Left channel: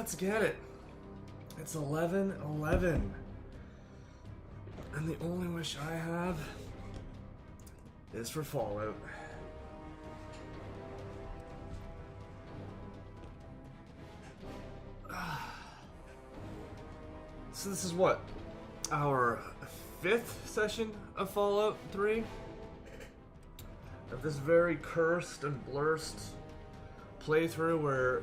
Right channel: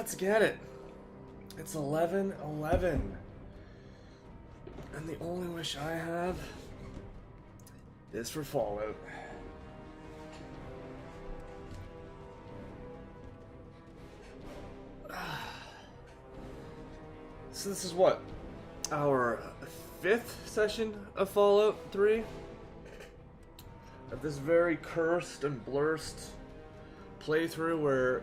Let's get it. It's 11:11. And the only wish I have is for Fallout. So this is what? Our 5th session of Fallout 3? Of this very cursed and blurst playthrough where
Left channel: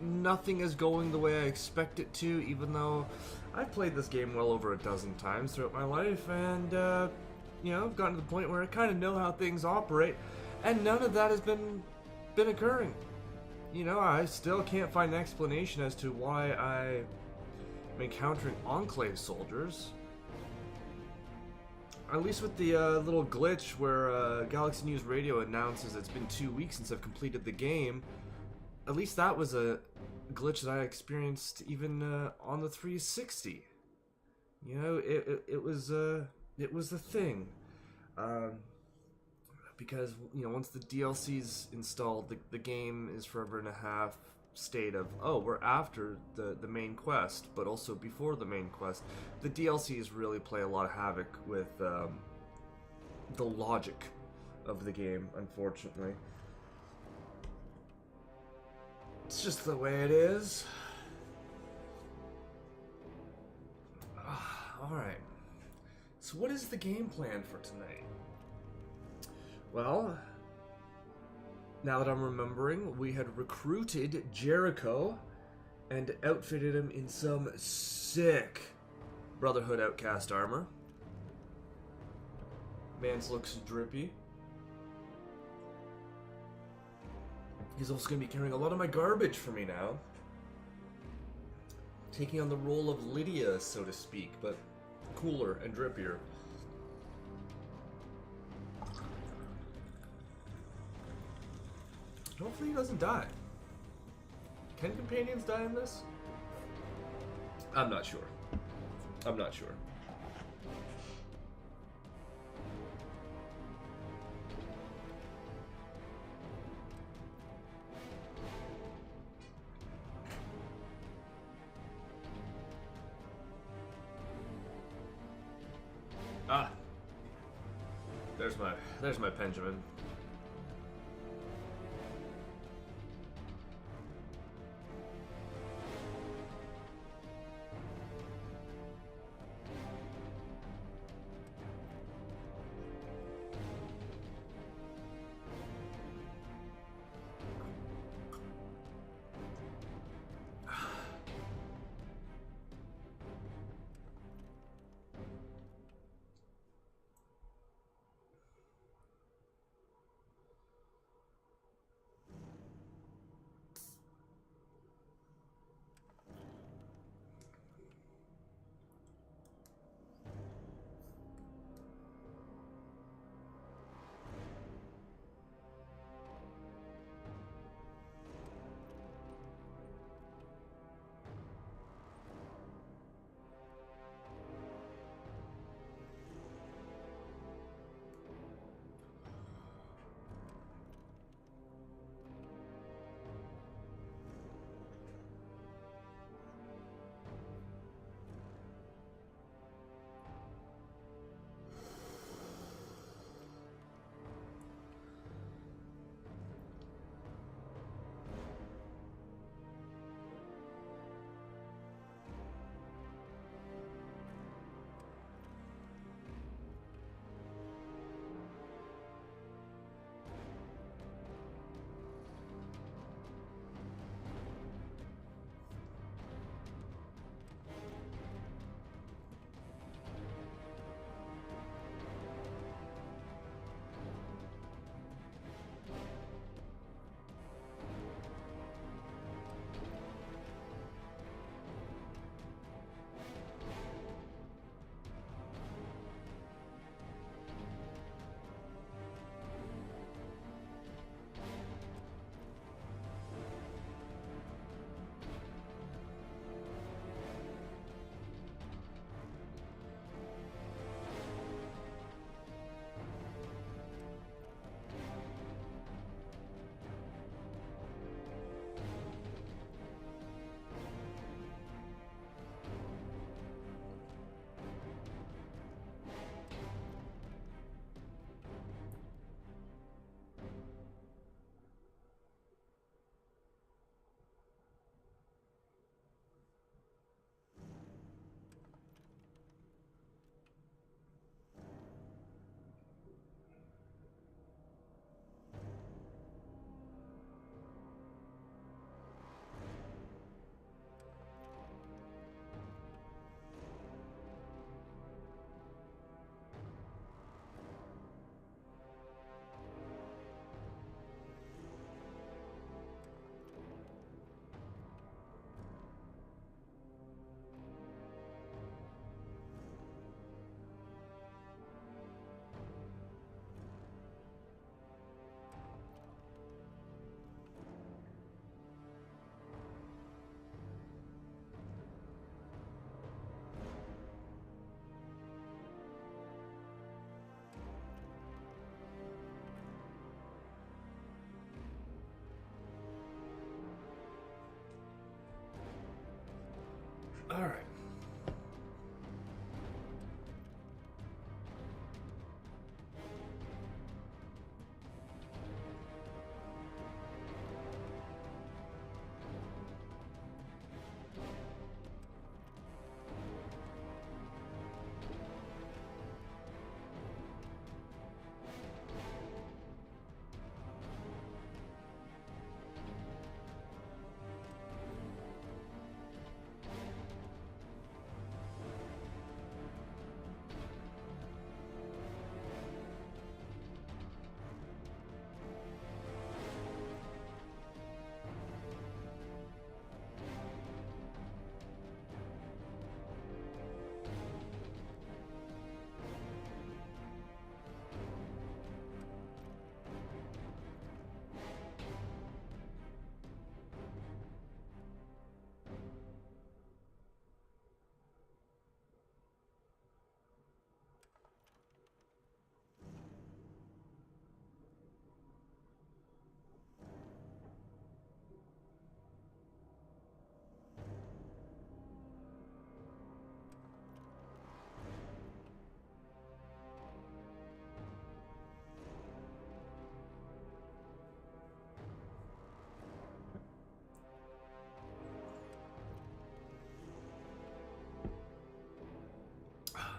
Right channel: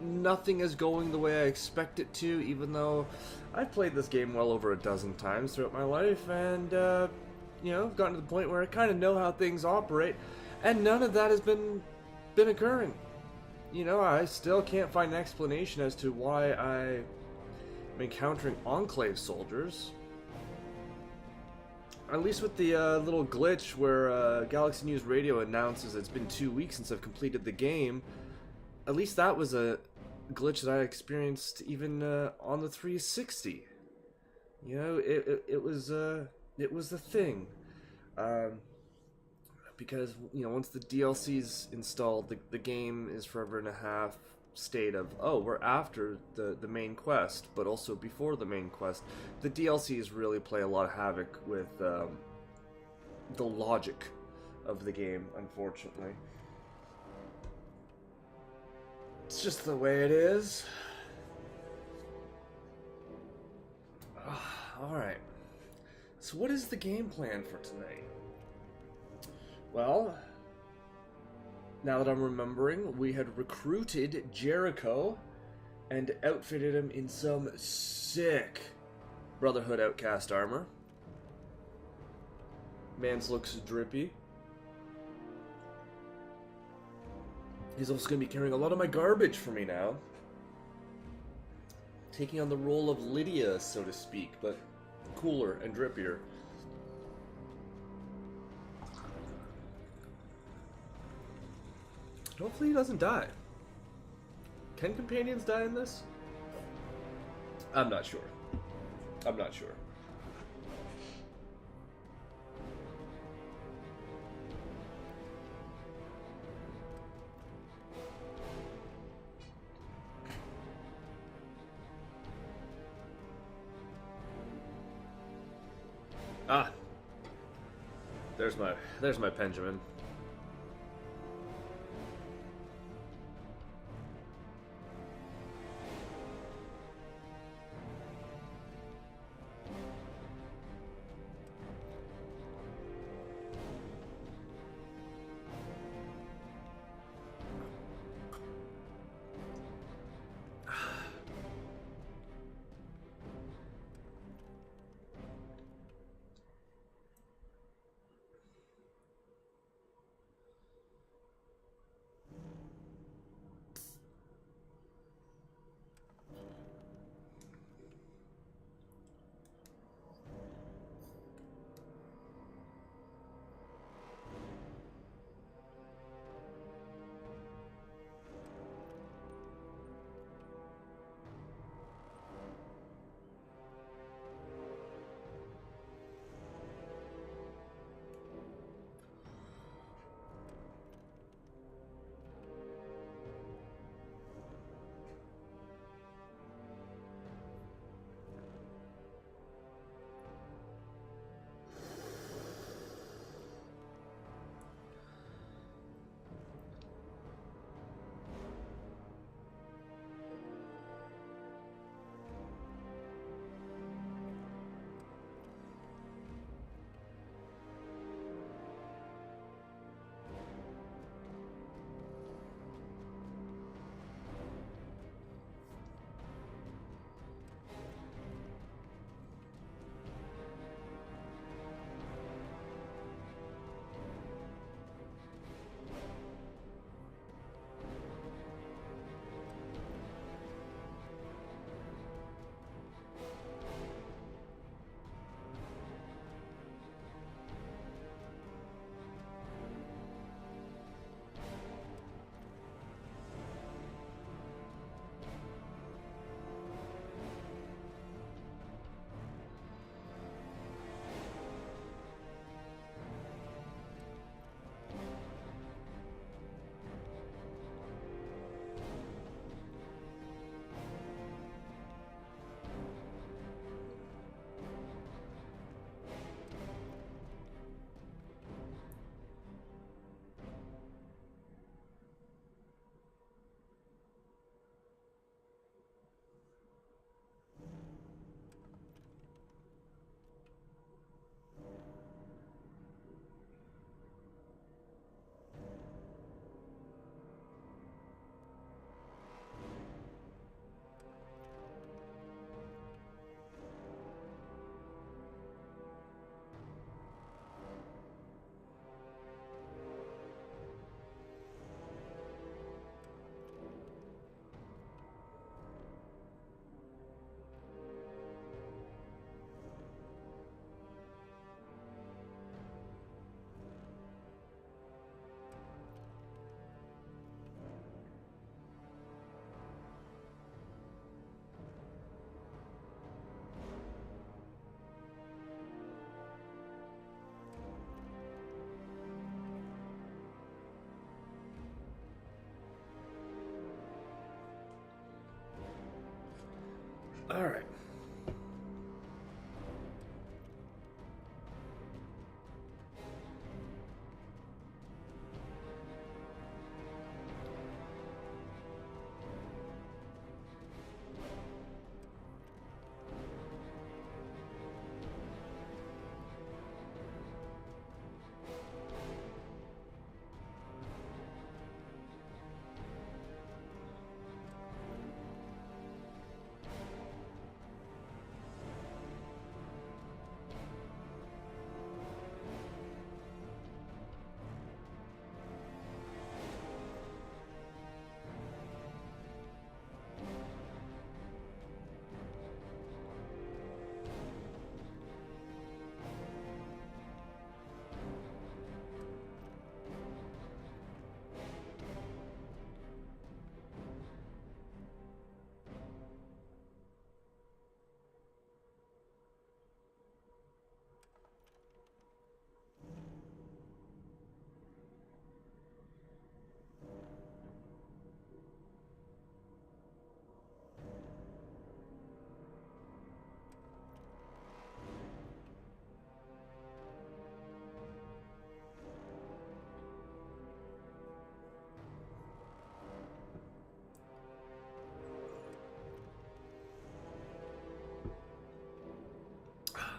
nothing is going the way I expect it to, even though I've played this game well over a dozen times throughout my life, and, I've gotten to the point where I kind of know how things operate, and none of that has been occurring. I still can't find an explanation as to why I'm encountering Enclave soldiers. At least with the little glitch where Galaxy News Radio announces it's been 2 weeks since I've completed the game. At least that was a glitch that I experienced even on the 360. It was a thing. Because once the DLC's installed, the game is forever in a half state of, oh, we're after the main quest, but also before the main quest. The DLCs really play a lot of havoc with the logic of the game, unfortunately. It's just the way it is. Alright. So what is the game plan for tonight? Well, now that I'm remembering, we had recruited Jericho and outfitted him in some sick Brotherhood Outcast armor. Mans looks drippy. He's also going to be carrying a lot of my garbage for me now. Taking on the role of Lydia, so to speak, but cooler and drippier. Hopefully he doesn't die. Can companions die in this? I'm not sure. I'm not sure. Ah. There's my Benjamin. All right.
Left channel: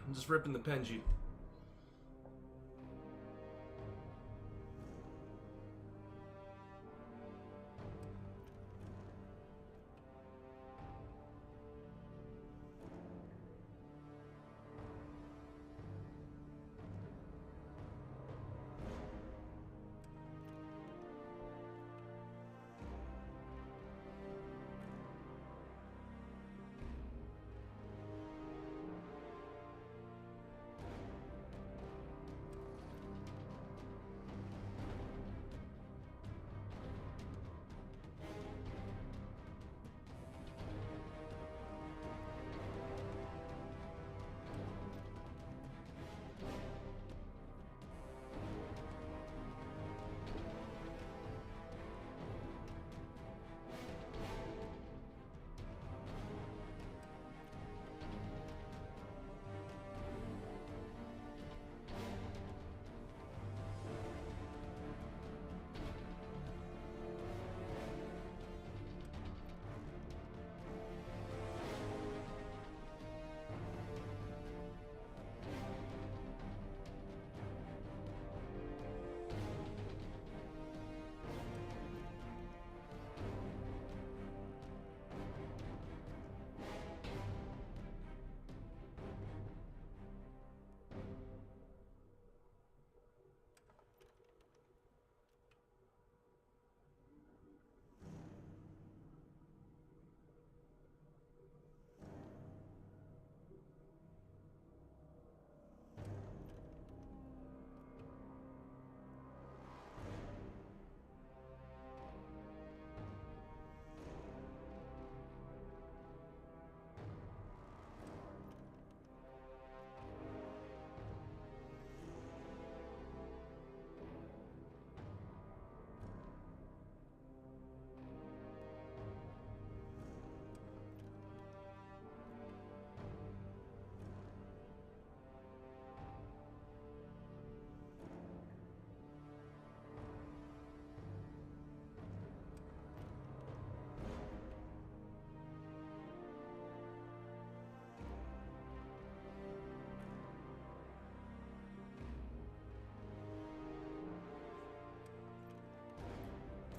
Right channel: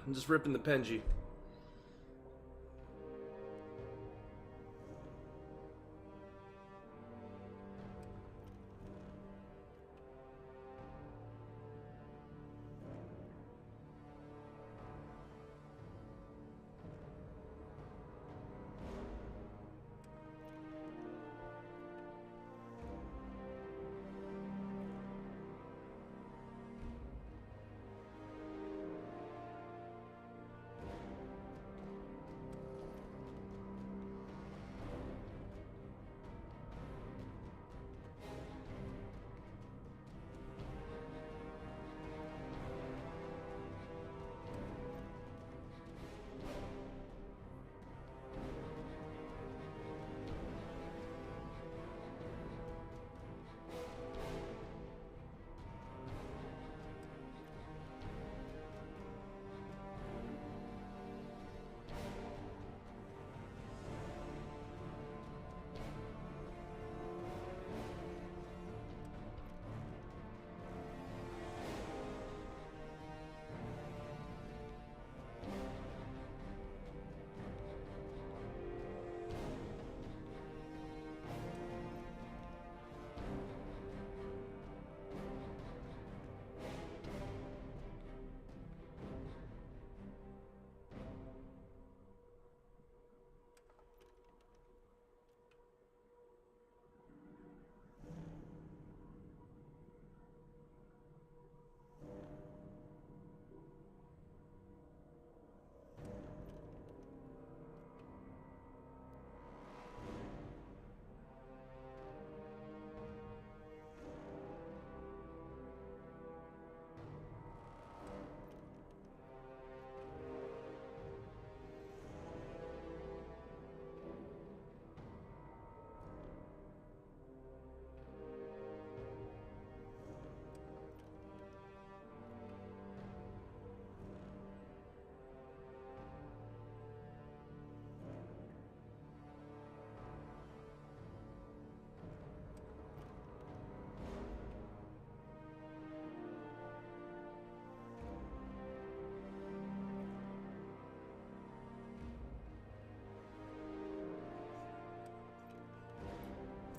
I'm just ripping the Penji.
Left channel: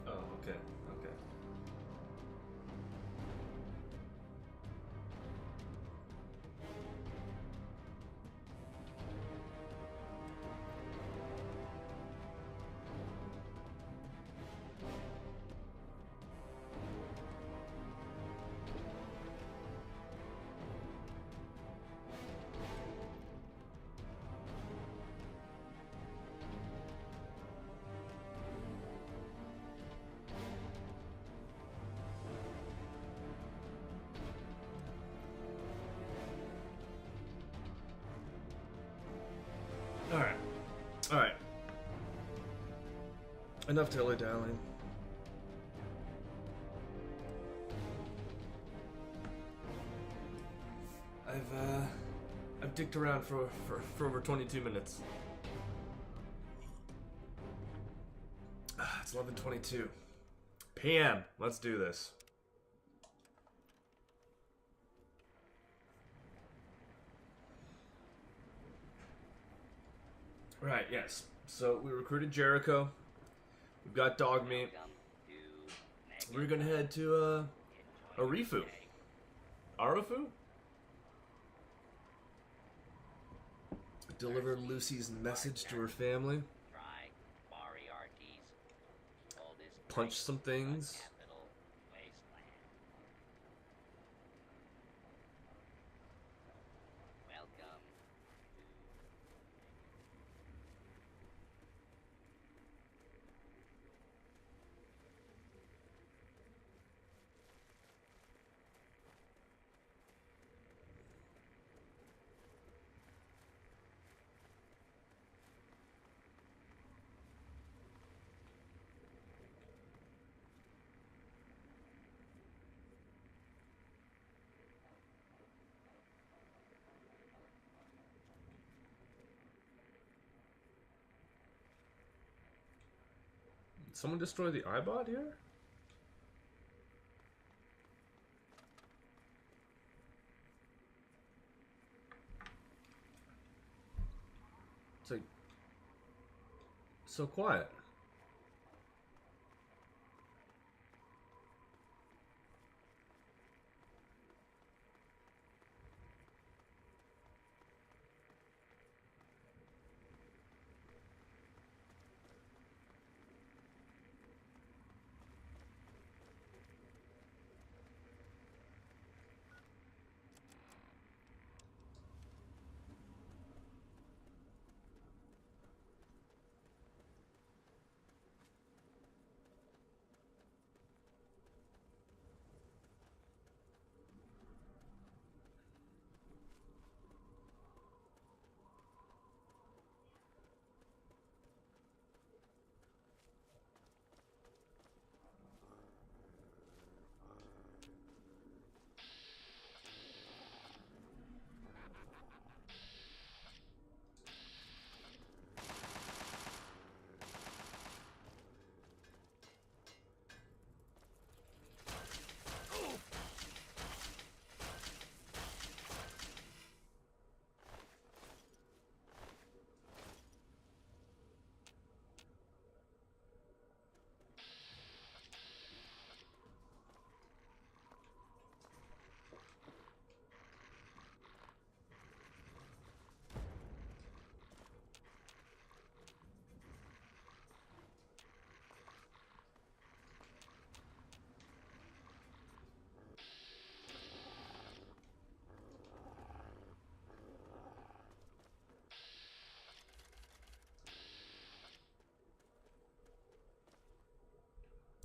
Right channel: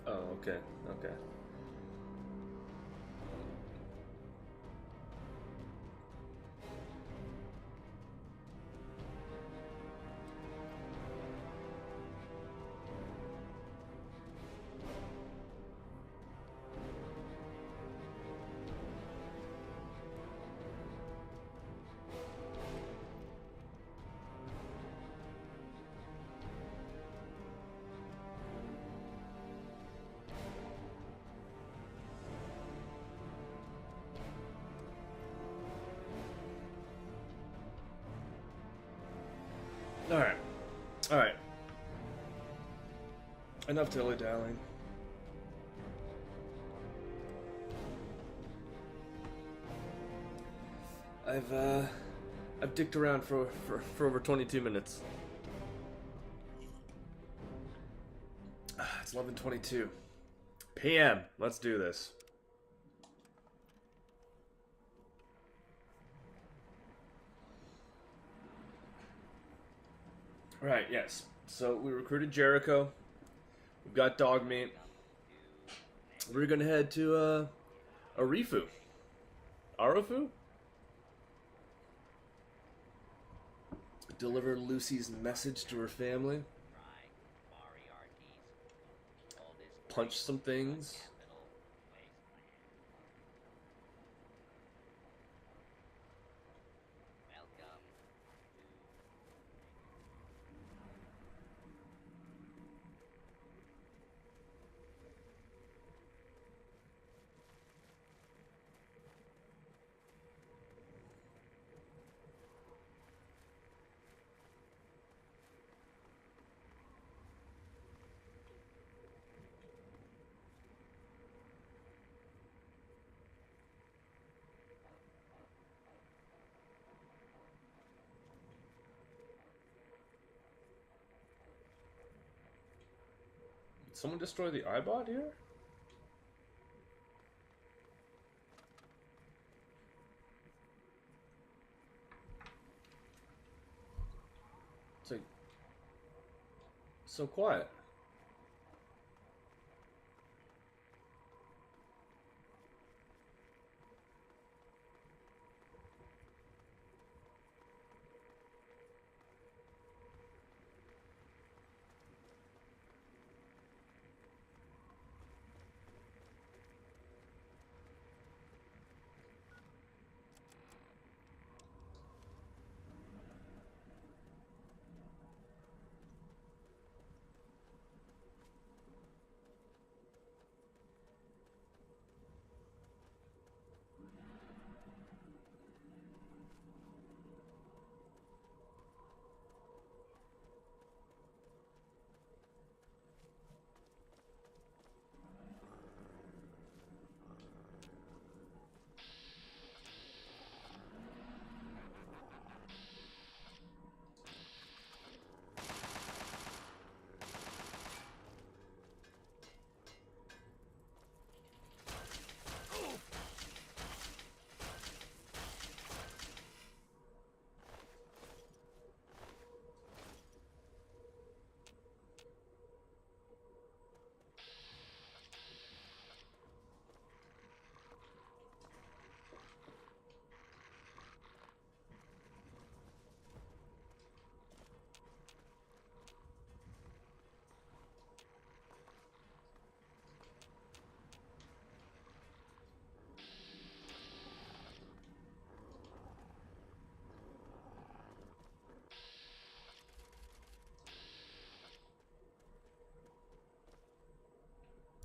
Oh, okay, okay. Alright. Alright. Enough dilly-dallying. I've dicked around for over 22 minutes. It's 11:22 p.m. Let's do this. Right, yes. So we recruited Jericho. We've got dog meat. We're gonna head to Arifu. Arafu? Deliver Lucy's message to her family. Punch some things. Did someone destroy the iBot here? It's like so quiet.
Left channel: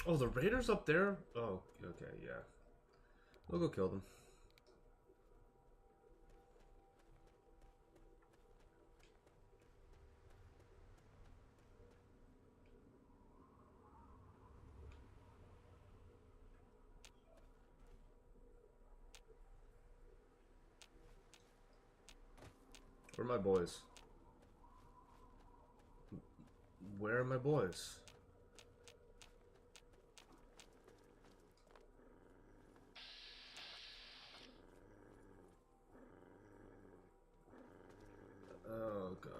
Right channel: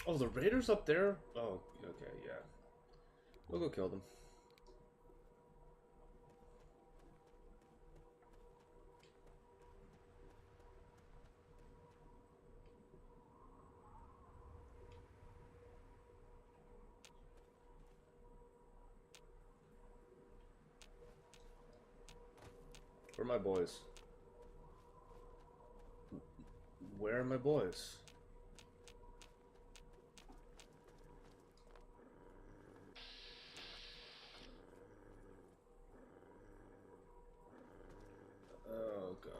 Oh, the raiders up there? Oh, okay, yeah. We'll go kill them. Where are my boys? Where are my boys? Oh, God.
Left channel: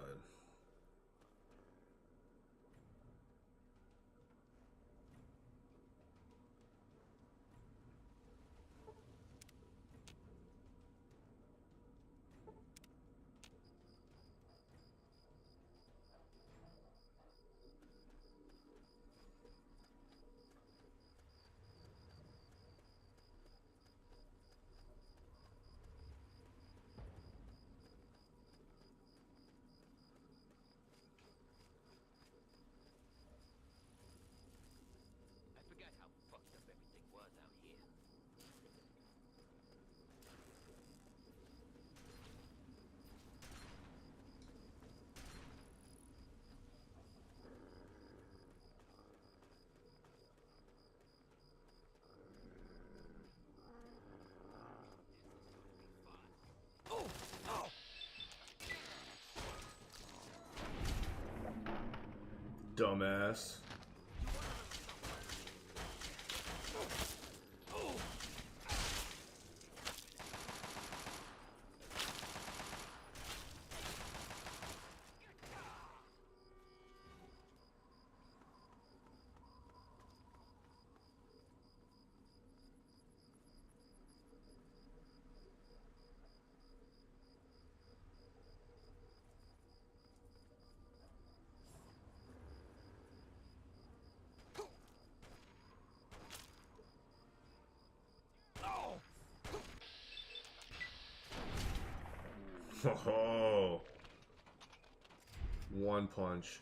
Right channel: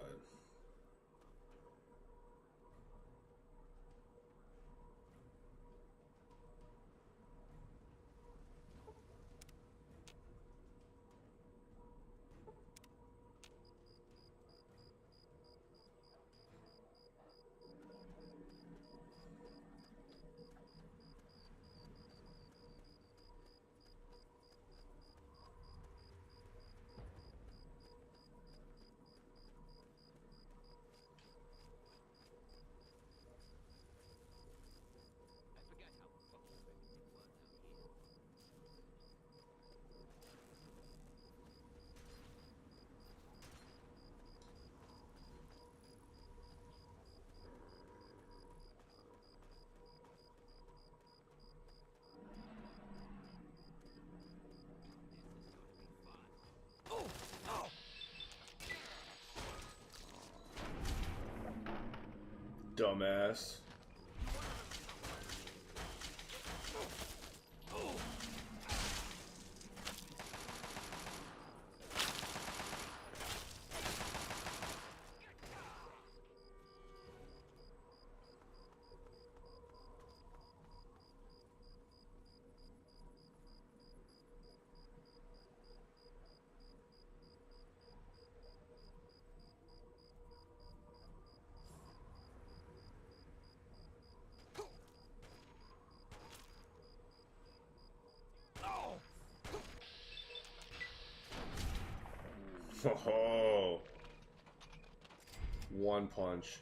Dumbass. Oh, one punch.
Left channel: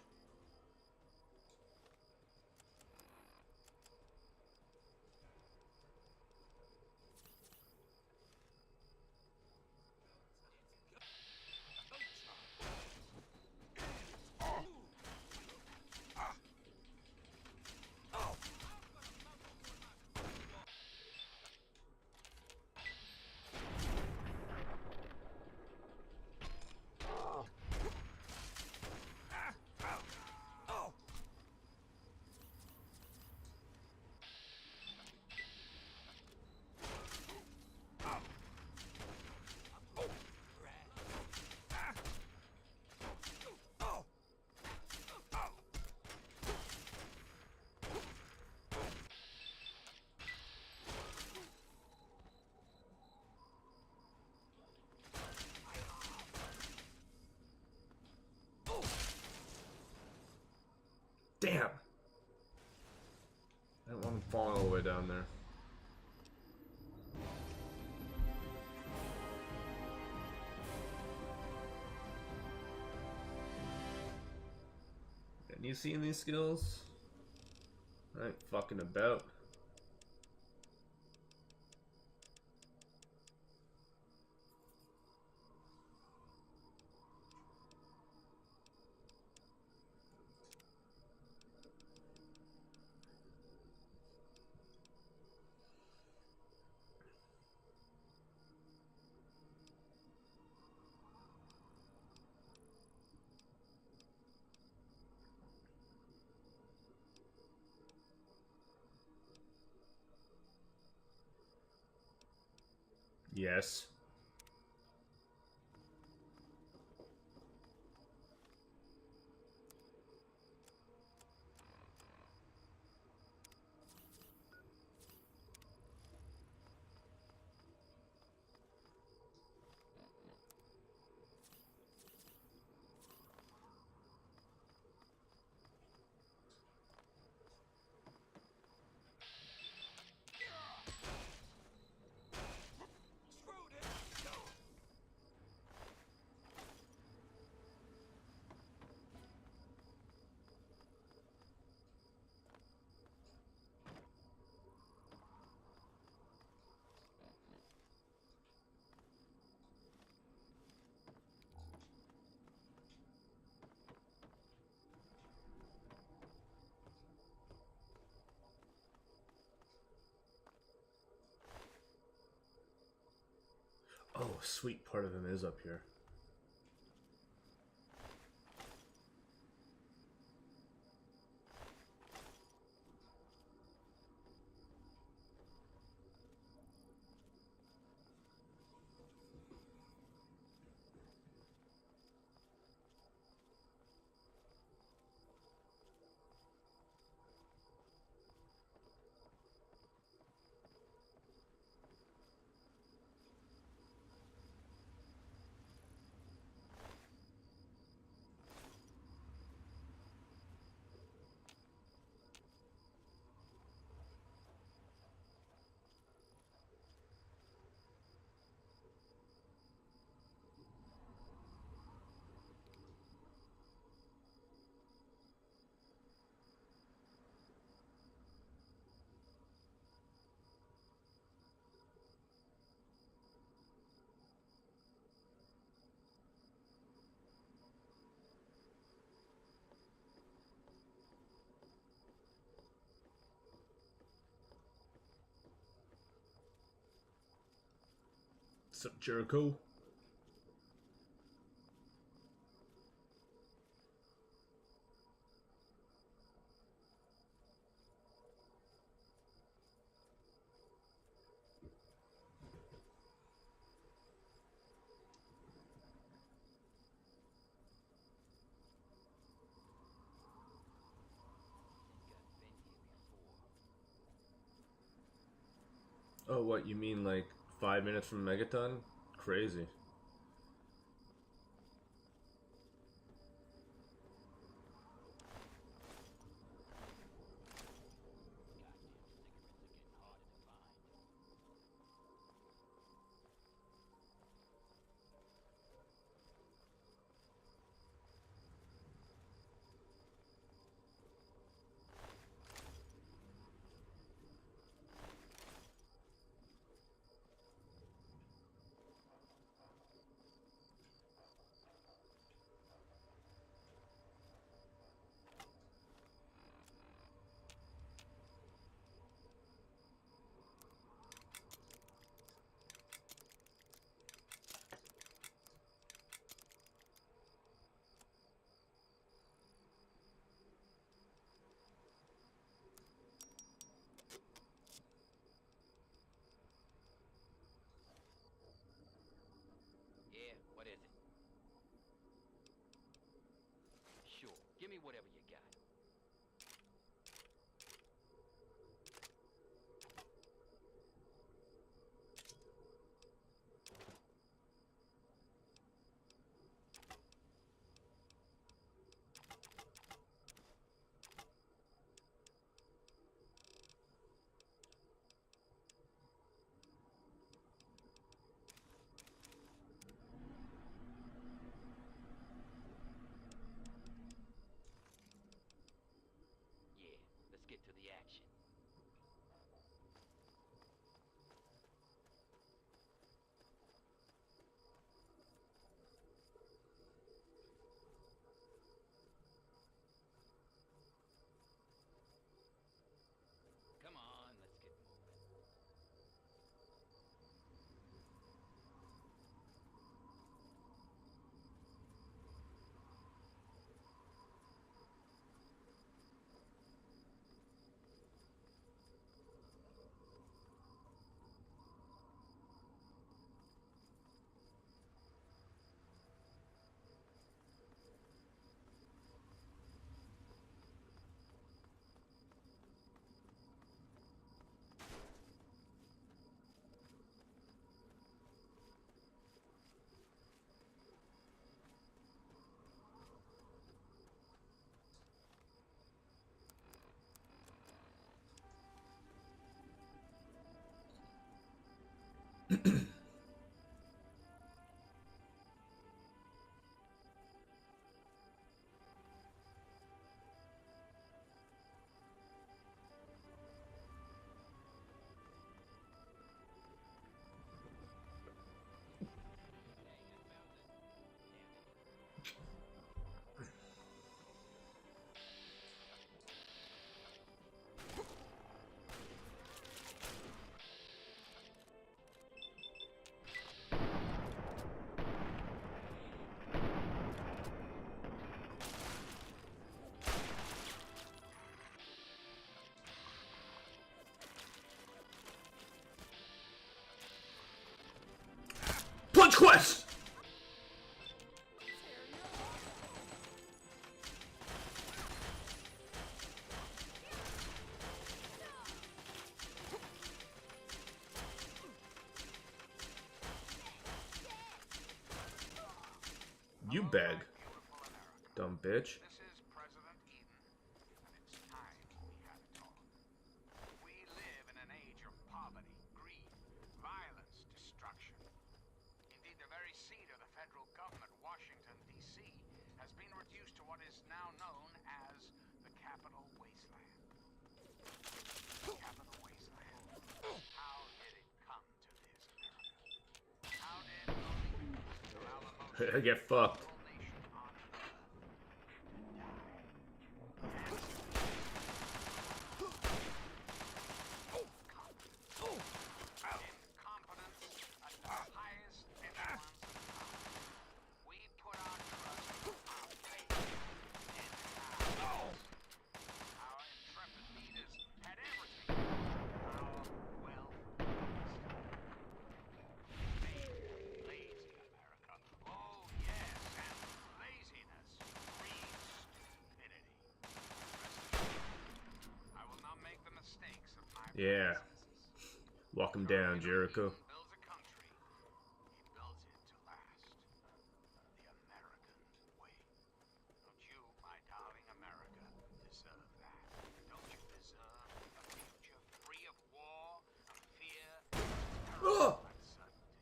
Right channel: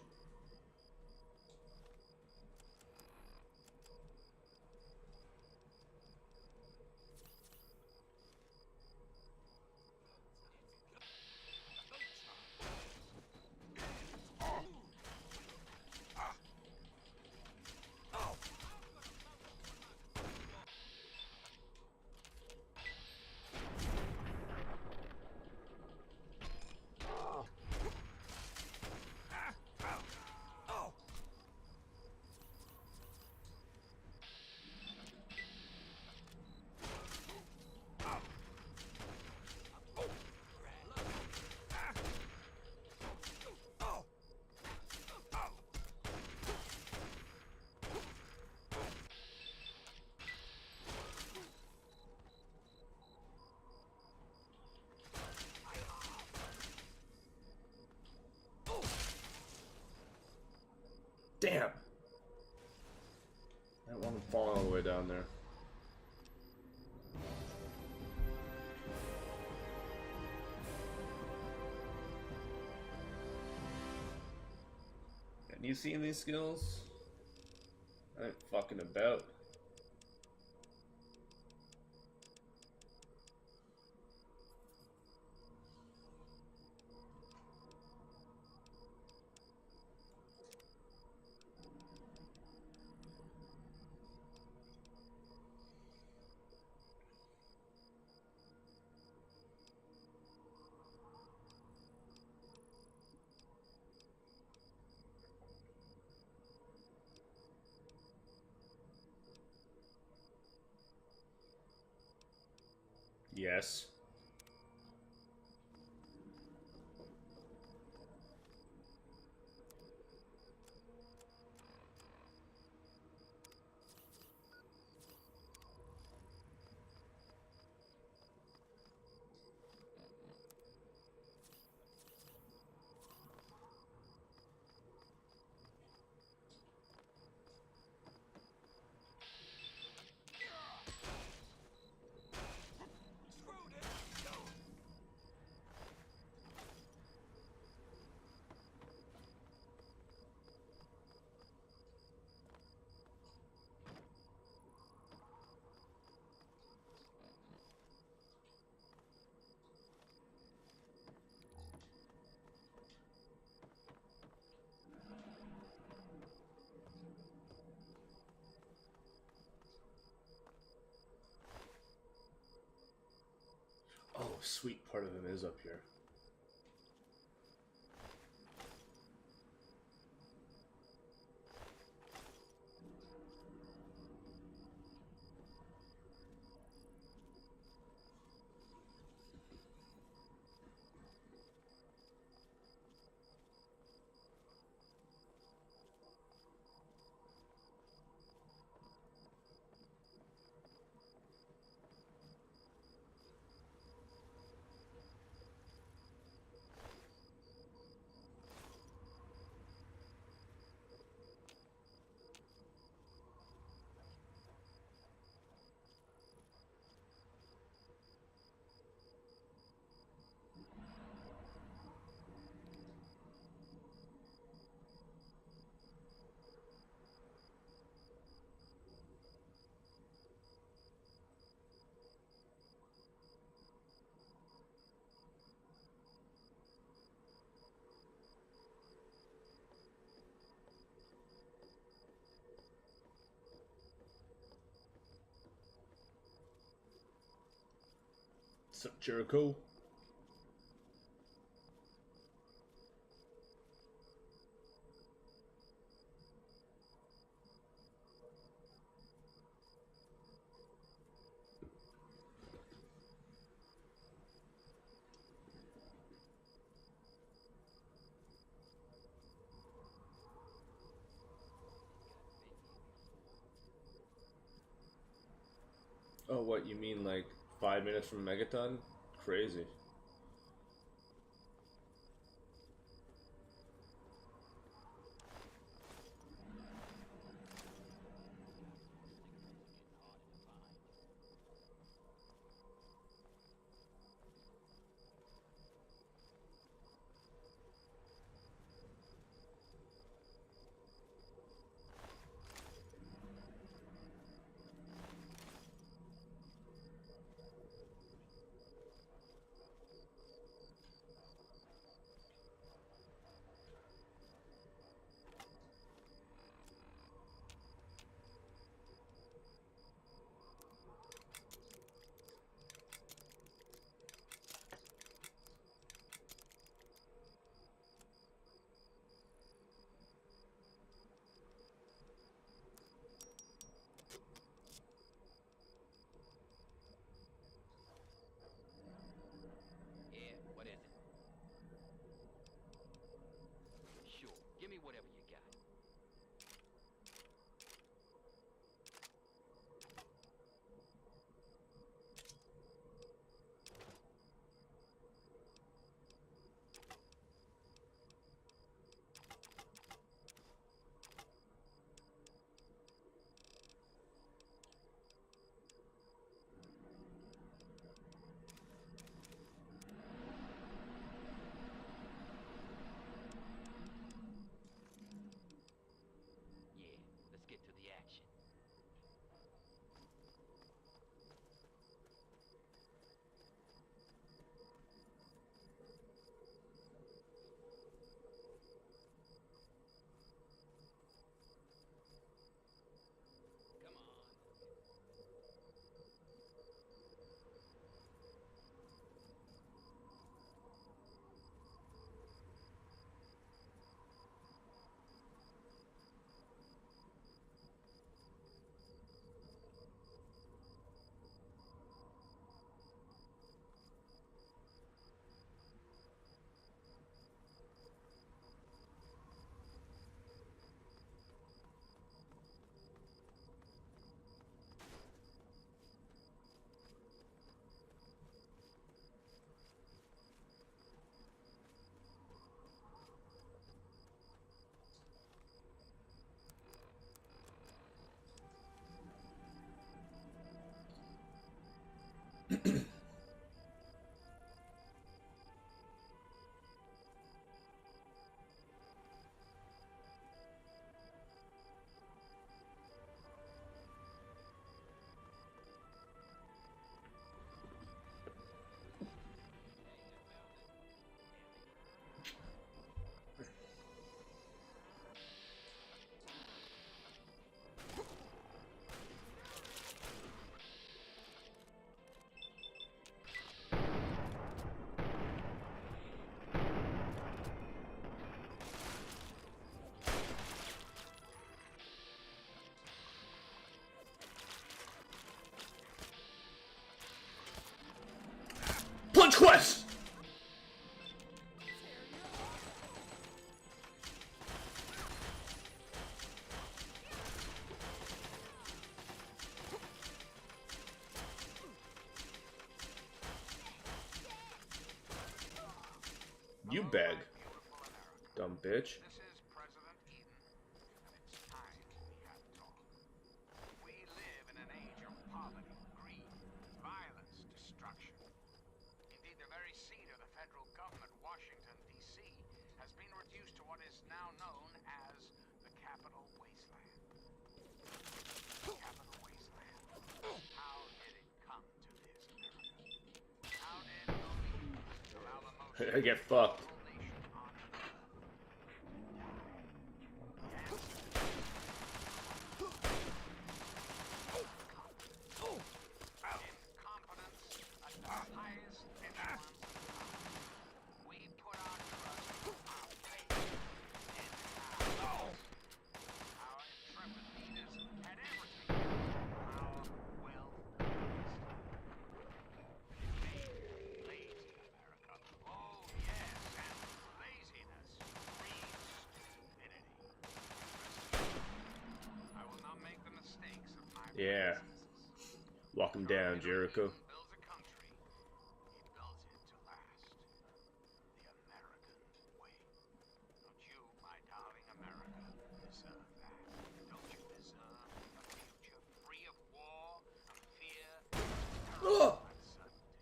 Damn! I don't want him falling all the way down there. And you seen these skills? I ain't fucking about. Yes. Oh, sweet part of him is up here. What's up, Jericho? Oh, what, you mean like 5 minutes from Megaton? Crazy. Yeah, what is it? Sure, give me whatever you got. Yeah, let's get to the action. Come on, let's get moving. Hey, I found it. Damn it. Punch Quest! You Hello, beg, my beautiful America. dumb bitch. This is President Eden, and it's time we had a talk. We live in an age of poverty, greed, violence, destruction. Indeed, the very seat of the federal government, Washington, D.C., has been reduced to what is now known as the Capital Wasteland. The Capital Wasteland. How did it come to this, America? How did only allow the most I get fucked. powerful nation on earth to die? Incompetence at the highest echelons of power. We put our trust, our faith in ours. Our intrepid leaders had everything. Power, wealth, wisdom. It made lazy America. Oh, yes, and laziness breeds stupidity. Rest assured, I will not make the mistakes of my Yeah. predecessors. Walk him down, Jericho. He builds a country. He builds it to last. The American way. Don't you, my darling America, deserve that? Don't you deserve a future free of war, of fear, Ugh! of uncertainty?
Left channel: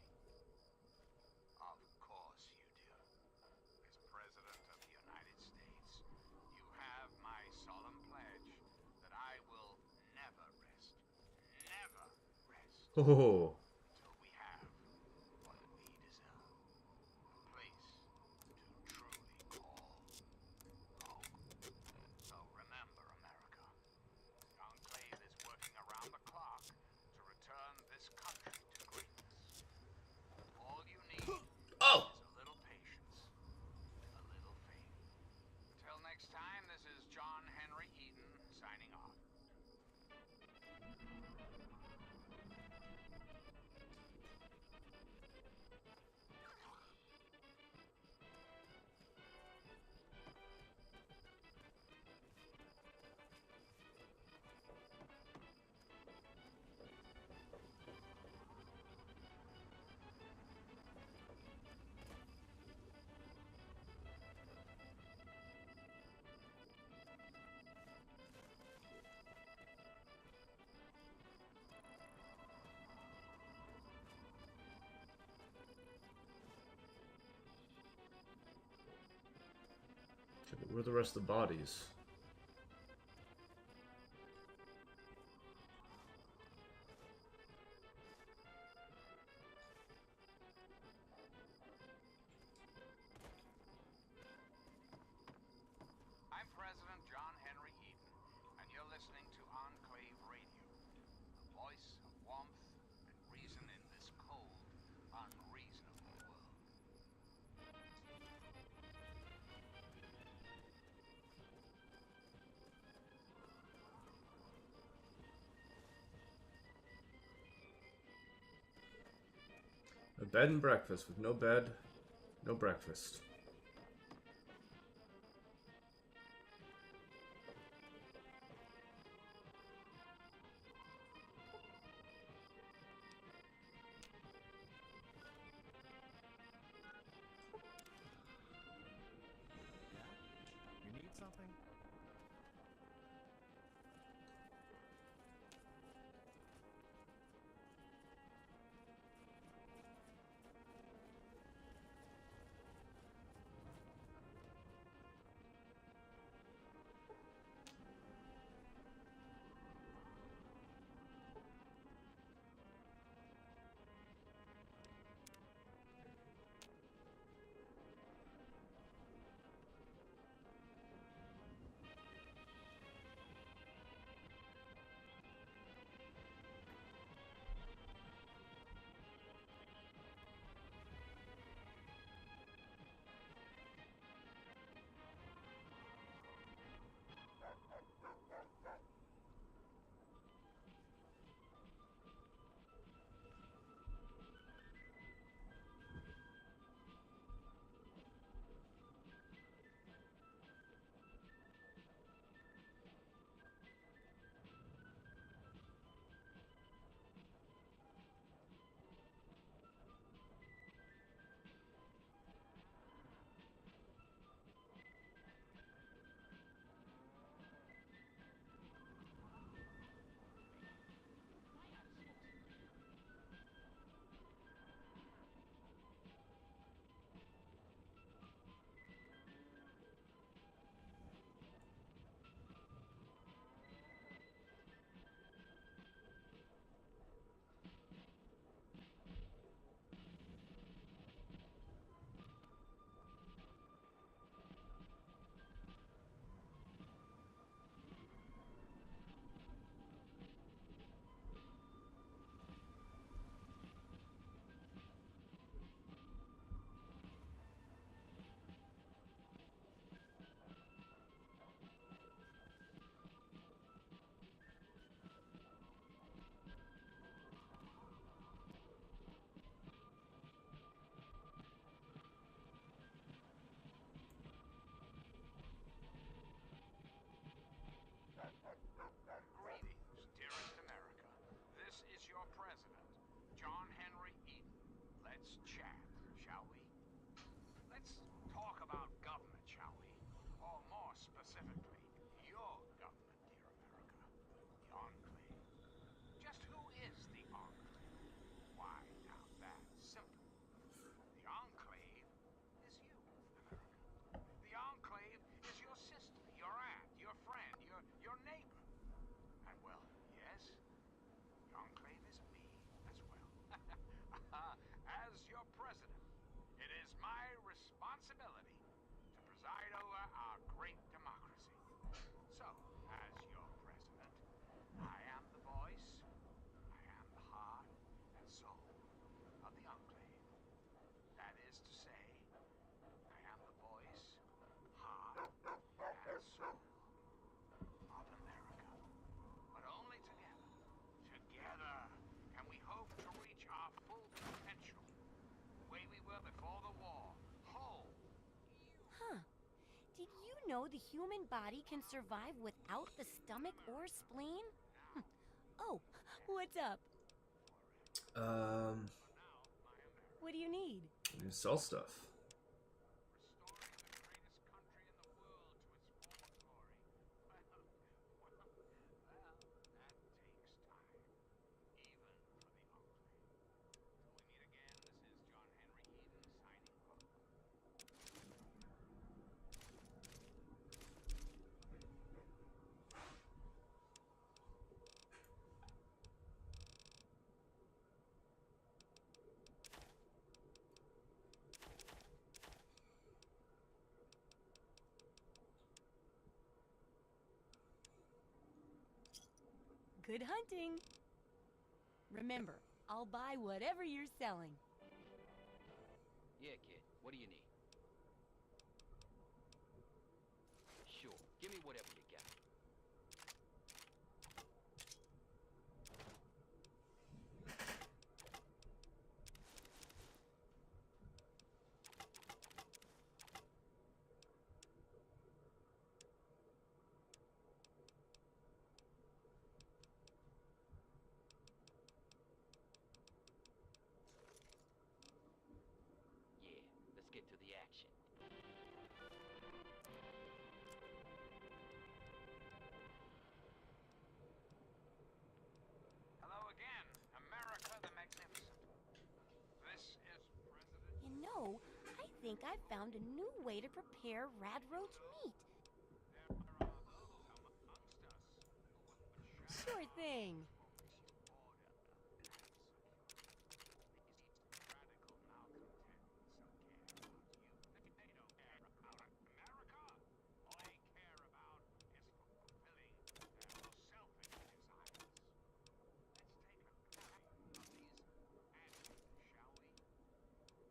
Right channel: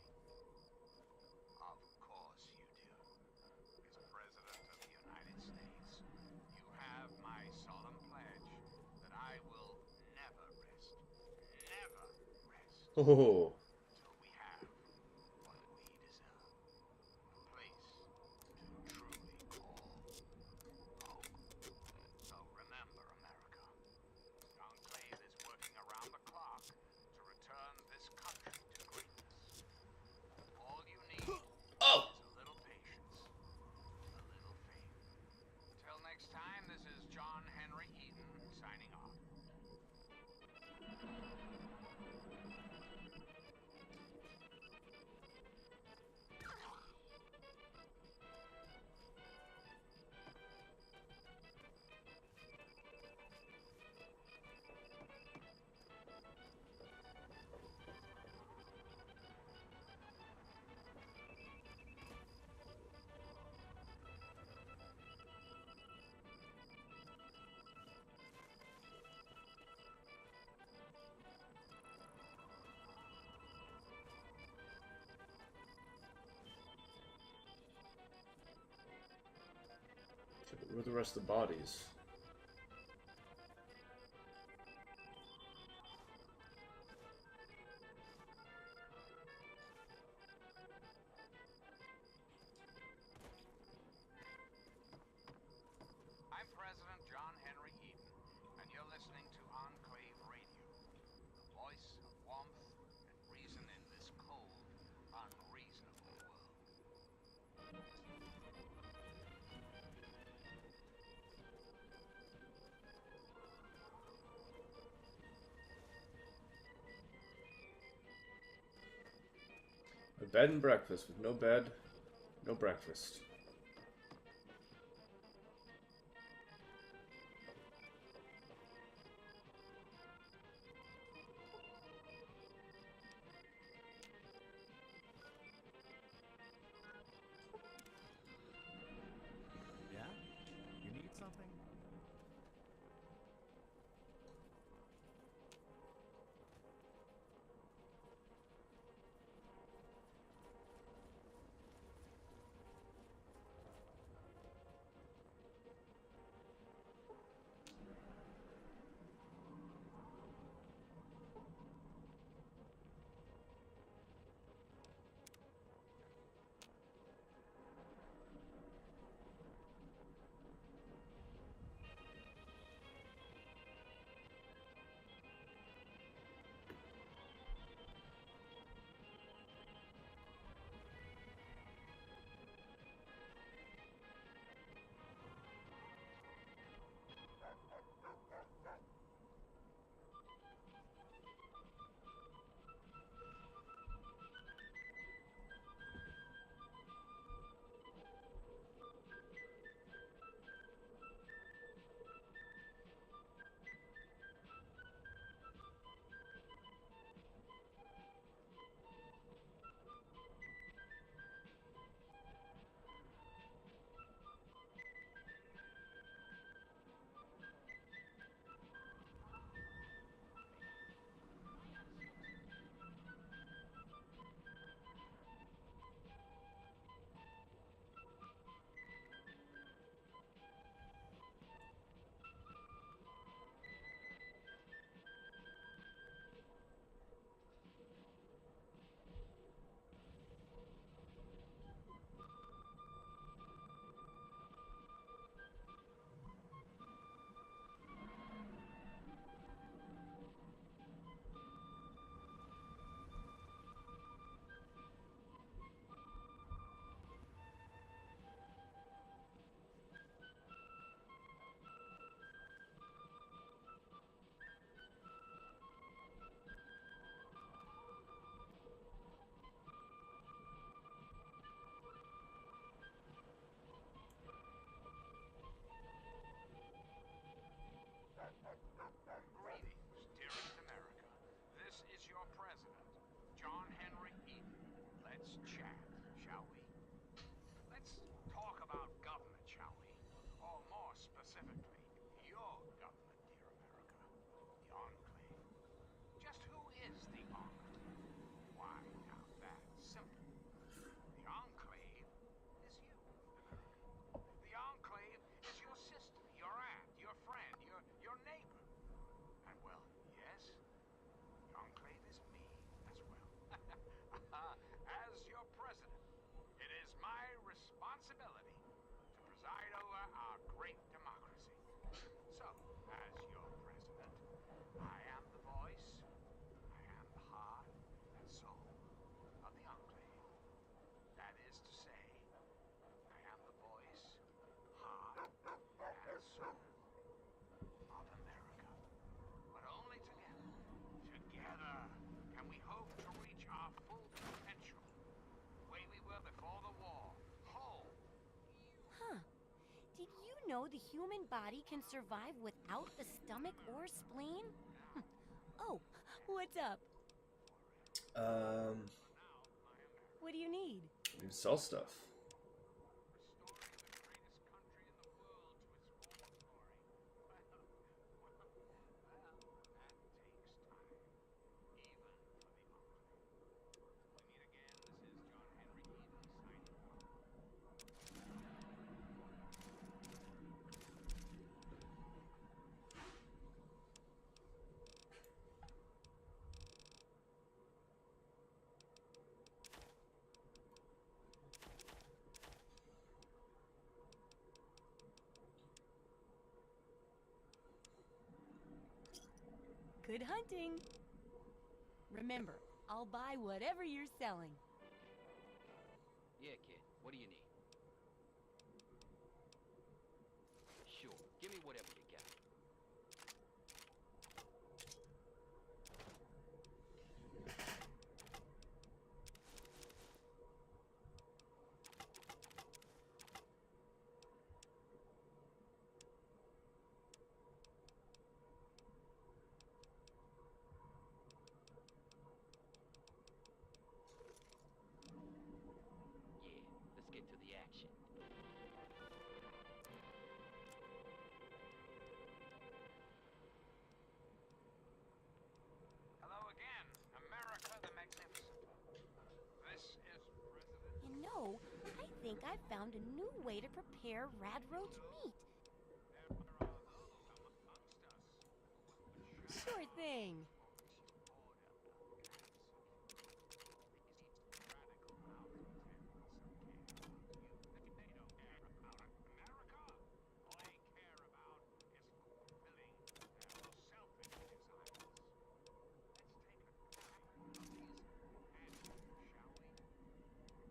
Of course you do. As President of the United States, you have my solemn pledge that I will never rest. Never rest. Oh, Until we have what we deserve. A place to truly call home. So remember, America, the Enclave is working around the clock to return this country to greatness. All you need oh! is a little patience, a little faith. Until next time, this is John Henry Eden signing off. Where are the rest of the bodies? I'm President John Henry Eden, and you're listening to Enclave Radio, the voice of warmth and reason in this cold, unreasonable world. A bed and breakfast with no bed, no breakfast. Yeah? You need something? let's chat, shall we? Let's talk about government, shall we? Or more specifically, your government, dear America. The Enclave. Just who is the Enclave? Why, now that's simple. The Enclave is you, America. The Enclave is your sister, your aunt, your friend, your neighbor. And well, yes, the Enclave is me as well. As your president, it is my responsibility to preside over our great democracy. So, as your president, I am the voice, I am the heart and soul of the Enclave. That is to say, I am the voice, heart, and soul of America. But only together, together, can we hope to reach our full potential, the way we were before the war, whole. Huh. Did you know the human body can survive without the stomach or spleen? Oh, what's up? What do you need? You sell stuff. Restoring the greatest country in the world to its former glory. Well, that takes time, even for the Enclave. Till we meet again, this is John Henry Eden signing off. Good hunting. Remember, I'll buy whatever you're selling. Yeah, kid. What do you need? Sure. Give me whatever you got. Yeah, let's get to the action. Hello again, America the Magnificent. This is President. You know, I think I found a new way to prepare radroach meat. There are those amongst us who would Sure thing. order and security. These radical malcontents don't care about you. They don't care about America. All they care about is fulfilling their selfish desires. Let's take a look of these adjectives, shall we?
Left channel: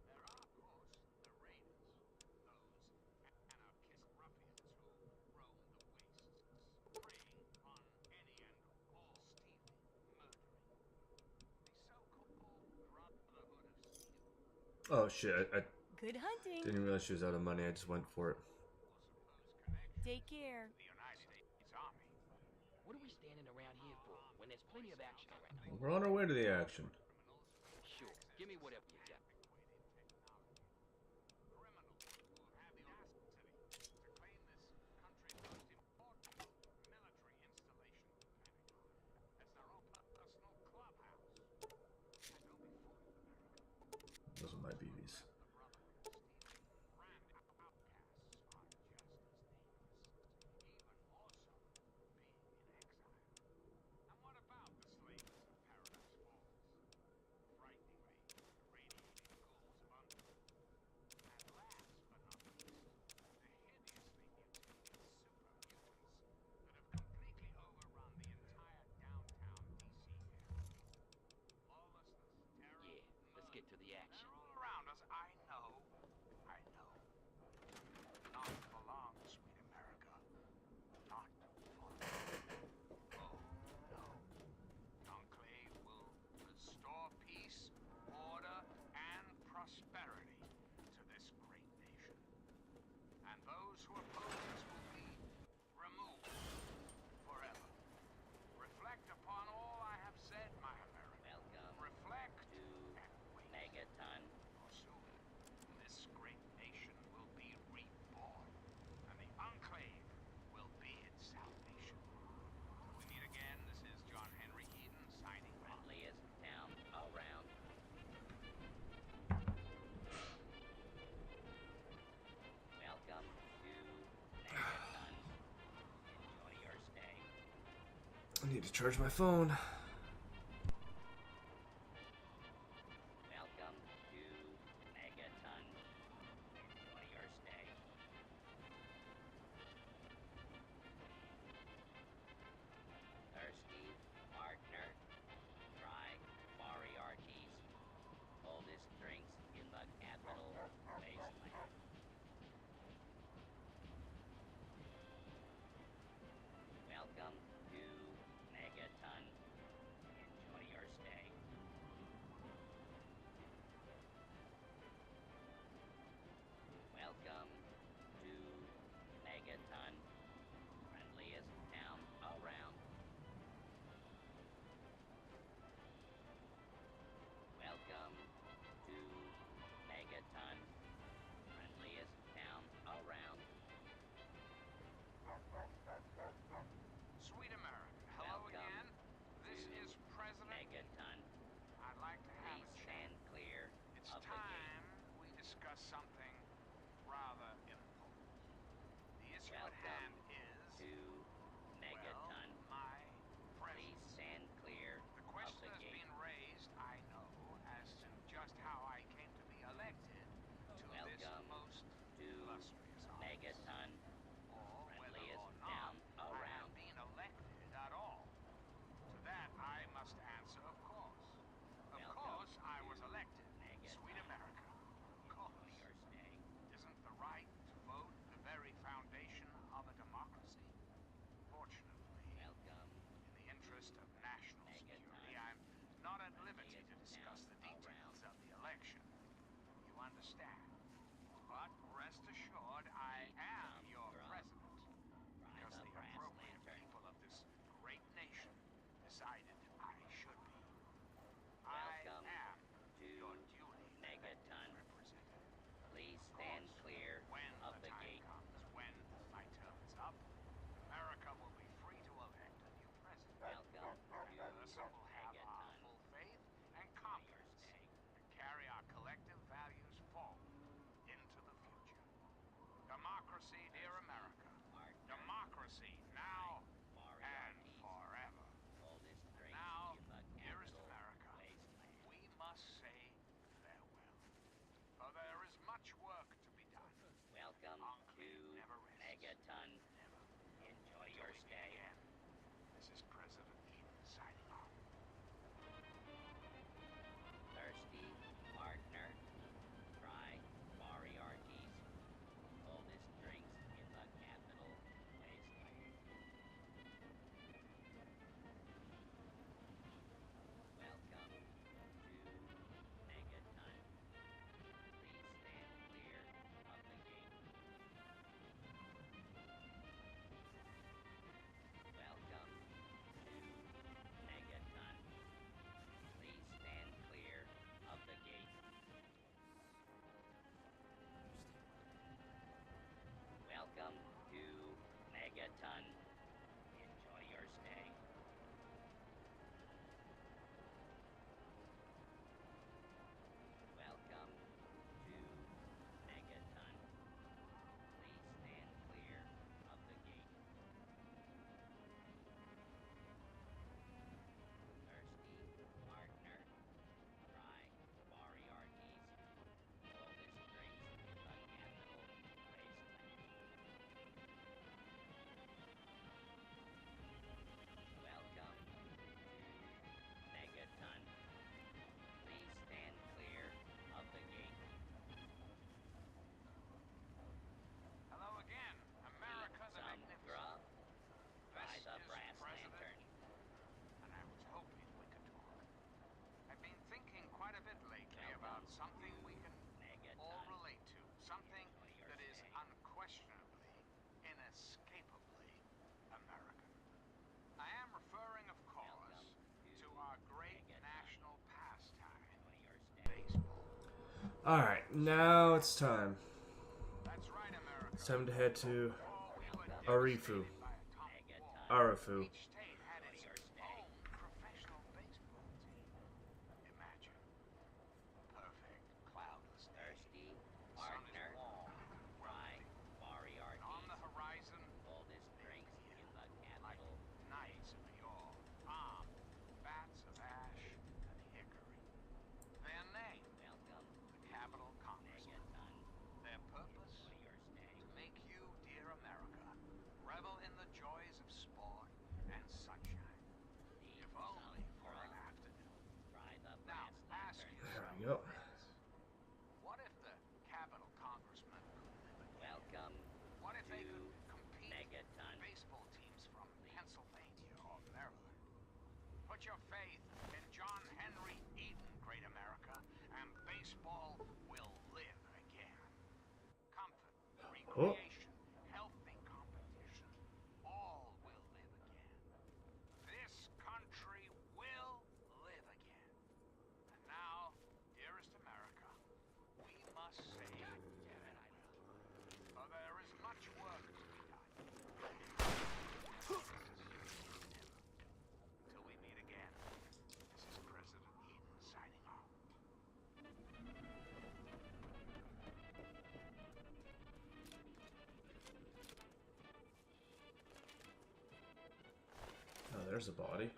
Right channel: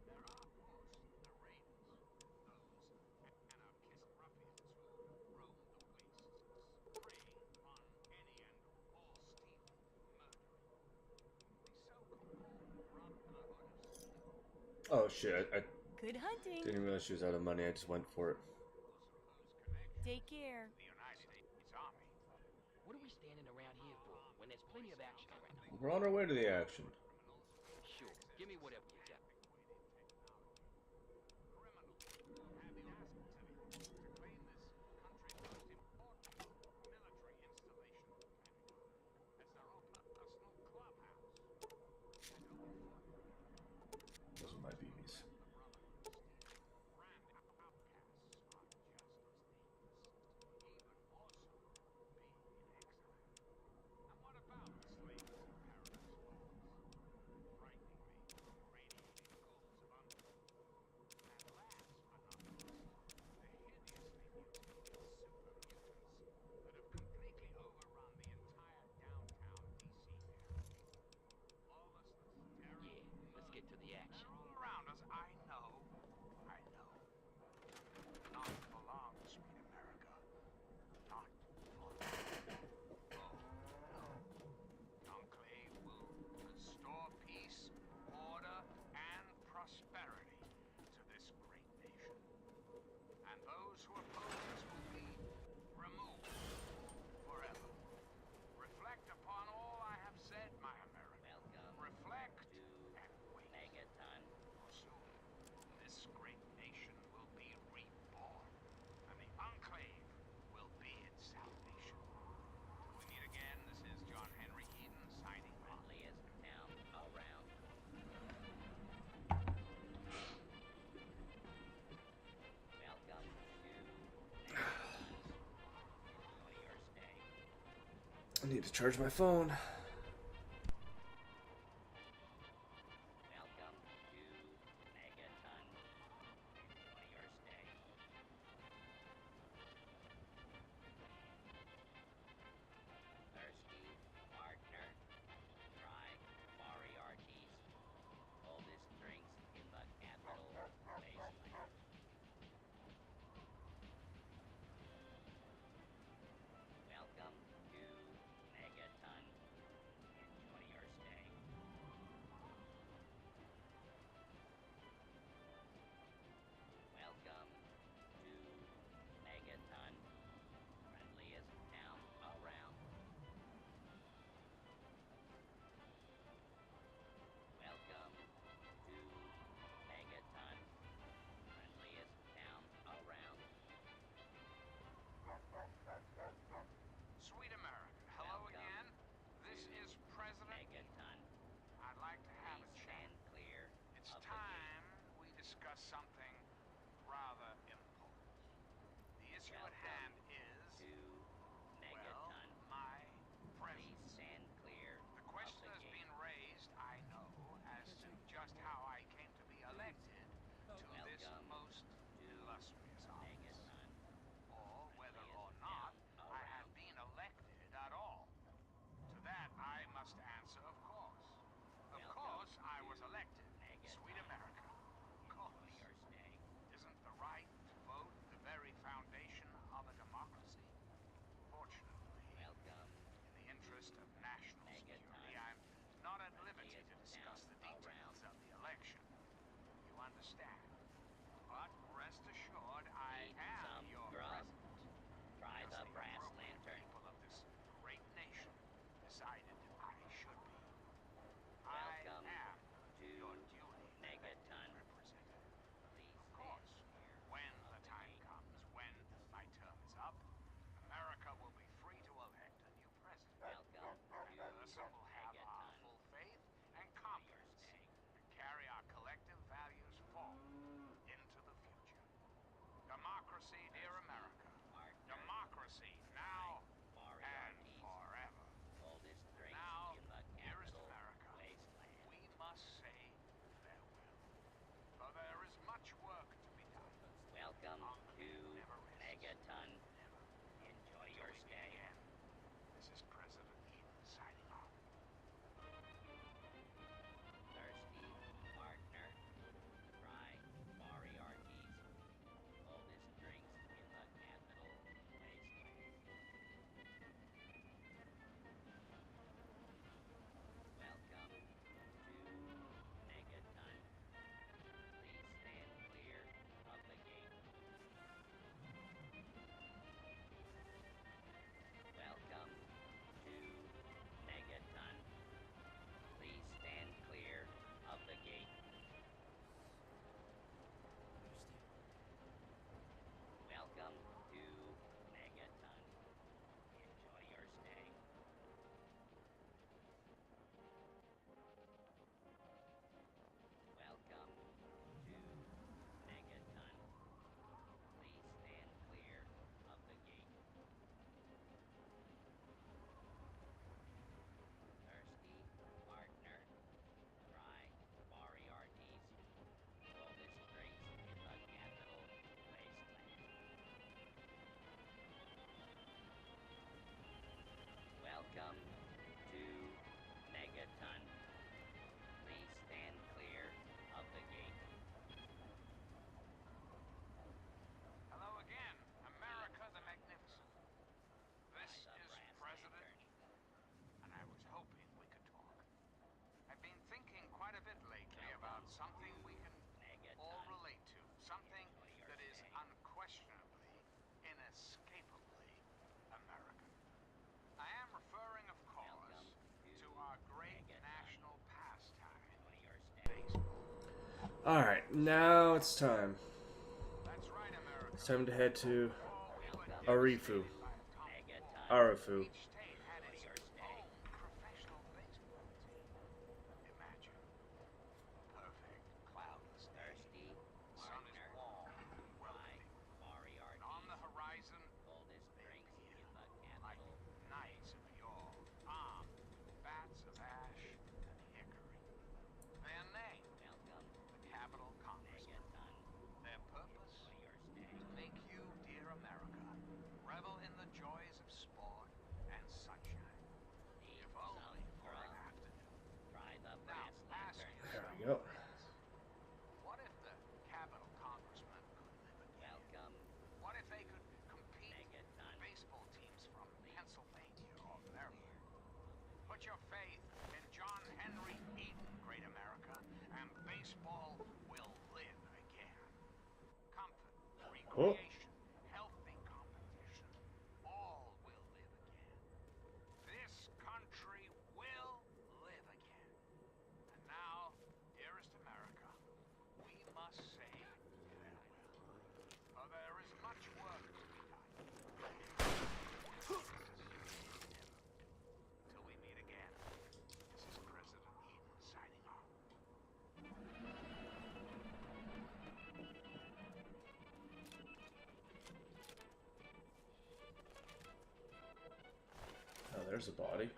There are, of course, the raiders, those anarchist ruffians who roam the wastes, preying on any and all stealing, murdering. The so-called Brotherhood of Steel, Oh shit, I Good hunting. didn't realize she was out of money. I just went for it. or supposed connection Take care. to the United States Army. What are we standing around here for when there's plenty of action around? We're on our way to the action. Criminals, Sure. Give me whatever you got. antiquated technology. Criminals who have the audacity to claim this country's most important military installation, Pentagon, as their own personal clubhouse. And don't be fooled, America. Those are my BBs. The Brotherhood of Steel, brand outcasts are just as nameless, even more so being in exile. And what about the slaves of Paradise Falls? Frighteningly radiating ghouls of undead. And last but not least, the hideously mutated super mutants that have completely overrun the entire downtown DC area. Lawlessness, terror, Yeah, let's get to the action. they're all around us. I know. I know. Not for long, sweet America. Not for long. Oh, no. The Enclave will restore peace, order, and prosperity to this great nation. And those who oppose us will be removed forever. Reflect upon all I have said, my America. Welcome Reflect to and wait. Megaton. I need to charge my phone. Welcome to Megaton. Enjoy your stay. Thirsty partner. Try Moriarty's. Oldest drinks in the capital wasteland. Welcome to Megaton. Enjoy your stay. Welcome to Megaton. Friendliest town around. Welcome to Megaton. Friendliest town around. Sweet America, hello Welcome again. This to is President. Megaton. I'd like to have Please a chat. stand clear It's of the gate. time we discuss something rather important. The issue at Welcome hand is, to well, Megaton. my Please presence. stand clear The of question the has gate. been raised, I know, as to just how I came to be elected to this Welcome most to illustrious office. Megaton. Or whether or Friendliest not town I have around. been elected at all. To that I must answer, of course. Of Welcome course I was to elected. Megaton. Sweet America. Of course. Enjoy your stay. Isn't the right to vote the very foundation of a democracy? Fortunately, Welcome in the interest of national Megaton. security, I'm not at liberty to Friendliest discuss the town details of the election. You understand? But rest assured, I Need am some your grub? president. Try Because the the brass appropriate lantern. people of this great nation decided I should be. Welcome I am to your duly elected Megaton. representative. Please Of stand course, clear when of the the time gate. comes, when my term is up, America will be free to elect a new president. Welcome The to person will have our Megaton. full faith and Enjoy your confidence stay. and carry our collective values forward into the future. Democracy, dear America. Partner. Democracy now and Moriarty's. forever. Oldest drinks Now, in the dearest capital America, wasteland. we must say farewell. For there is much work to be done. Welcome to Enclave never rests. Megaton. Never. Enjoy Till your we meet stay. again. This is President Eden signing off. Thirsty partner. Try Moriarty's. Oldest drinks in the capital wasteland. Welcome to Megaton. Please stand clear of the gate. Welcome to Megaton. Please stand clear of the gate. Welcome to Megaton. Enjoy your stay. Welcome to Megaton. Please stand clear of the gate. Thirsty partner. Try Moriarty's. Oldest drinks in the capital wasteland. Welcome to Megaton. Please stand clear of the gate. Hello again, America the Some Magnificent. grub. Try This the is brass President lantern. Eden, and I was hoping we could talk. I've been thinking quite a bit lately about Welcome something to we can Megaton. all relate to. Something Enjoy your that is stay. unquestionably, inescapably American. I am referring, of course, Welcome to to our great Megaton. national pastime, Enjoy your stay. baseball. Alright, now it's time. That's right, America. It's time to head to Before we were Arifu. devastated by atomic Megaton. war, Arifu. each state had its Enjoy your stay. own professional baseball team. Imagine. Perfect, cloudless day. Thirsty The sun is partner. warm, Try welcoming. Moriarty's. And on the horizon, Oldest they drinks appear in the like capital knights of yore. Put your faith in John Henry Eden, great America, and baseball will live again. Comfort, recreation, healthy competition, all will live again. This country will live again. And now, dearest America, we must say farewell. For there is much work to be done. Until we meet again, this is President Eden signing off. Oh, there's a body.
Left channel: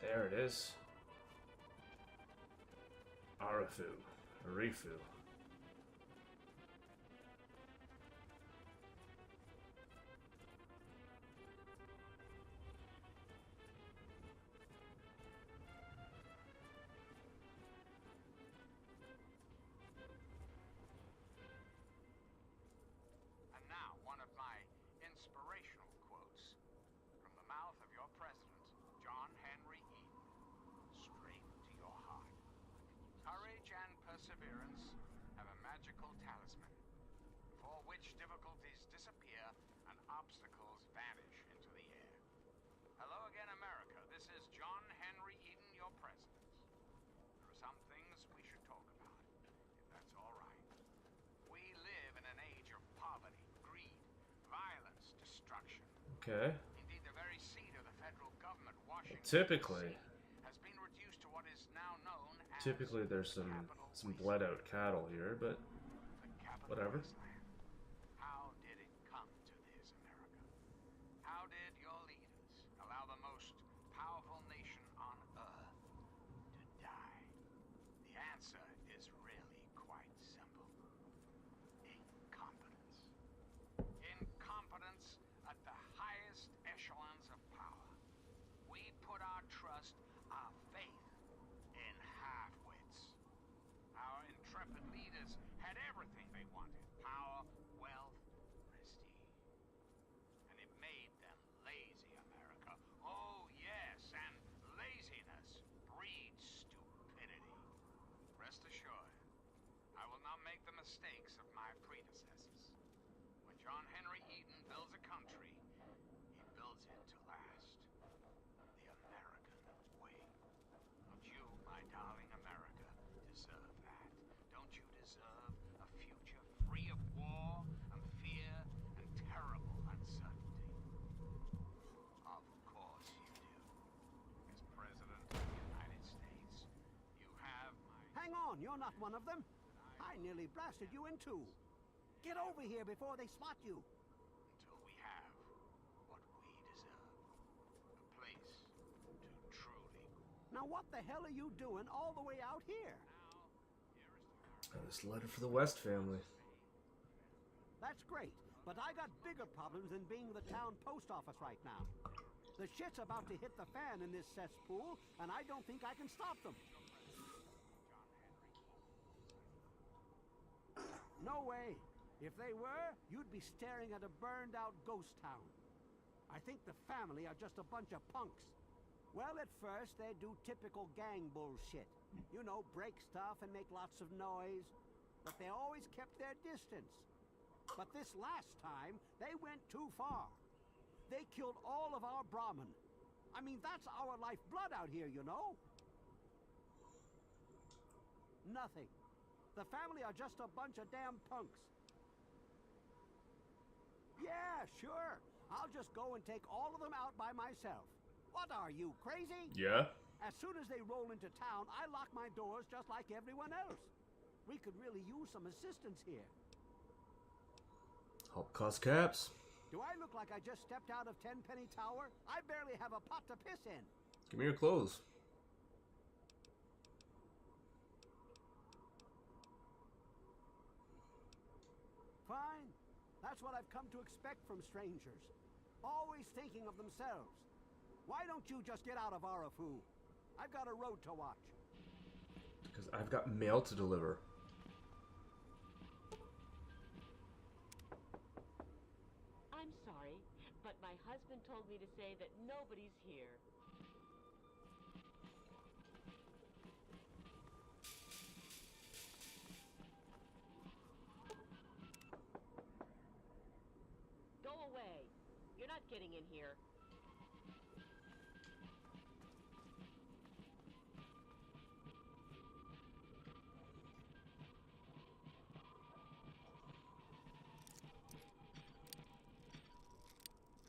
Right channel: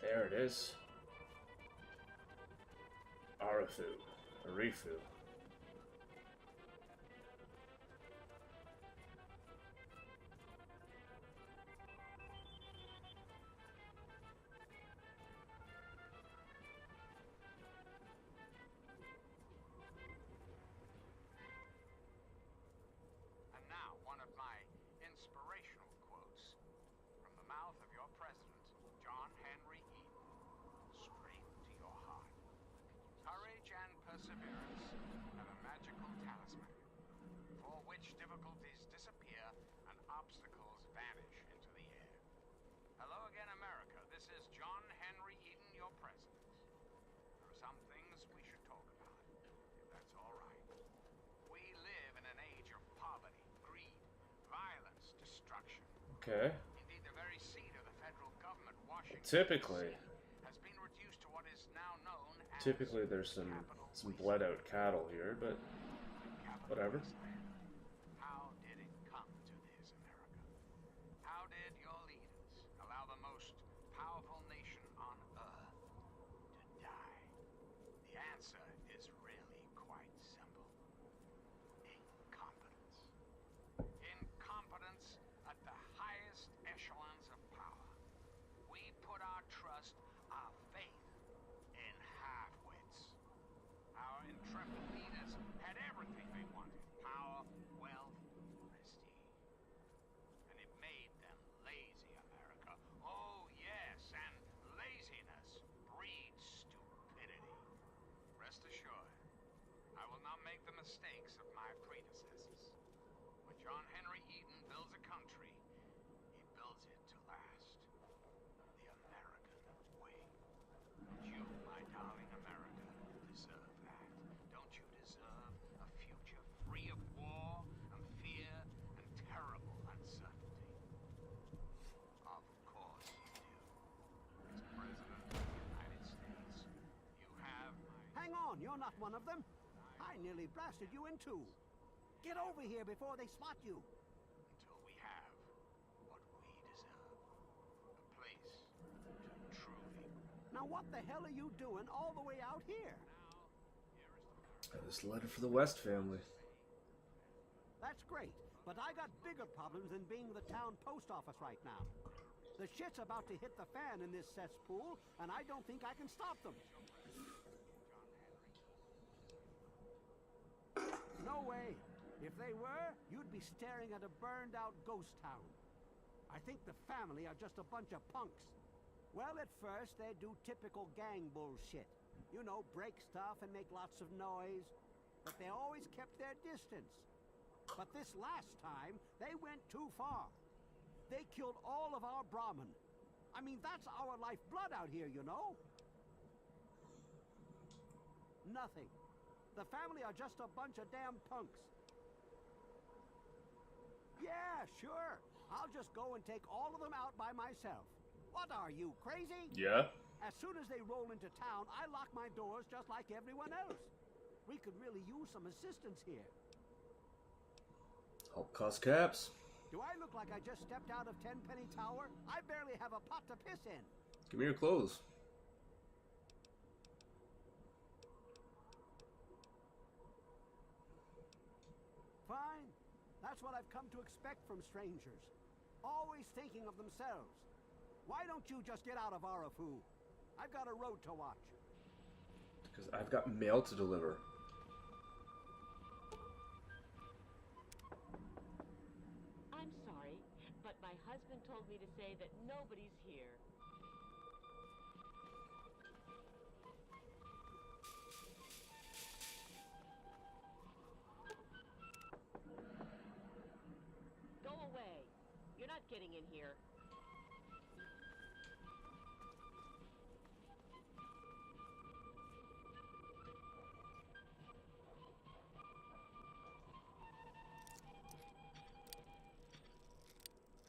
There it is. Arifu. And now, one of my inspirational quotes from the mouth of your president, John Henry Eden, straight to your heart. Courage and perseverance have a magical talisman, for which difficulties disappear and obstacles vanish into the air. Hello again, America. This is John Henry Eden, your president. There are some things we should talk about, if that's all right. We live in an age of poverty, greed, violence, destruction. Okay. Indeed, the very seat of the federal government, Washington, Typically, D.C., has been reduced to what is now known as there's some Capital bled out cattle here, but the capital whatever. wasteland. How did it come to this, America? How did your leaders allow the most powerful nation on earth to die? The answer is really quite simple. Incompetence. Incompetence at the highest echelons of power. We put our trust, our faith in half-wits. Our intrepid leaders had everything they wanted: power, wealth, prestige. And it made them lazy, America. Oh, yes, and laziness breeds stupidity. Rest assured, I will not make the mistakes of my predecessors. When John Henry Eden builds a country, he builds it to last. The American way. Don't you, my darling America, deserve that? Don't you deserve a future free of war and fear and terrible uncertainty? Of course you do. As President of the United States, you have my... Hang on, you're not one of them. I nearly blasted you in two. Get over here before they spot you. Until we have what we deserve. A place to truly... Now what the hell are you doing all the way out here? This letter for the West family. That's great, but I got bigger problems than being the town post office right now. The shit's about to hit the fan in this cesspool, and I don't think I can stop them. No way. If they were, you'd be staring at a burned-out ghost town. I think the family are just a bunch of punks. Well, at first, they do typical gang bullshit. You know, break stuff and make lots of noise. But they always kept their distance. But this last time, they went too far. They killed all of our Brahmin. I mean, that's our lifeblood out here, you know? Nothing. The family are just a bunch of damn punks. Yeah, sure. I'll just go and take all of them out by myself. What are you, crazy? Yeah. As soon as they roll into town, I lock my doors just like everyone else. We could really use some assistance here. Help cost caps. Do I look like I just stepped out of Tenpenny Tower? I barely have a pot to piss in. Give me your clothes. Fine. That's what I've come to expect from strangers. Always thinking of themselves. Why don't you just get out of Arafu? I've got a road to watch. Because I've got mail to deliver. I'm sorry, but my husband told me to say that nobody's here. Go away. You're not getting in here.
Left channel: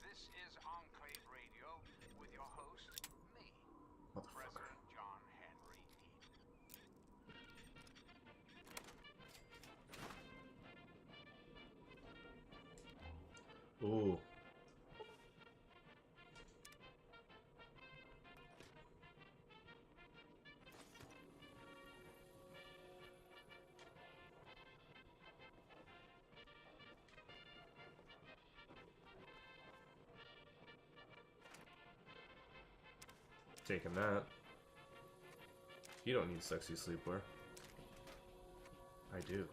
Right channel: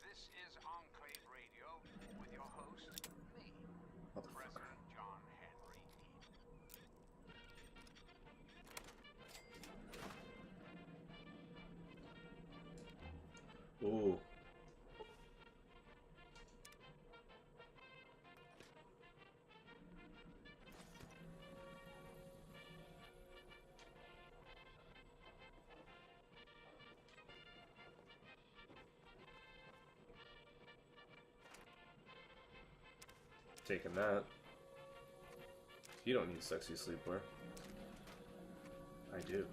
This is Enclave Radio with your host, me, Motherfucker. President John Henry Eden. Ooh. Taking that. You don't need sexy sleepwear. I do.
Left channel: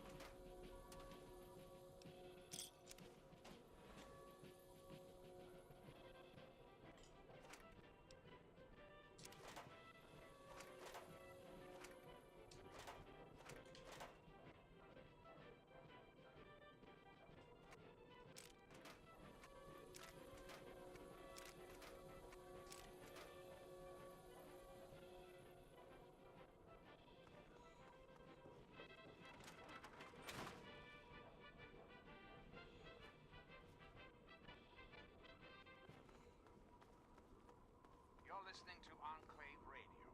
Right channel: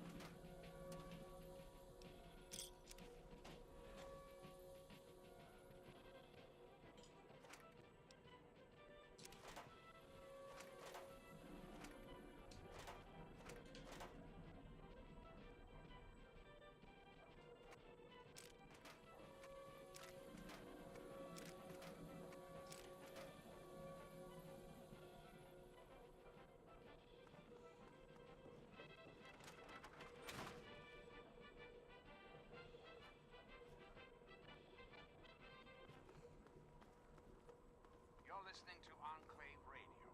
You're listening to Enclave Radio.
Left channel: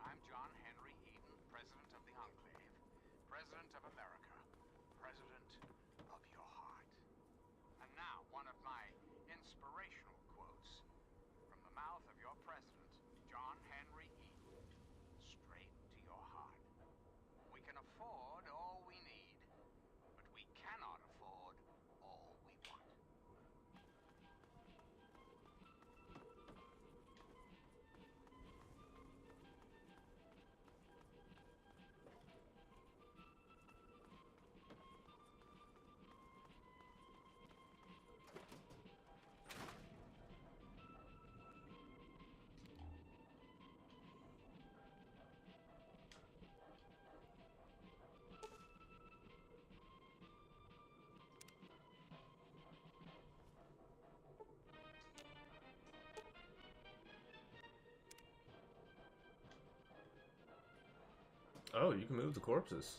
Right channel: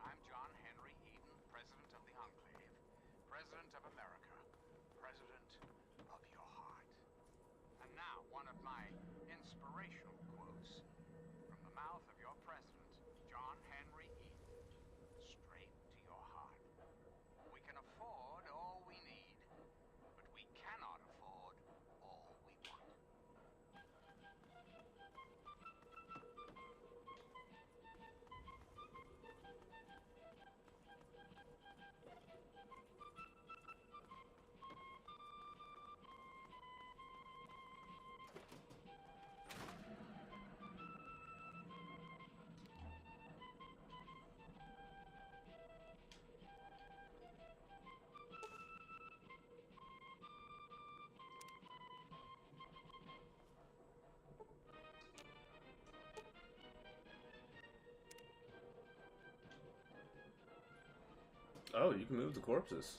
I'm John Henry Eden, President of the Enclave, President of America, President of your heart. And now, one of my inspirational quotes from the mouth of your President, John Henry Eden. Straight to your heart. We can afford all we need, but we cannot afford all we want. Oh, you can move the corpses.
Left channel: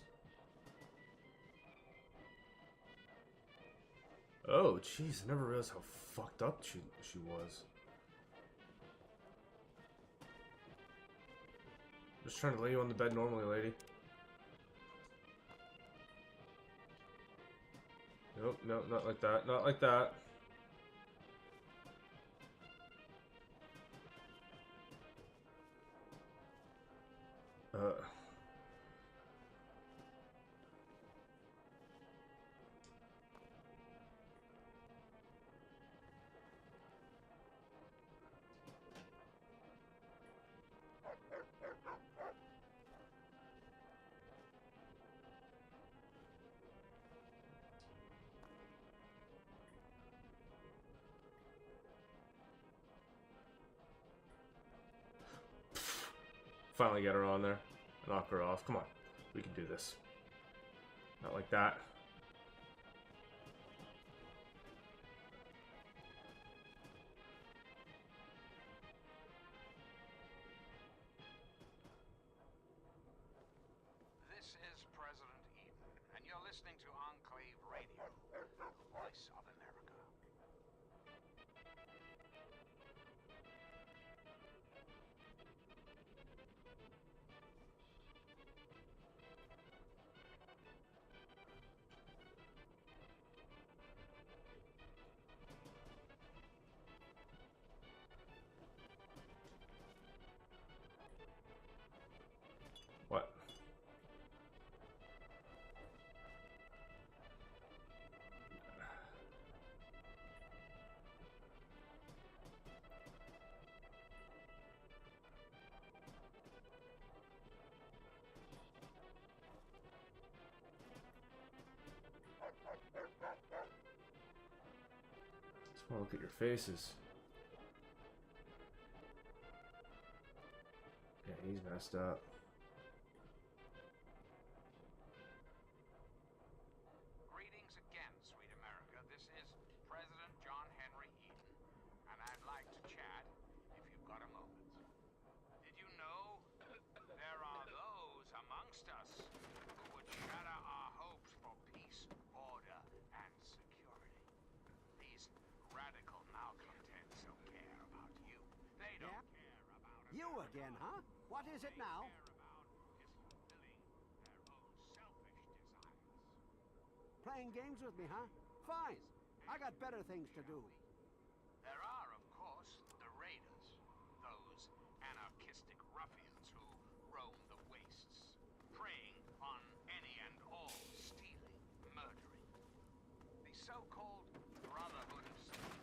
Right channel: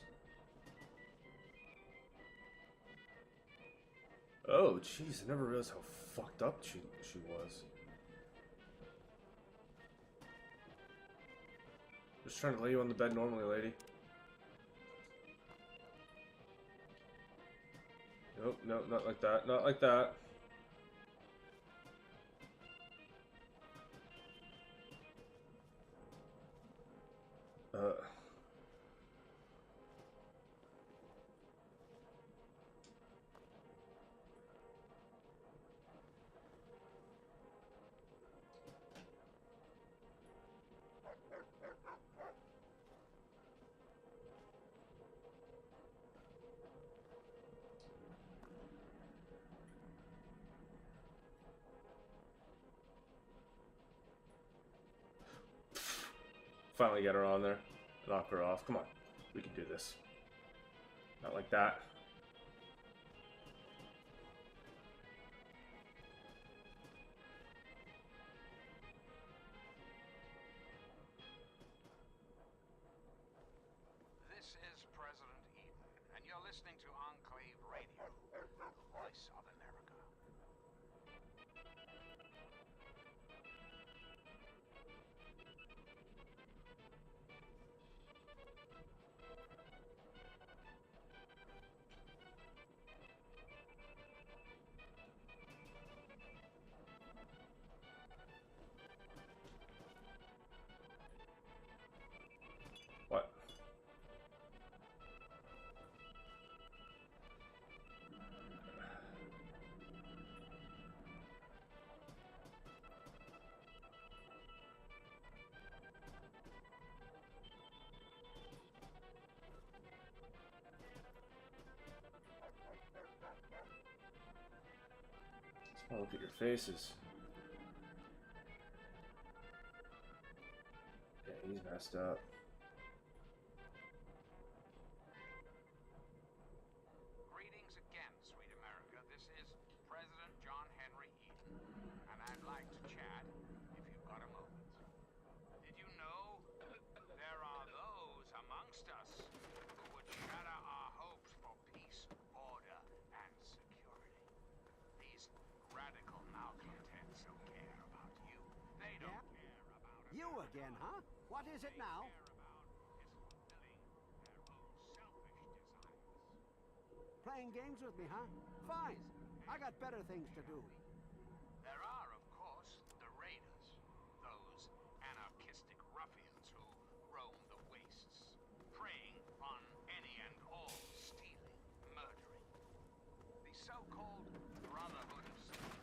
Oh, jeez, I never realized how fucked up she was. Just trying to lay you on the bed normally, lady. Nope, no, not like that, not like that. Finally get her on there. Knock her off. Come on. We can do this. Not like that. This is President Eden, and you're listening to Enclave Radio, the voice of America. What? Oh, look at your faces. Yeah, he's messed up. Greetings again, sweet America. This is President John Henry Eden, and I'd like to chat if you've got a moment. Did you know there are those amongst us who would shatter our hopes for peace, order, and security? These radical malcontents don't care about you. They don't Yeah? care about You again, huh? What is it now? Playing games with me, huh? Fine. I got better things to do. There are, of course, the Raiders, those anarchistic ruffians who roam the wastes, preying on any and all stealing, murdering. The so-called Brotherhood of Steel.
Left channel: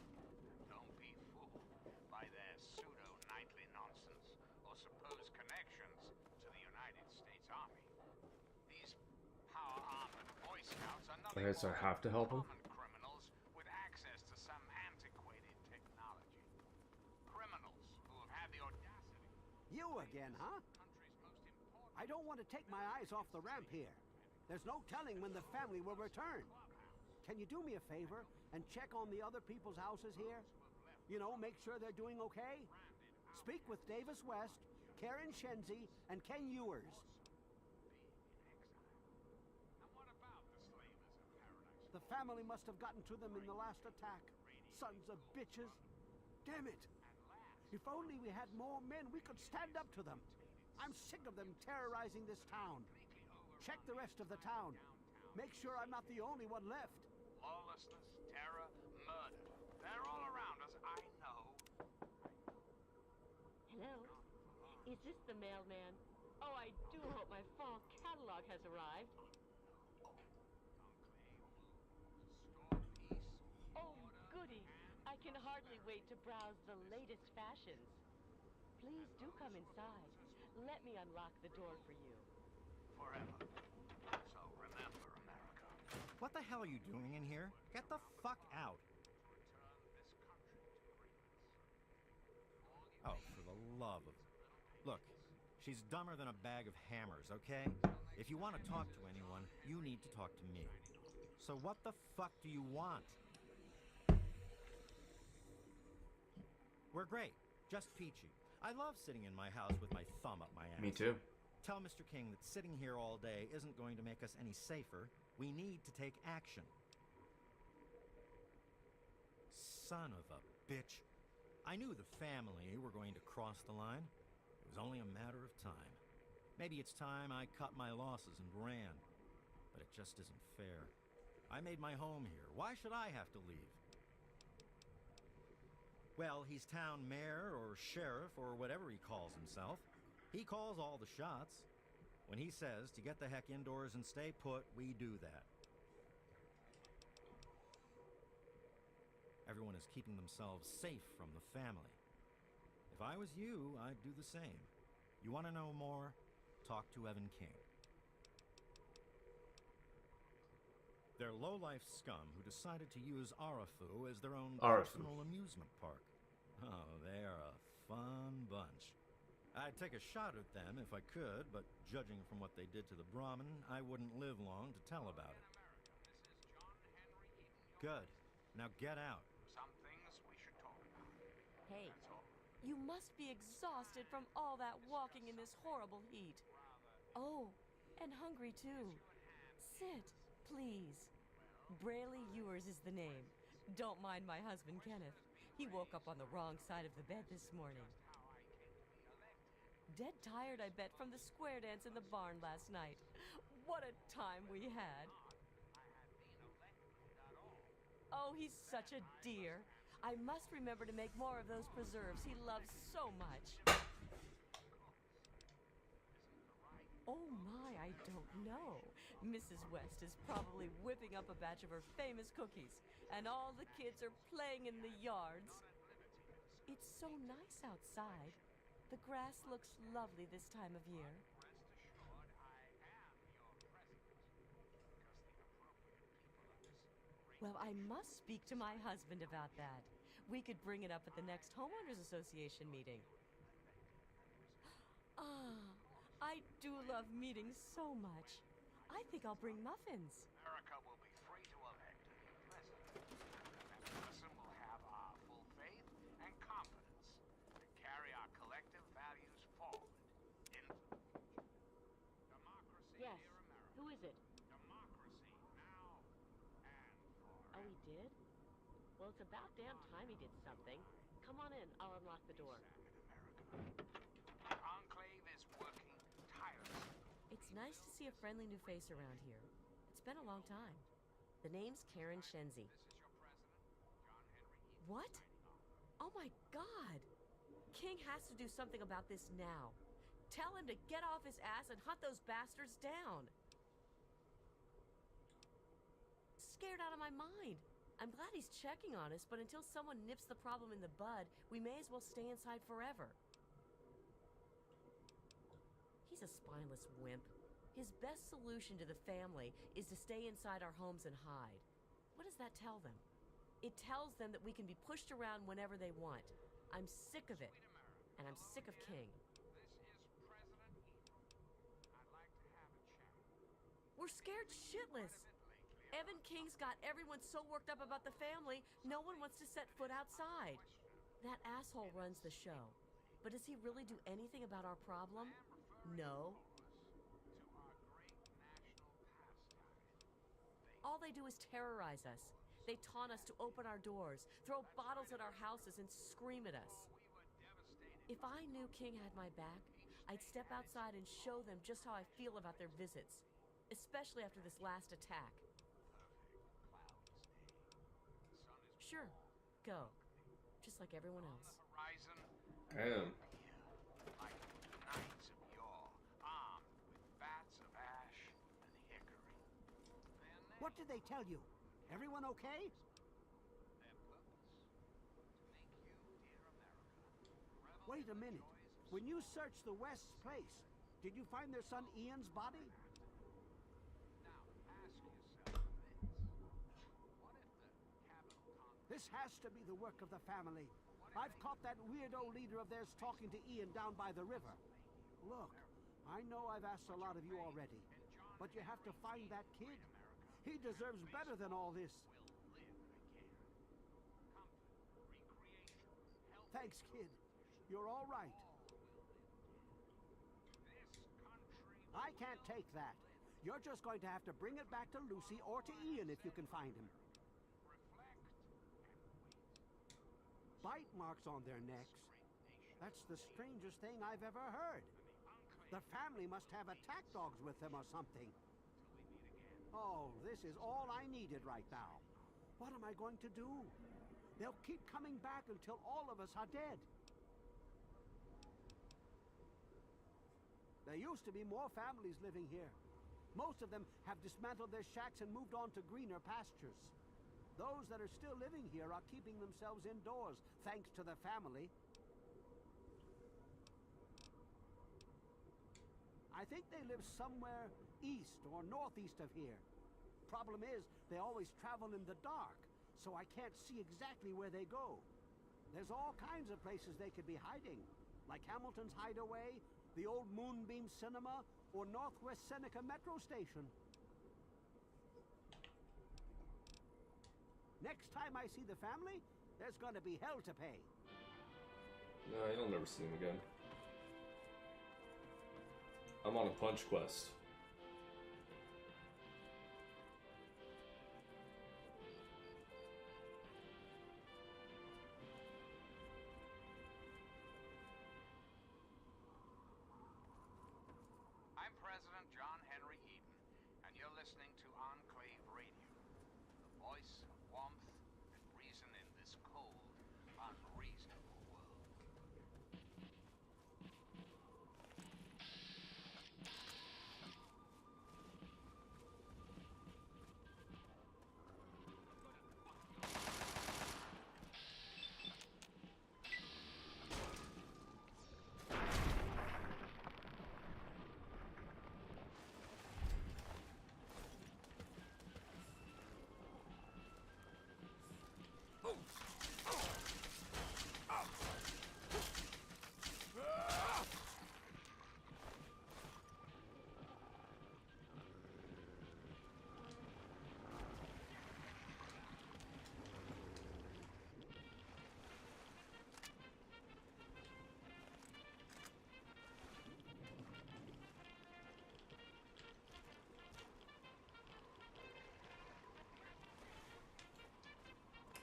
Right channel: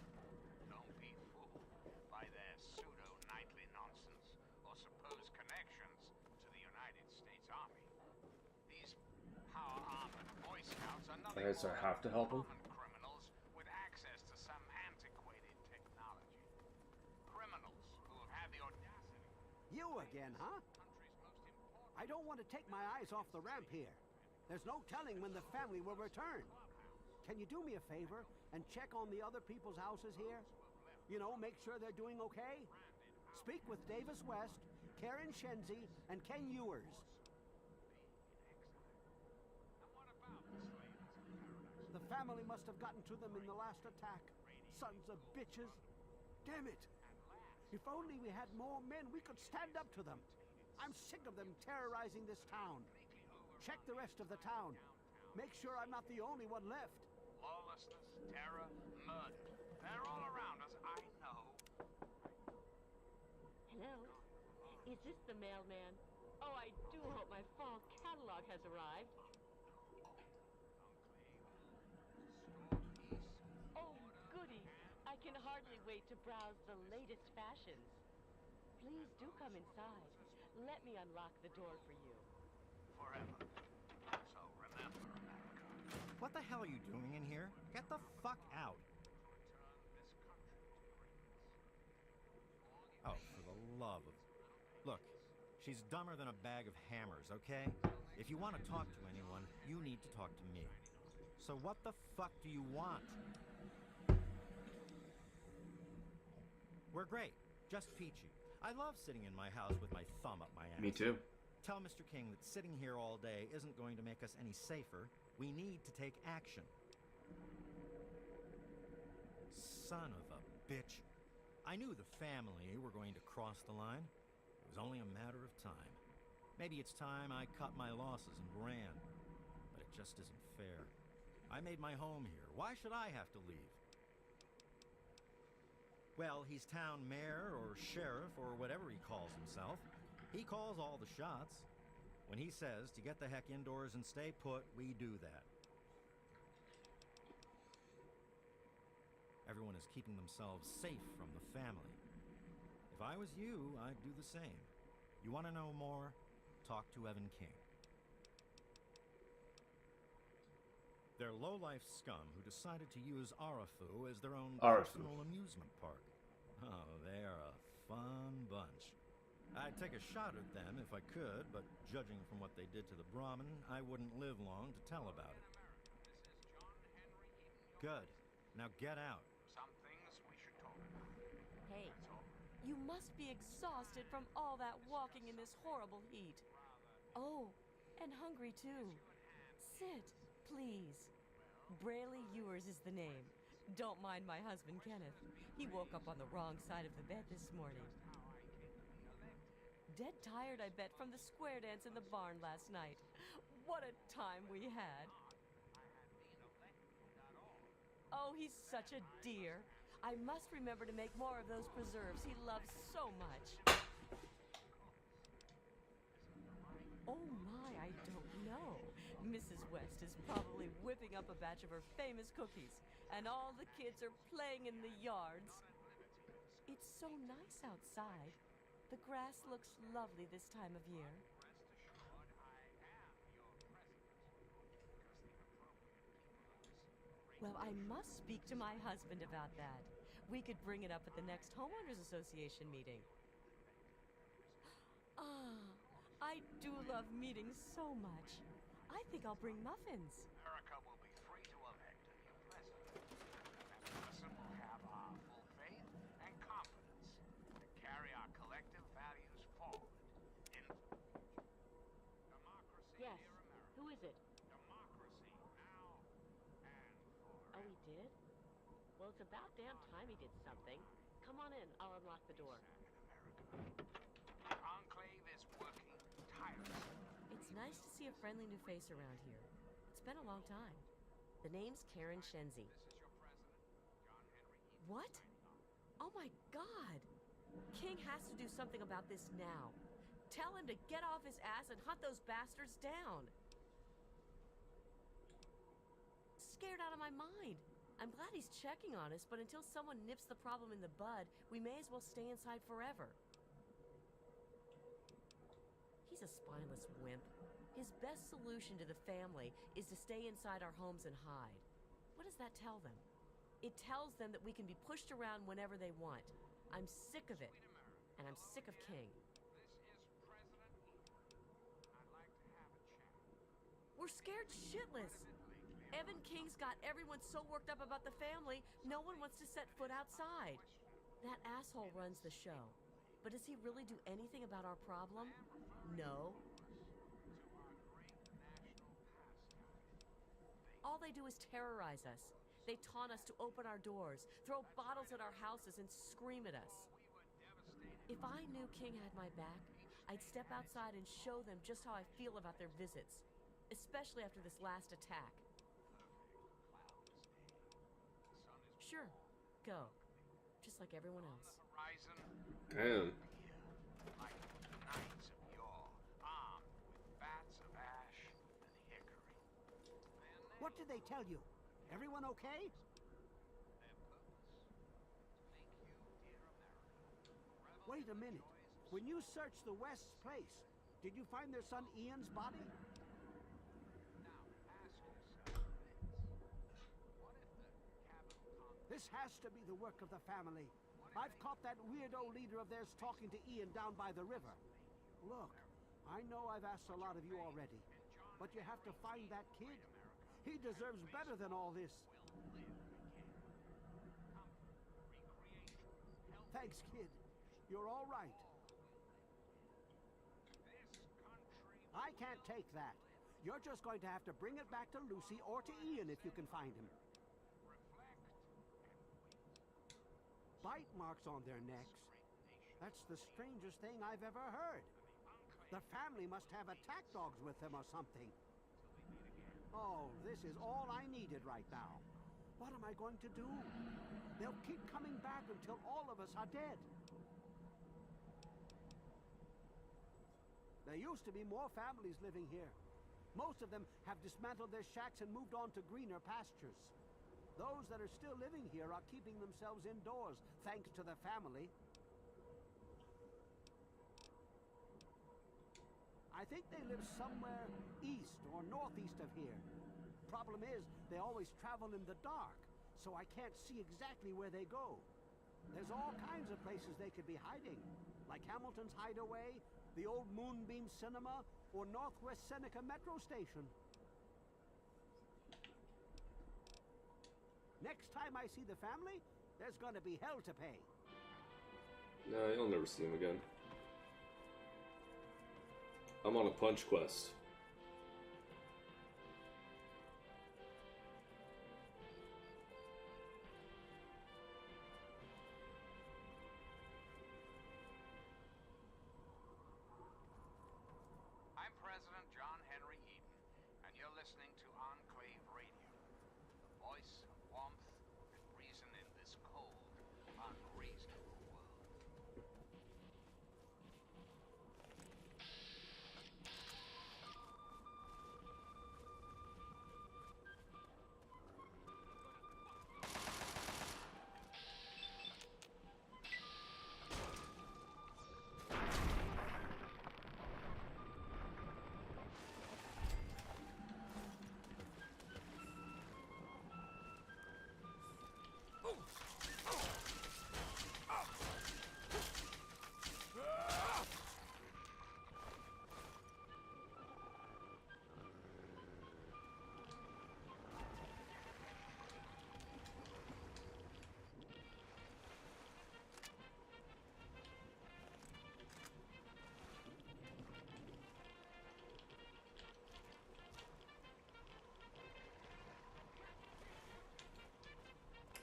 Don't be fooled by their pseudo-knightly nonsense or supposed connections to the United States Army. These power-armored Boy Scouts are nothing Okay, so I have to help him? common criminals with access to some antiquated technology. Criminals who have had the audacity. You again, huh? Country's most important. I don't want to take my eyes off the ramp here. There's no telling when the family will return. Can you do me a favor and check on the other people's houses here? You know, make sure they're doing okay? Speak with Davis West, Karen Shenzi, and Ken Ewers. And what about the slavers of paradise? The family must have gotten to them in the last attack. Sons of bitches. Damn it. If only we had more men, we could stand up to them. I'm sick of them terrorizing this town. Check the rest of the town. Make sure I'm not the only one left. Lawlessness, terror, murder. They're all around us, I know. Hello? Is this the mailman? Oh, I do hope my fall catalog has arrived. Oh, goody. I can hardly wait to browse the latest fashions. Please do come inside. Let me unlock the door for you. Forever. So remember, America. What the hell are you doing in here? Get the fuck out. Return this country to greatness. Oh, for the love of... Look, she's dumber than a bag of hammers, okay? If you want to talk to anyone, you need to talk to me. So what the fuck do you want? We're great. Just peachy. I love sitting in my house with my thumb up my ass. Me too. Tell Mr. King that sitting here all day isn't going to make us any safer. We need to take action. Son of a bitch. I knew the family were going to cross the line. It was only a matter of time. Maybe it's time I cut my losses and ran. But it just isn't fair. I made my home here. Why should I have to leave? Well, he's town mayor or sheriff or whatever he calls himself. He calls all the shots. When he says to get the heck indoors and stay put, we do that. Everyone is keeping themselves safe from the family. If I was you, I'd do the same. You want to know more? Talk to Evan King. They're low-life scum who decided to use Arafu as their own Arafu. personal amusement park. Oh, they're a fun bunch. I'd take a shot at them if I could, but judging from what they did to the Brahmin, I wouldn't live long to tell about it. Good. Now get out. Some things we should talk about. Hey, you must be exhausted from all that walking in this horrible heat. Oh, and hungry too. Sit, please. Brayley Ewers is the name. Don't mind my husband, Kenneth. He woke up on the wrong side of the bed this morning. Dead tired, I bet, from the square dance in the barn last night. What a time we had. Oh, he's such a dear. I must remember to make more of those preserves he loves so much. Oh my, I don't know. Mrs. West is probably whipping up a batch of her famous cookies, and all the kids are playing in the yards. It's so nice outside. The grass looks lovely this time of year. Well, I must speak to my husband about that. We could bring it up at the next Homeowners Association meeting. Ah, I do love meetings so much. I think I'll bring muffins. America will be free to elect a new president. That person will have our full faith and confidence to carry our collective values forward into the future. Democracy, Yes. dear America. Who is it? Democracy now and forever. Oh, he did? Well, it's about damn time he did something. Come on in. I'll unlock the door. The Enclave is working tirelessly. It's nice to see a friendly new face around here. It's been a long time. The name's Karen Shenzi. This is your president, John Henry Eaton. What? Oh my God! King has to do something about this now. Tell him to get off his ass and hunt those bastards down. Scared out of my mind. I'm glad he's checking on us, but until someone nips the problem in the bud, we may as well stay inside forever. He's a spineless wimp. His best solution to the family is to stay inside our homes and hide. What does that tell them? It tells them that we can be pushed around whenever they want. I'm sick of it. And I'm sick of King. This is President Eaton. I'd like to have a chat. We're scared shitless. Evan King's got everyone so worked up about the family, no one wants to set foot outside. That asshole runs the show. But does he really do anything about our problem? No. All they do is terrorize us. They taunt us to open our doors, throw bottles at our houses, and scream at us. If I knew King had my back, I'd step outside and show them just how I feel about their visits, especially after this last attack. Sure, go. Just like everyone else. Horizon Damn. like knights of yore, armed with bats of ash and hickory. What did they tell you? Everyone okay? Their purpose, to make you, dear America, revel Wait a in the minute. joys of When you searched the West's place, did you find their son Ian's body? Now, ask yourself this. What if the capital conquest This has to be the work of the family. I've caught that weirdo leader of theirs talking to Ian down by the river. Look, I know I've asked a lot of you already, but you have to find that kid. He deserves better than all this. will live again? Comfort, recreation, health, Thanks, kid. You're all right. this country I can't take that. You're just going to have to bring it back to Lucy or to Ian if you can find him. reflect and wait. Bite marks on their necks. That's the strangest thing I've ever heard. The family must have attack dogs with them or something. Oh, this is all I needed right now. What am I going to do? They'll keep coming back until all of us are dead. There used to be more families living here. Most of them have dismantled their shacks and moved on to greener pastures. Those that are still living here are keeping themselves indoors, thanks to the family. I think they live somewhere east or northeast of here. Problem is, they always travel in the dark, so I can't see exactly where they go. There's all kinds of places they could be hiding, like Hamilton's Hideaway, the old Moonbeam Cinema, or Northwest Seneca Metro Station. Next time I see the family, there's gonna be hell to pay. No, you'll never see him again. I'm on a punch quest. I'm President John Henry Eaton, and you're listening to Enclave Radio, the voice of warmth and reason in this cold, unreasonable world.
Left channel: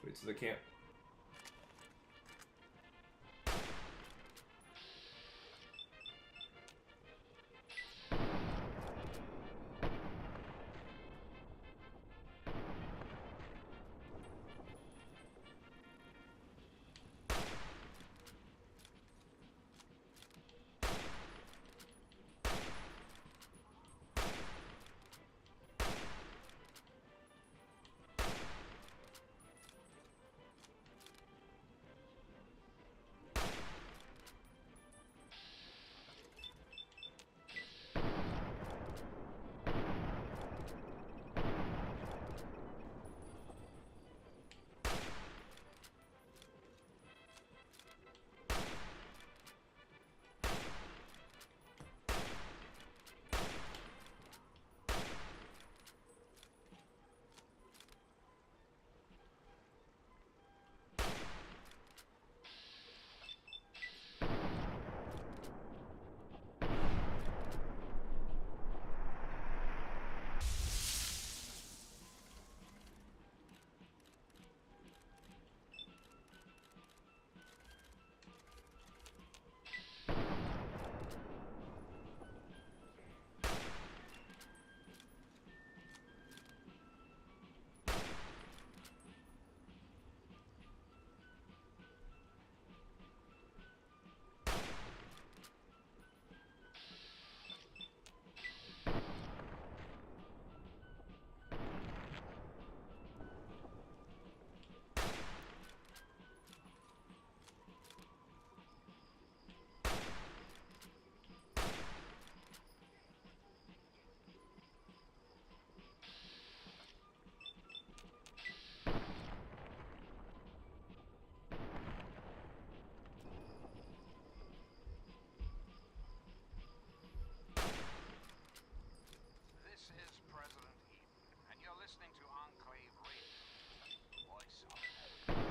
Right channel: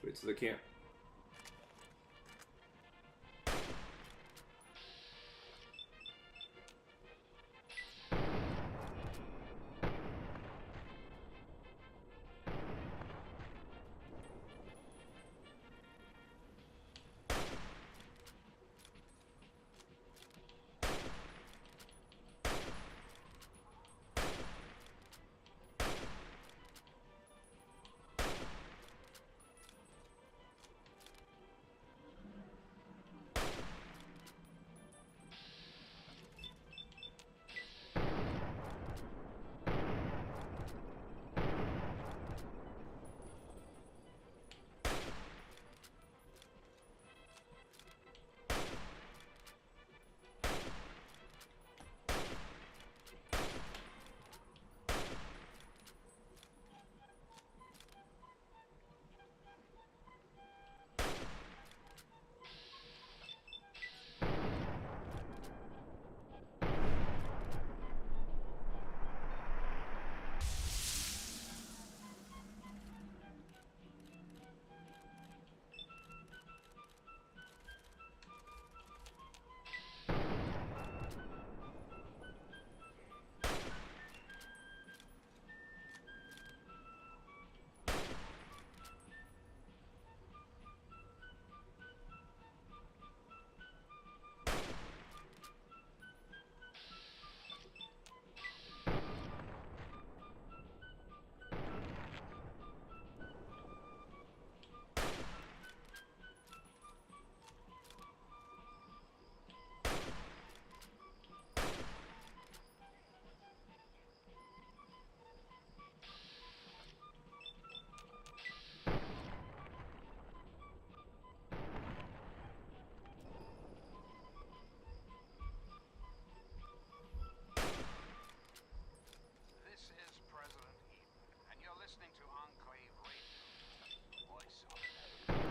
Wait, so they can't. This is President Eden, and you're listening to Enclave Radio, the voice of America.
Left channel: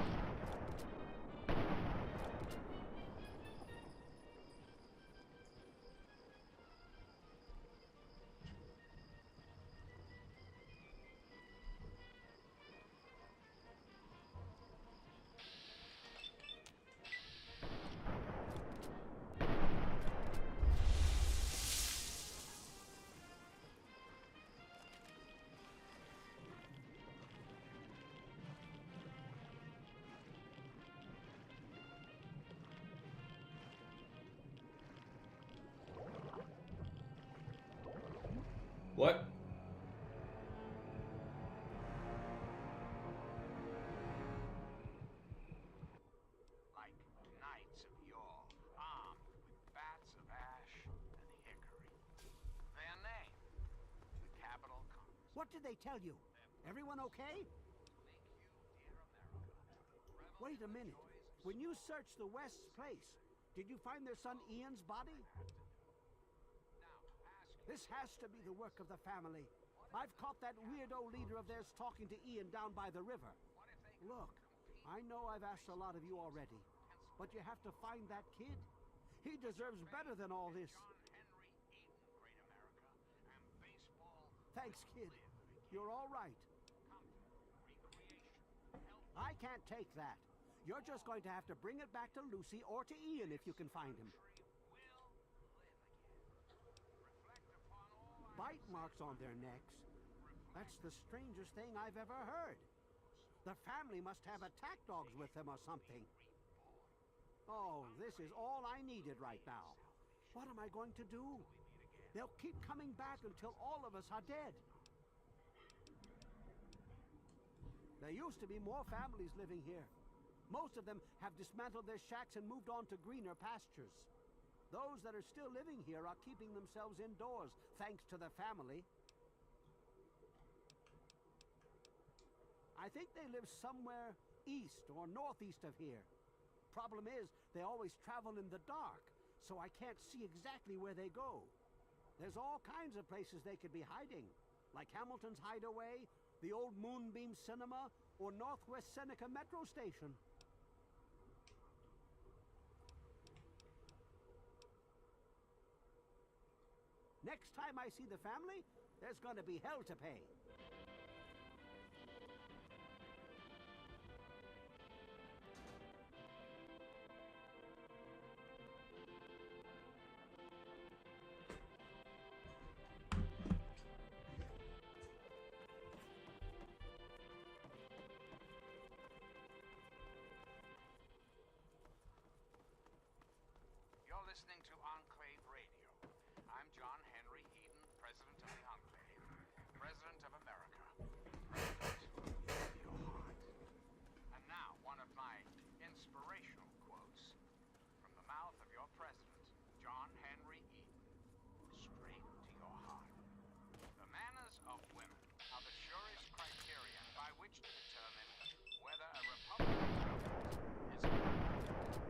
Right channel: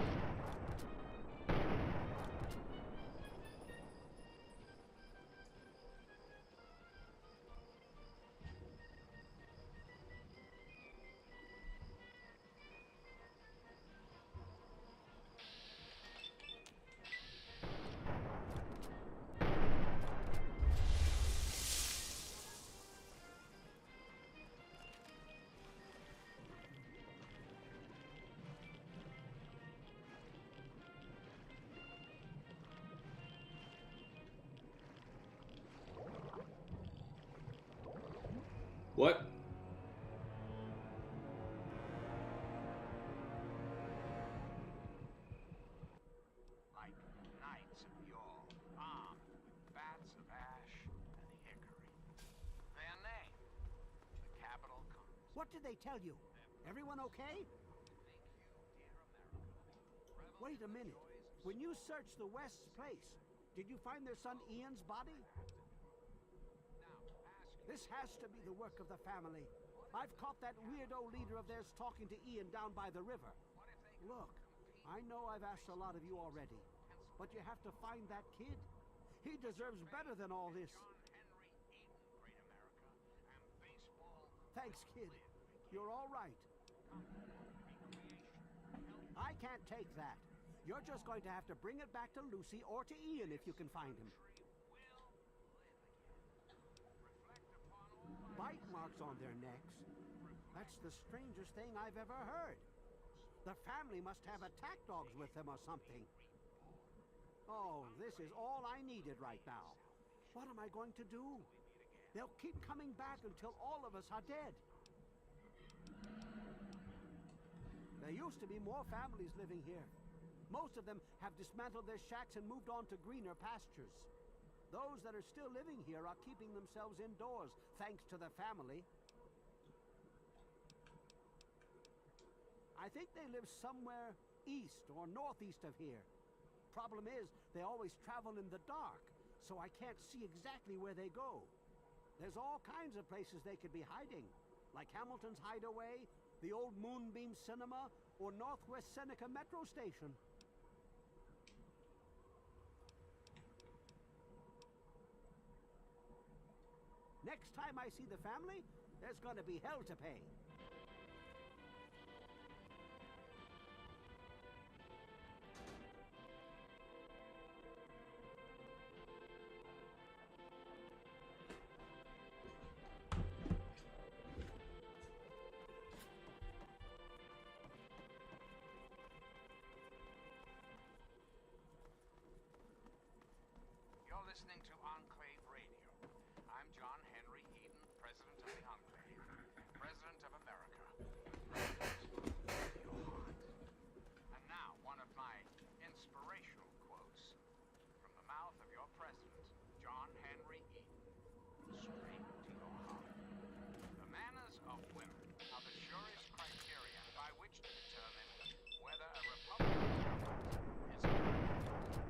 What? Like knights of yore, armed with bats of ash and hickory. Their name, the capital comes. What did they tell you? Everyone okay? Thank you, dear America. Wait a minute. When you searched the West's place, did you find their son Ian's body? This has to be the work of the family. I've caught that weirdo leader of theirs talking to Ian down by the river. Look, I know I've asked a lot of you already, but you have to find that kid. He deserves better than all this. Thanks, kid. You're all right. I can't take that. You're just going to have to bring it back to Lucy or to Ian if you can find him. Bite marks on their necks. That's the strangest thing I've ever heard. The family must have attack dogs with them or something. Oh, this is all I needed right now. What am I going to do? They'll keep coming back until all of us are dead. There used to be more families living here. Most of them have dismantled their shacks and moved on to greener pastures. Those that are still living here are keeping themselves indoors, thanks to the family. I think they live somewhere east or northeast of here. Problem is, they always travel in the dark, so I can't see exactly where they go. There's all kinds of places they could be hiding, like Hamilton's Hideaway, the old Moonbeam Cinema, or Northwest Seneca Metro Station. Next time I see the family, there's gonna be hell to pay. President of the Enclave, President of America, President of your heart. And now, one of my inspirational quotes from the mouth of your president, John Henry Eden, straight to your heart. The manners of women are the surest criterion by which to determine whether a Republican government is perfect or not.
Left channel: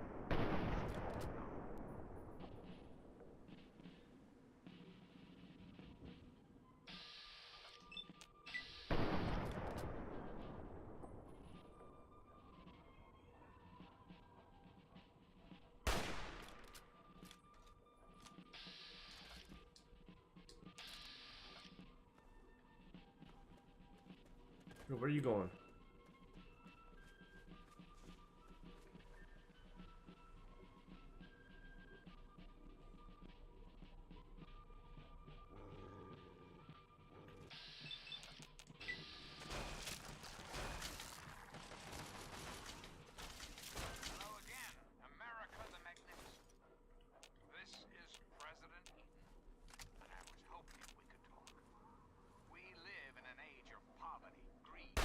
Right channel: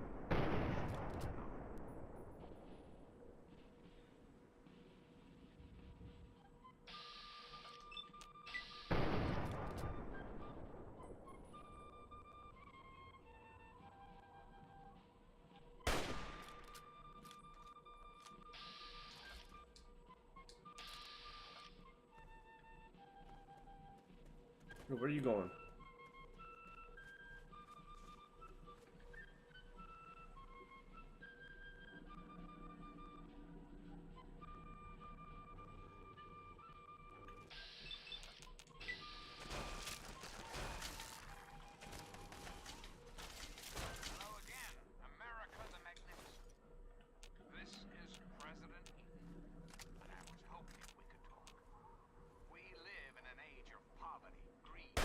Where are you going? Hello again, America the Magnificent. This is President Eden, and I was hoping we could talk. We live in an age of poverty, greed,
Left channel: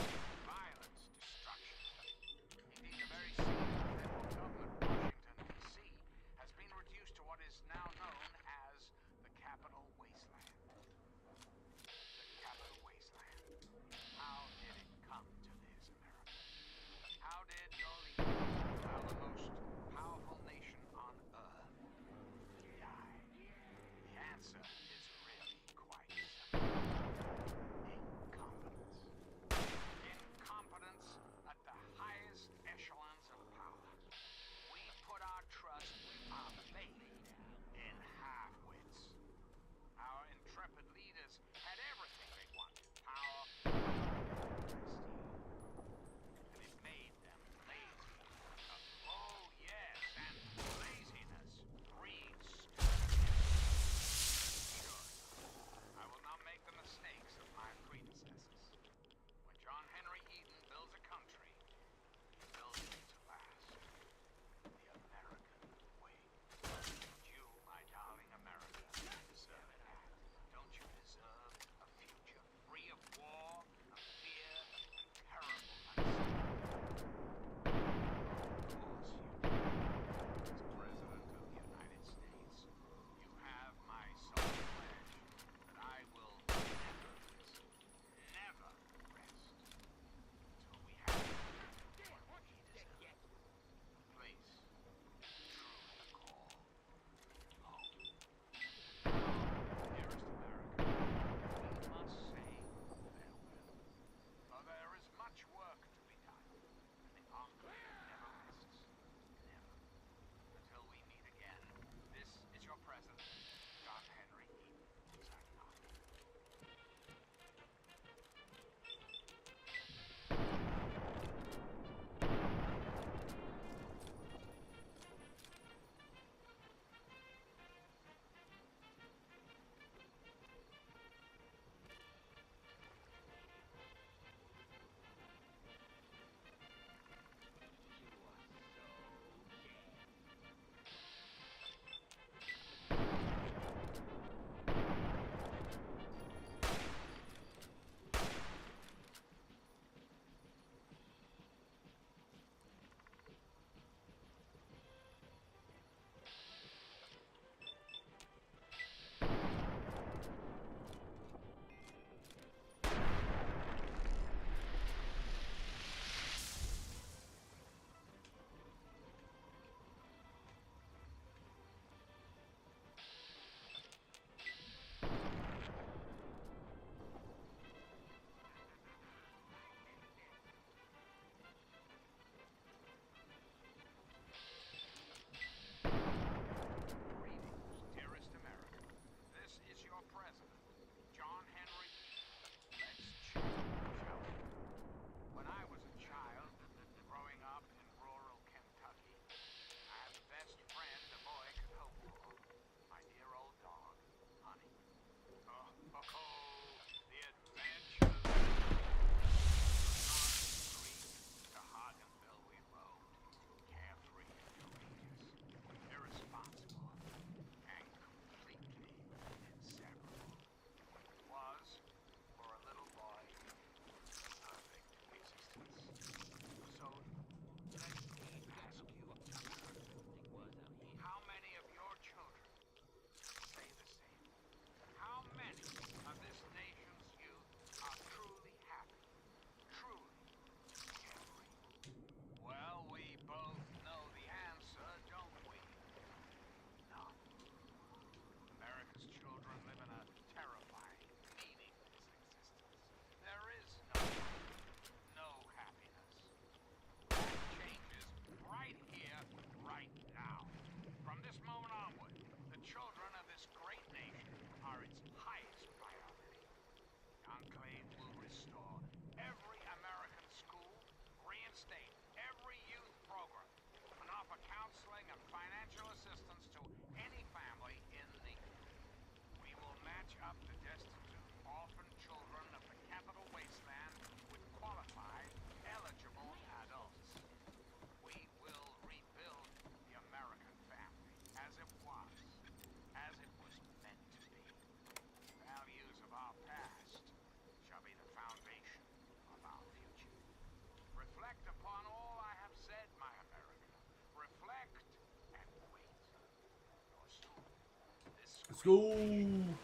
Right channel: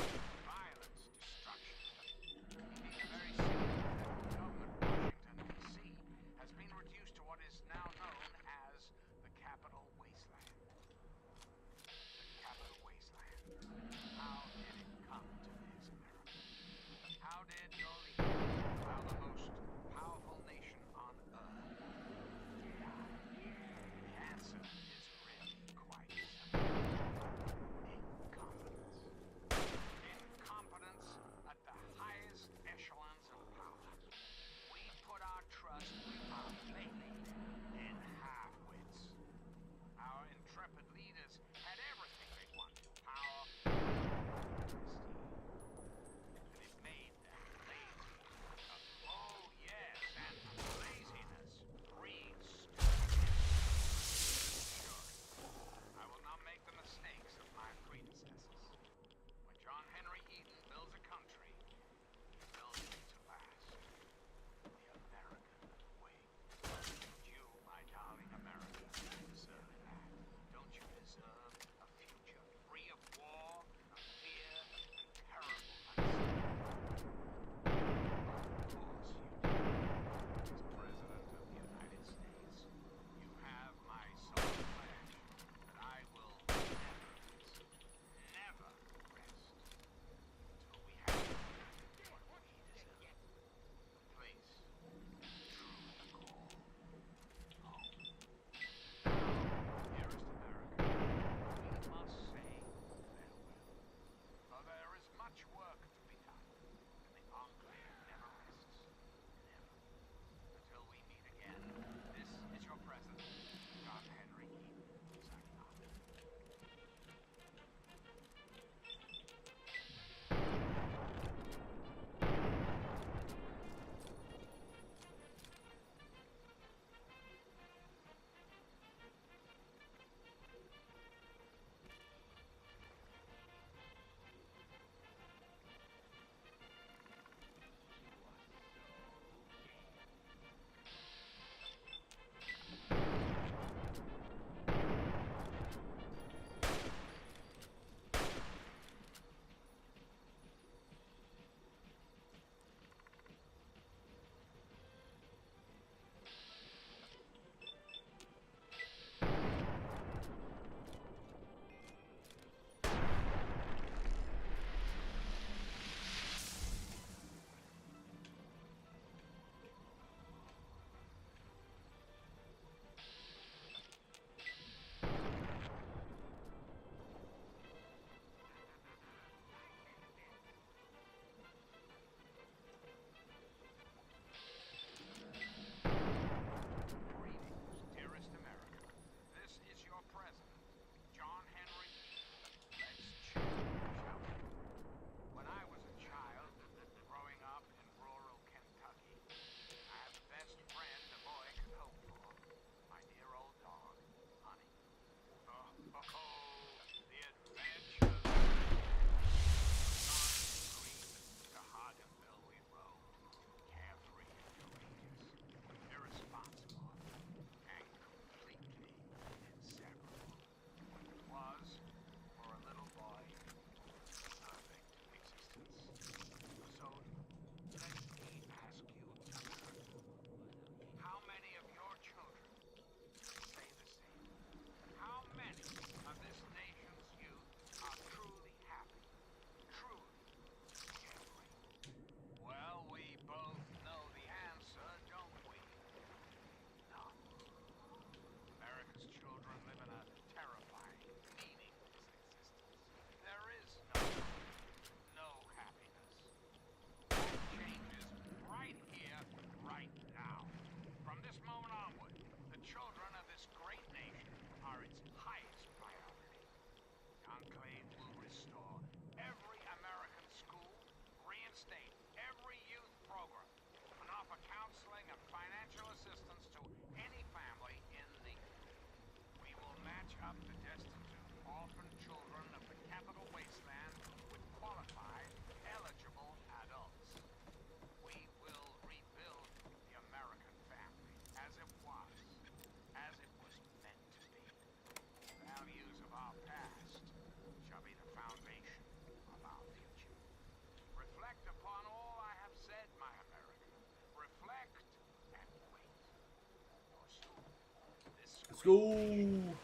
Let's go. reborn,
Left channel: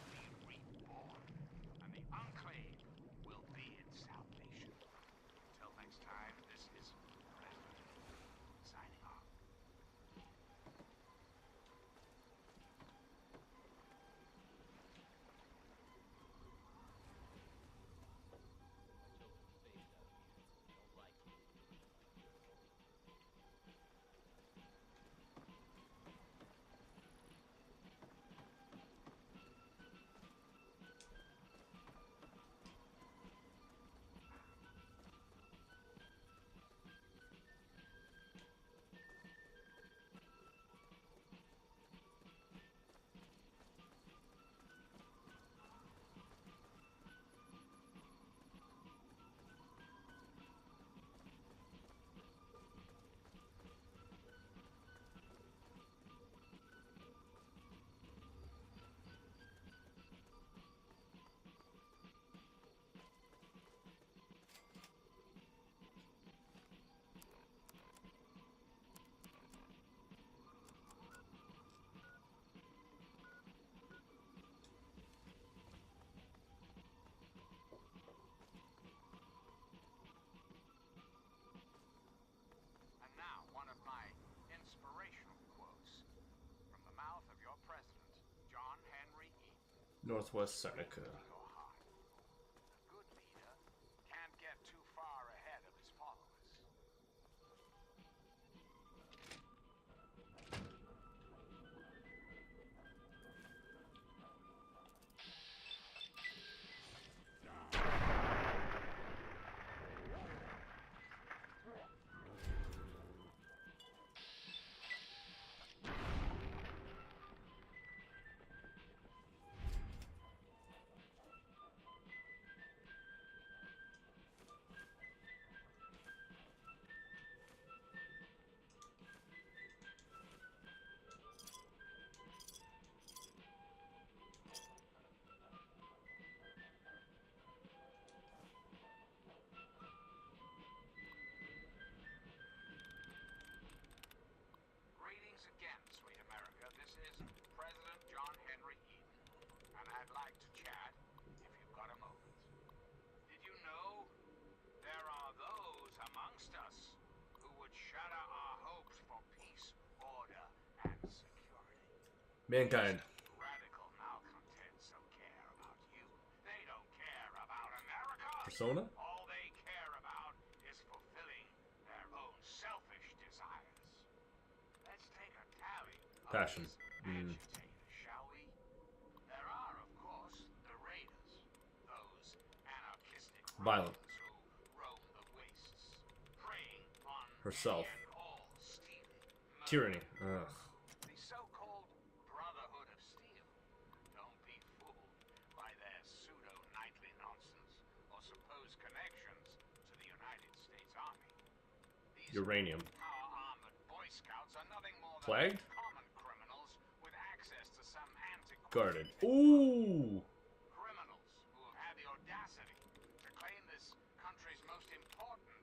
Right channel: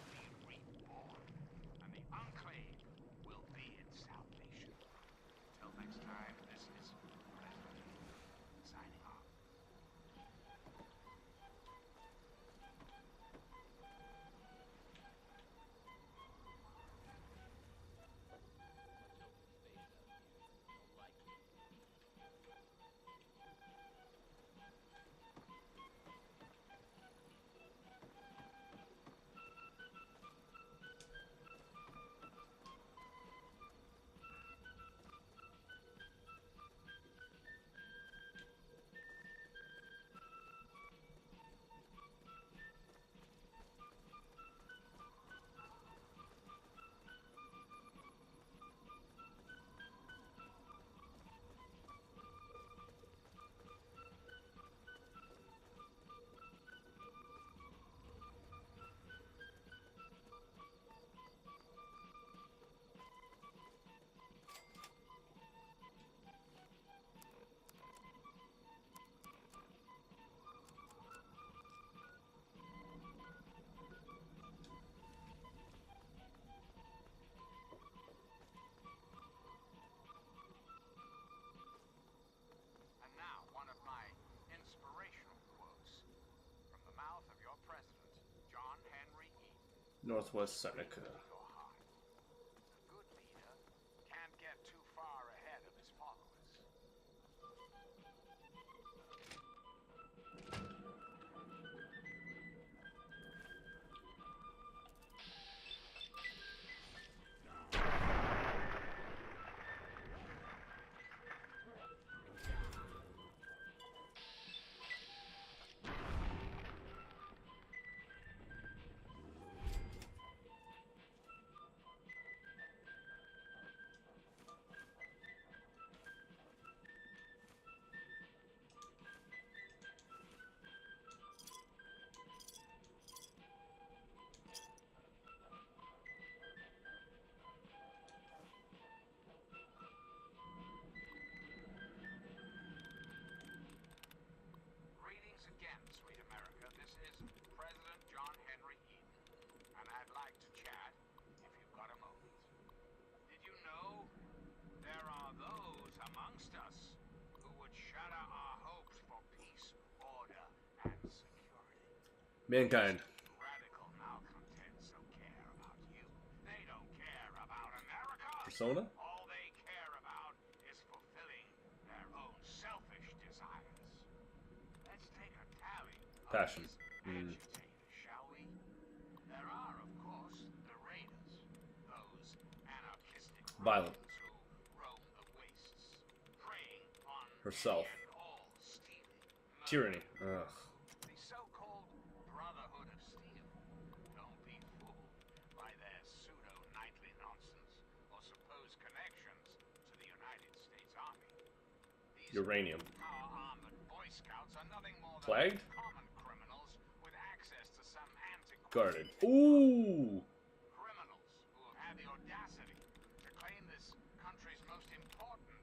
and the Enclave will be its salvation. Until next time, this is President signing off. And now, one of my inspirational quotes from the mouth of your president, John Henry Eaton. Northwest Seneca. Your heart. A good leader can't get too far ahead of his followers. Greetings again, sweet America. This is President John Henry Eaton, and I'd like to chat if you've got a moment. Did you know there are those amongst us who would shatter our hopes for peace, order, and security? Mankind. Radical malcontents don't care about you. They don't care about America. Persona? All they care about is fulfilling their own selfish desires. Let's take a tally of Passion. these agitators, shall we? There are, of course, the raiders, those anarchistic Violent. rebels who roam the wastes, preying on Herself. any and all stealing, murder, Tyranny. Ugh. the so-called Brotherhood of Steel. Don't be fooled by their pseudo-knightly nonsense or supposed connections to the United States Army. These Uranium. power-armored Boy Scouts are nothing more than Plagued? common criminals with access to some antiquated Guarded. technology. Ooh. Criminals who have had the audacity to claim this country's most important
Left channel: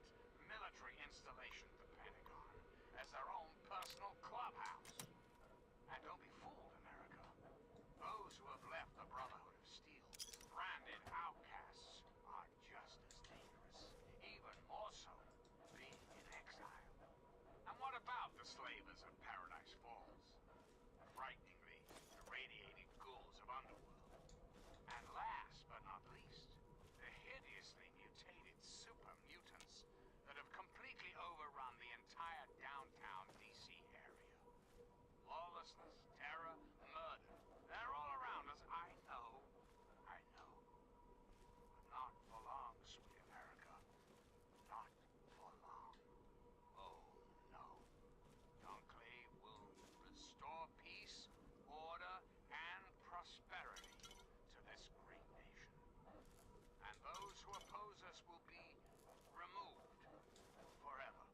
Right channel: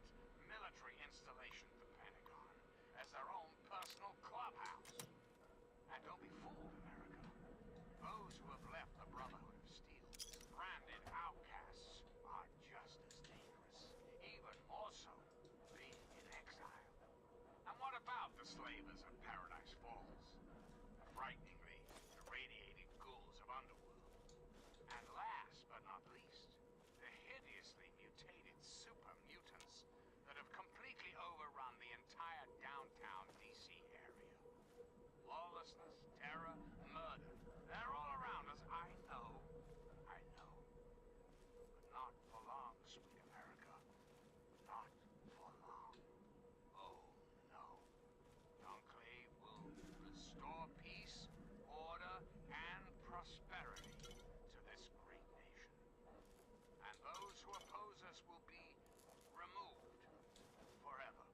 military installation, the Pentagon, as their own personal clubhouse. And don't be fooled, America. Those who have left the Brotherhood of Steel, branded outcasts, are just as dangerous, even more so, being in exile. And what about the slavers of Paradise Falls? The frighteningly irradiated ghouls of Underworld. And last but not least, the hideously mutated super mutants that have completely overrun the entire downtown DC area. Lawlessness, terror, murder. They're all around us. I know. But not for long, sweet America. Not for long. Oh, no. The Enclave will restore peace, order, and prosperity to this great nation. And those who oppose us will be removed forever.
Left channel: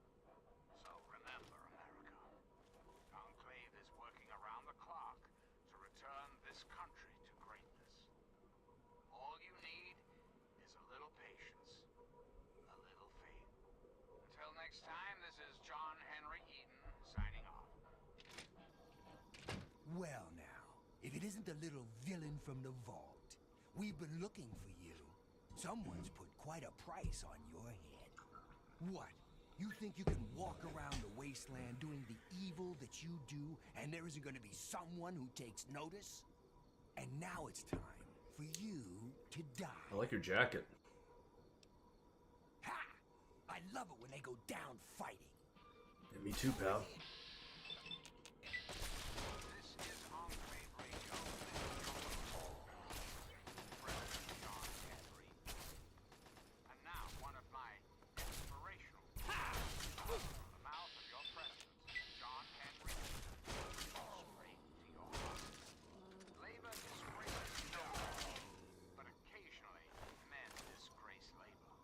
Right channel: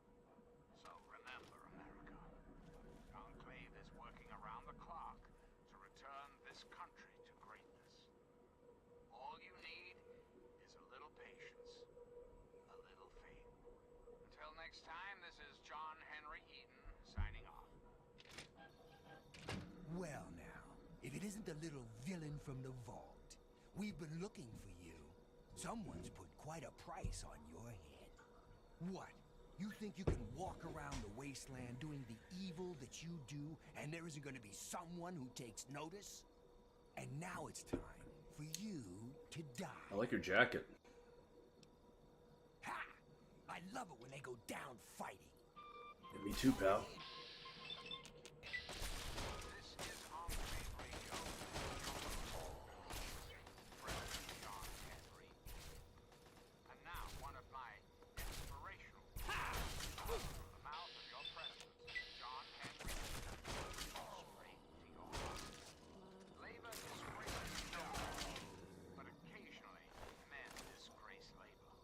So remember, America, the Enclave is working around the clock to return this country to greatness. All you need is a little patience, a little faith. Until next time, this is John Henry Eaton signing off. Well now, if it isn't the little villain from the vault. We've been looking for you. Someone's put quite a price on your head. What? You think you can walk around the wasteland doing the evil that you do, and there isn't going to be someone who takes notice? And now it's time for you to die. I like your jacket. Ha! I love it when they go down fighting. Yeah, me too, pal. This is Enclave Radio. President John Henry. And now, one of my inspirational from the mouth of your president, John Henry. Straight to your heart. Labor disgraces no one, but occasionally men disgrace labor.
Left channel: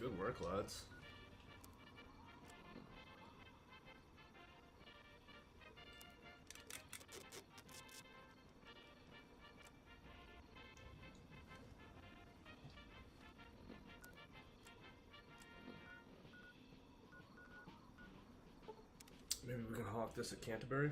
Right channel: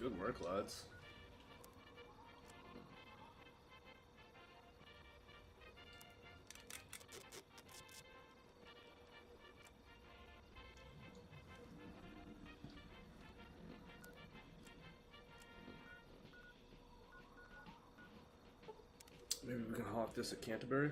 Good work, lads. Maybe we can hawk this at Canterbury.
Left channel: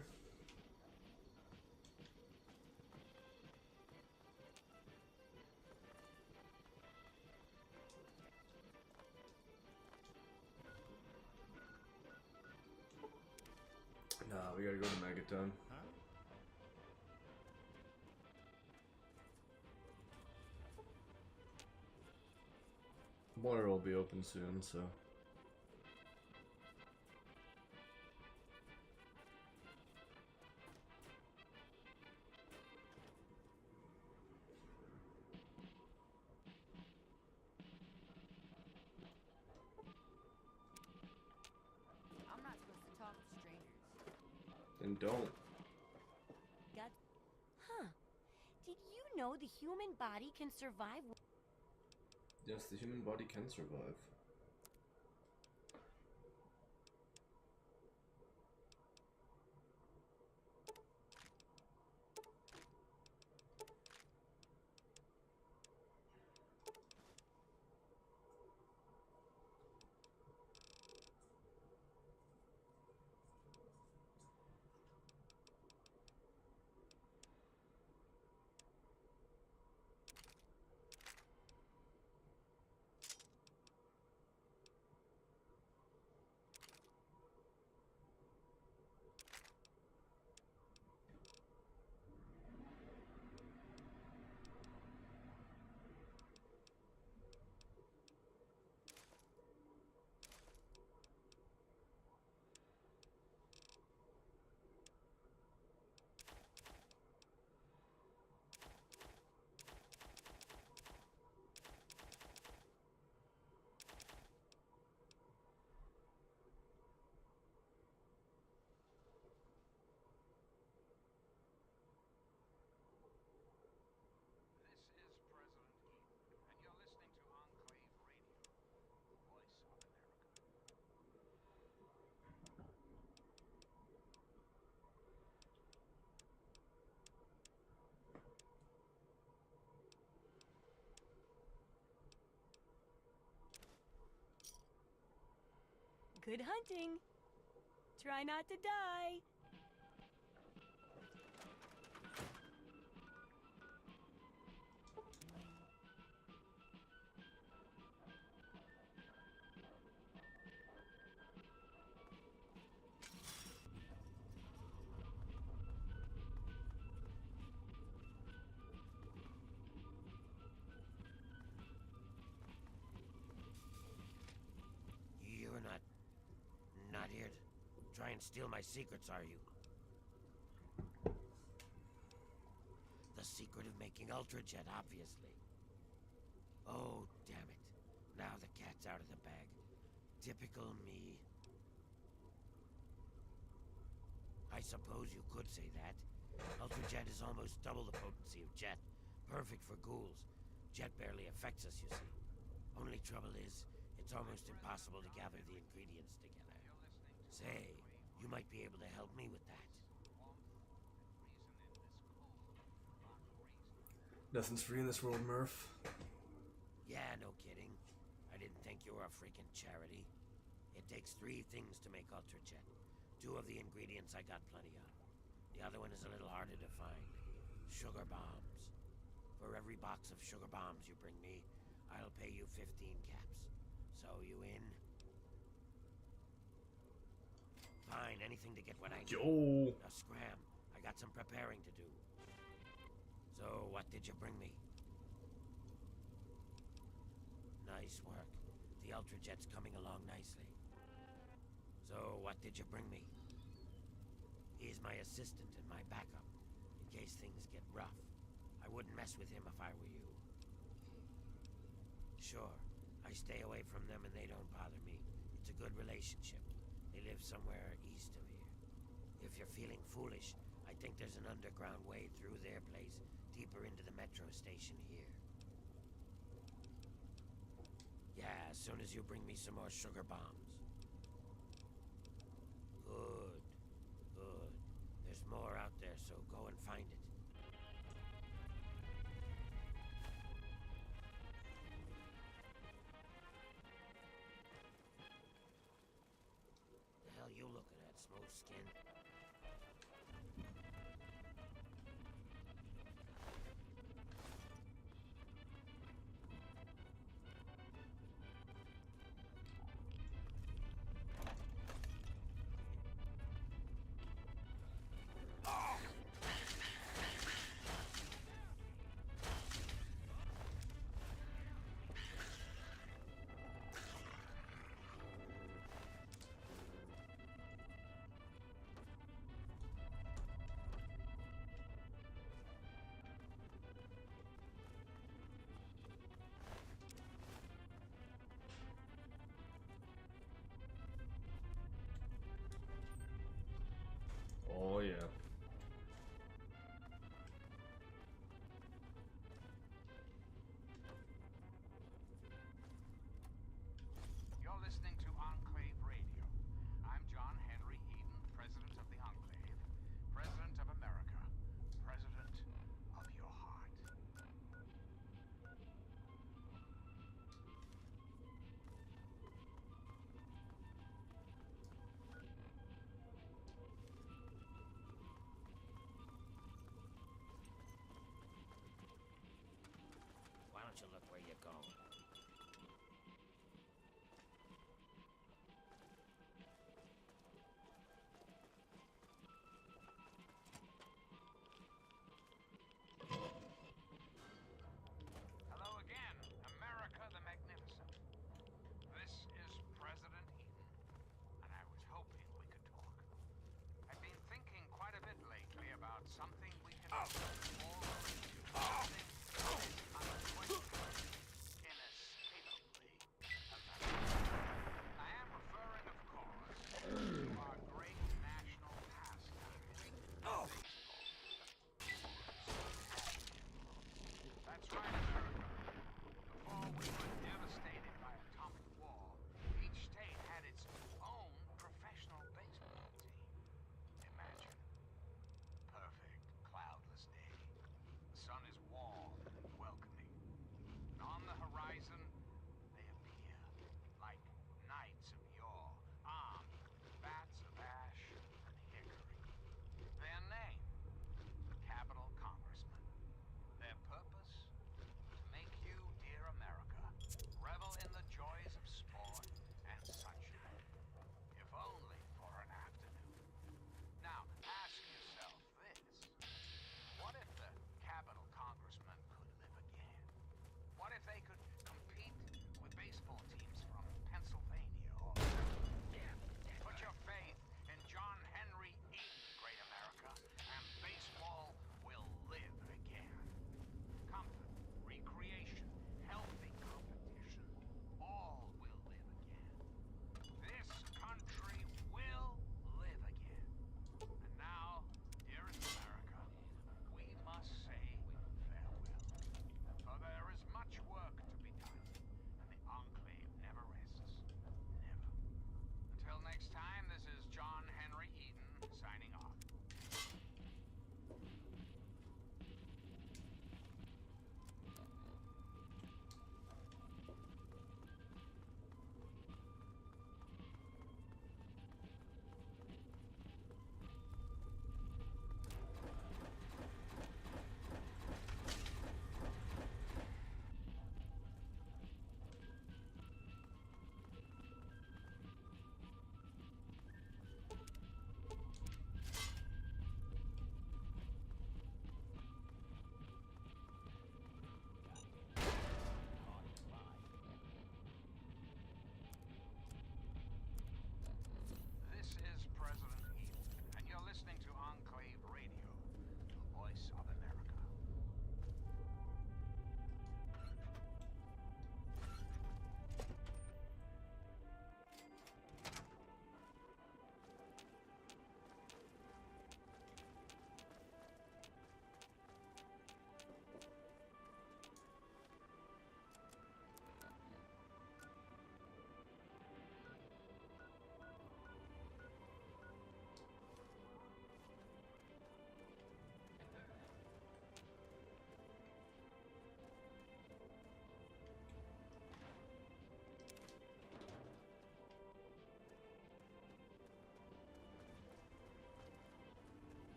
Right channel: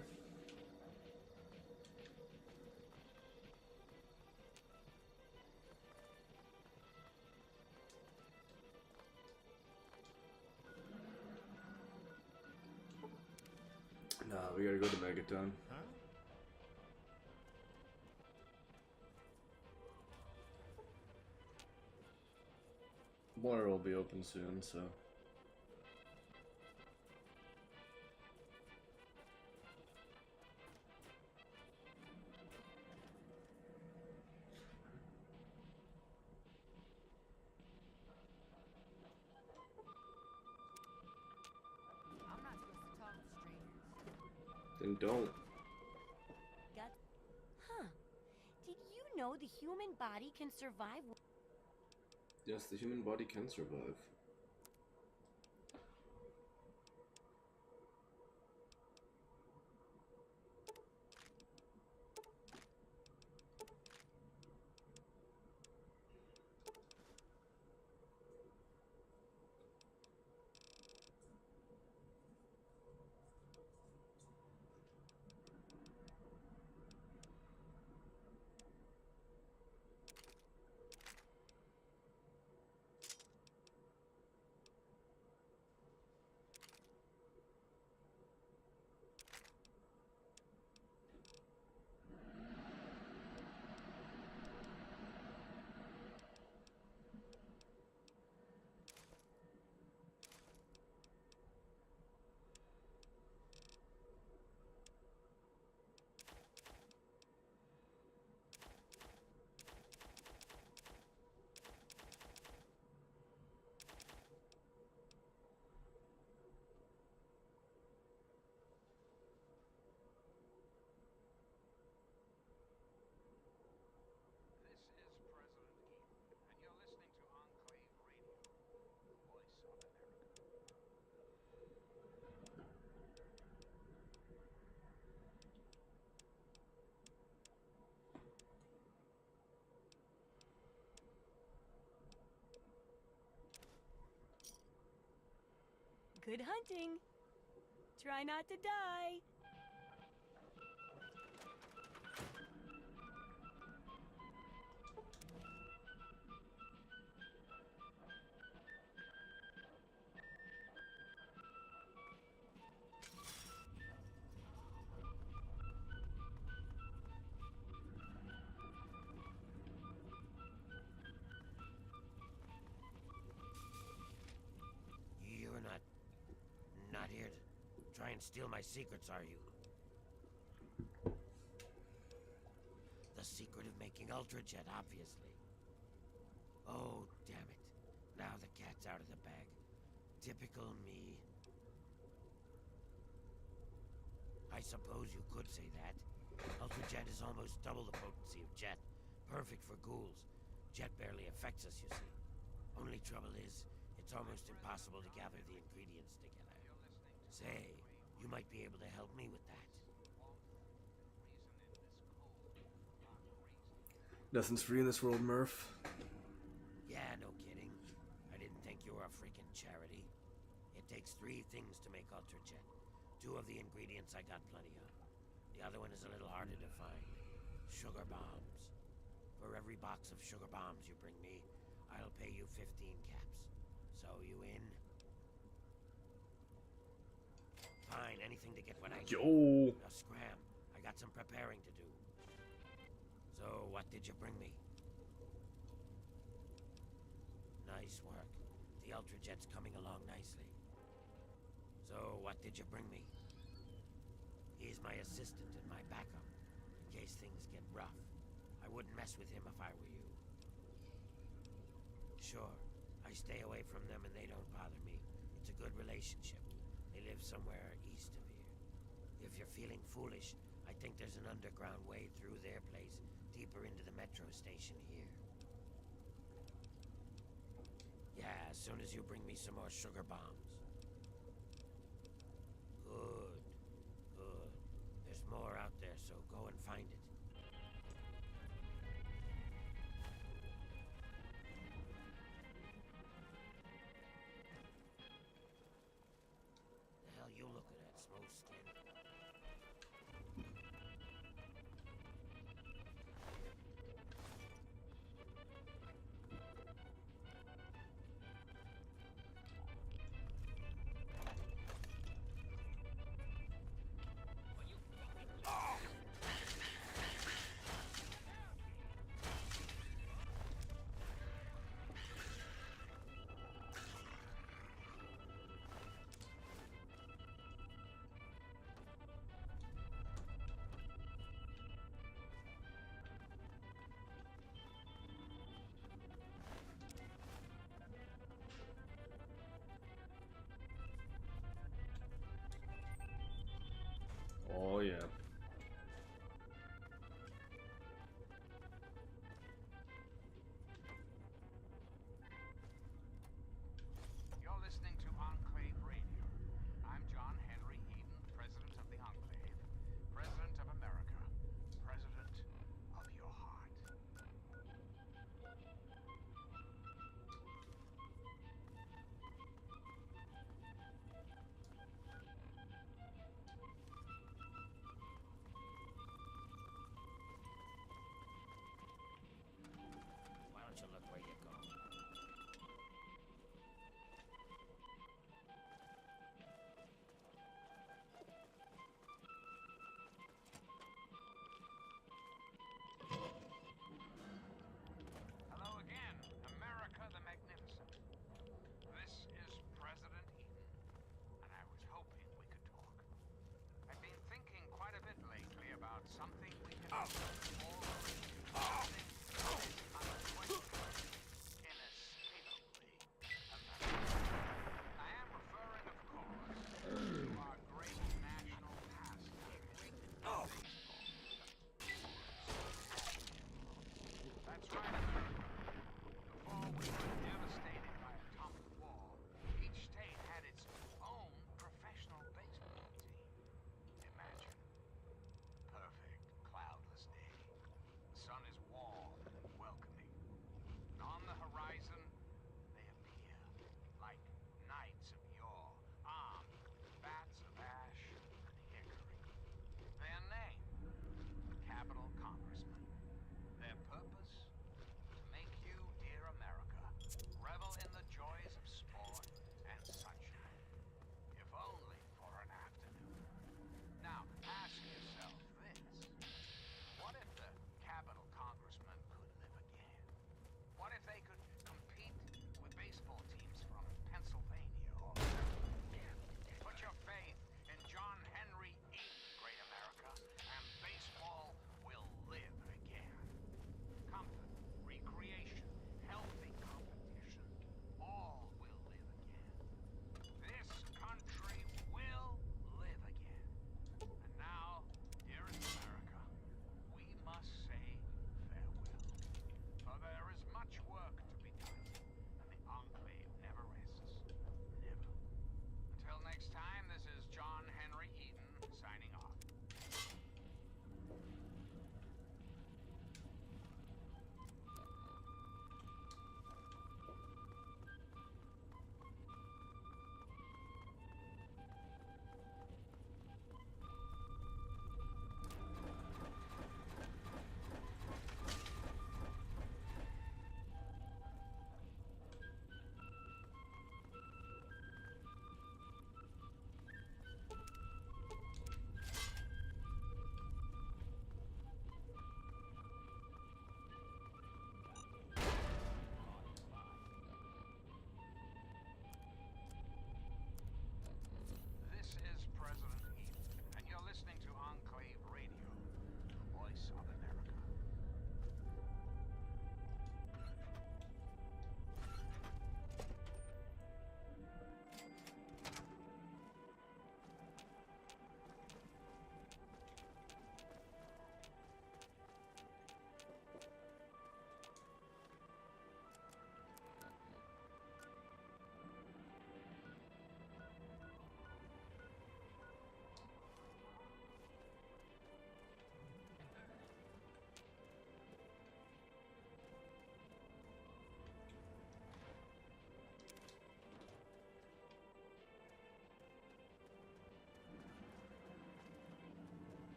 Nah, we gotta go to Megaton. Huh? Water will be open soon, so. I'm not supposed to talk to strangers. Then don't. Got. Huh. Did you know the human body can survive? Yes, the human body can survive. This is President Eden, and you're listening to Enclave Radio, the voice of America. Good hunting. Try not to die. You're not here to try and steal my secrets, are you? The secret of making Ultrajet, obviously. Oh, damn it. Now the cat's out of the bag. Typical me. I suppose you could say that. Ultrajet is almost double the potency of Jet. Perfect for ghouls. Jet barely affects us, you see. Only trouble is, it's almost impossible to gather the ingredients together. Say, you might be able to help me with that. Nothing's free in this world, Murph. Yeah, no kidding. I didn't think you were a freaking charity. It takes 3 things to make Ultrajet. 2 of the ingredients I got plenty of. The other one is a little harder to find. Sugar bombs. For every box of sugar bombs you bring me, I'll pay you 15 caps. So you in? Fine, anything to get what I need. Yo. Now scram. I got some preparing to do. So, what did you bring me? Nice work. The Ultrajet's coming along nicely. So, what did you bring me? He's my assistant and my backup, in case things get rough. I wouldn't mess with him if I were you. Sure, I stay away from them and they don't bother me. It's a good relationship. They live somewhere east of here. If you're feeling foolish, I think there's an underground way through their place, deeper into the metro station here. Yeah, as soon as you bring me some more sugar bombs. Good. Good. There's more out there, so go and find it. The hell you looking at, Smooth Skin? Oh yeah. You're listening to Enclave Radio. I'm John Henry Eden, President of the Enclave, President of America, President of your heart. Why don't you look where you go? Hello again, America the Magnificent. This is President Eden, and I was hoping we could talk. I've been thinking quite a bit lately about something we can all relate to. Something that is unavoidable in a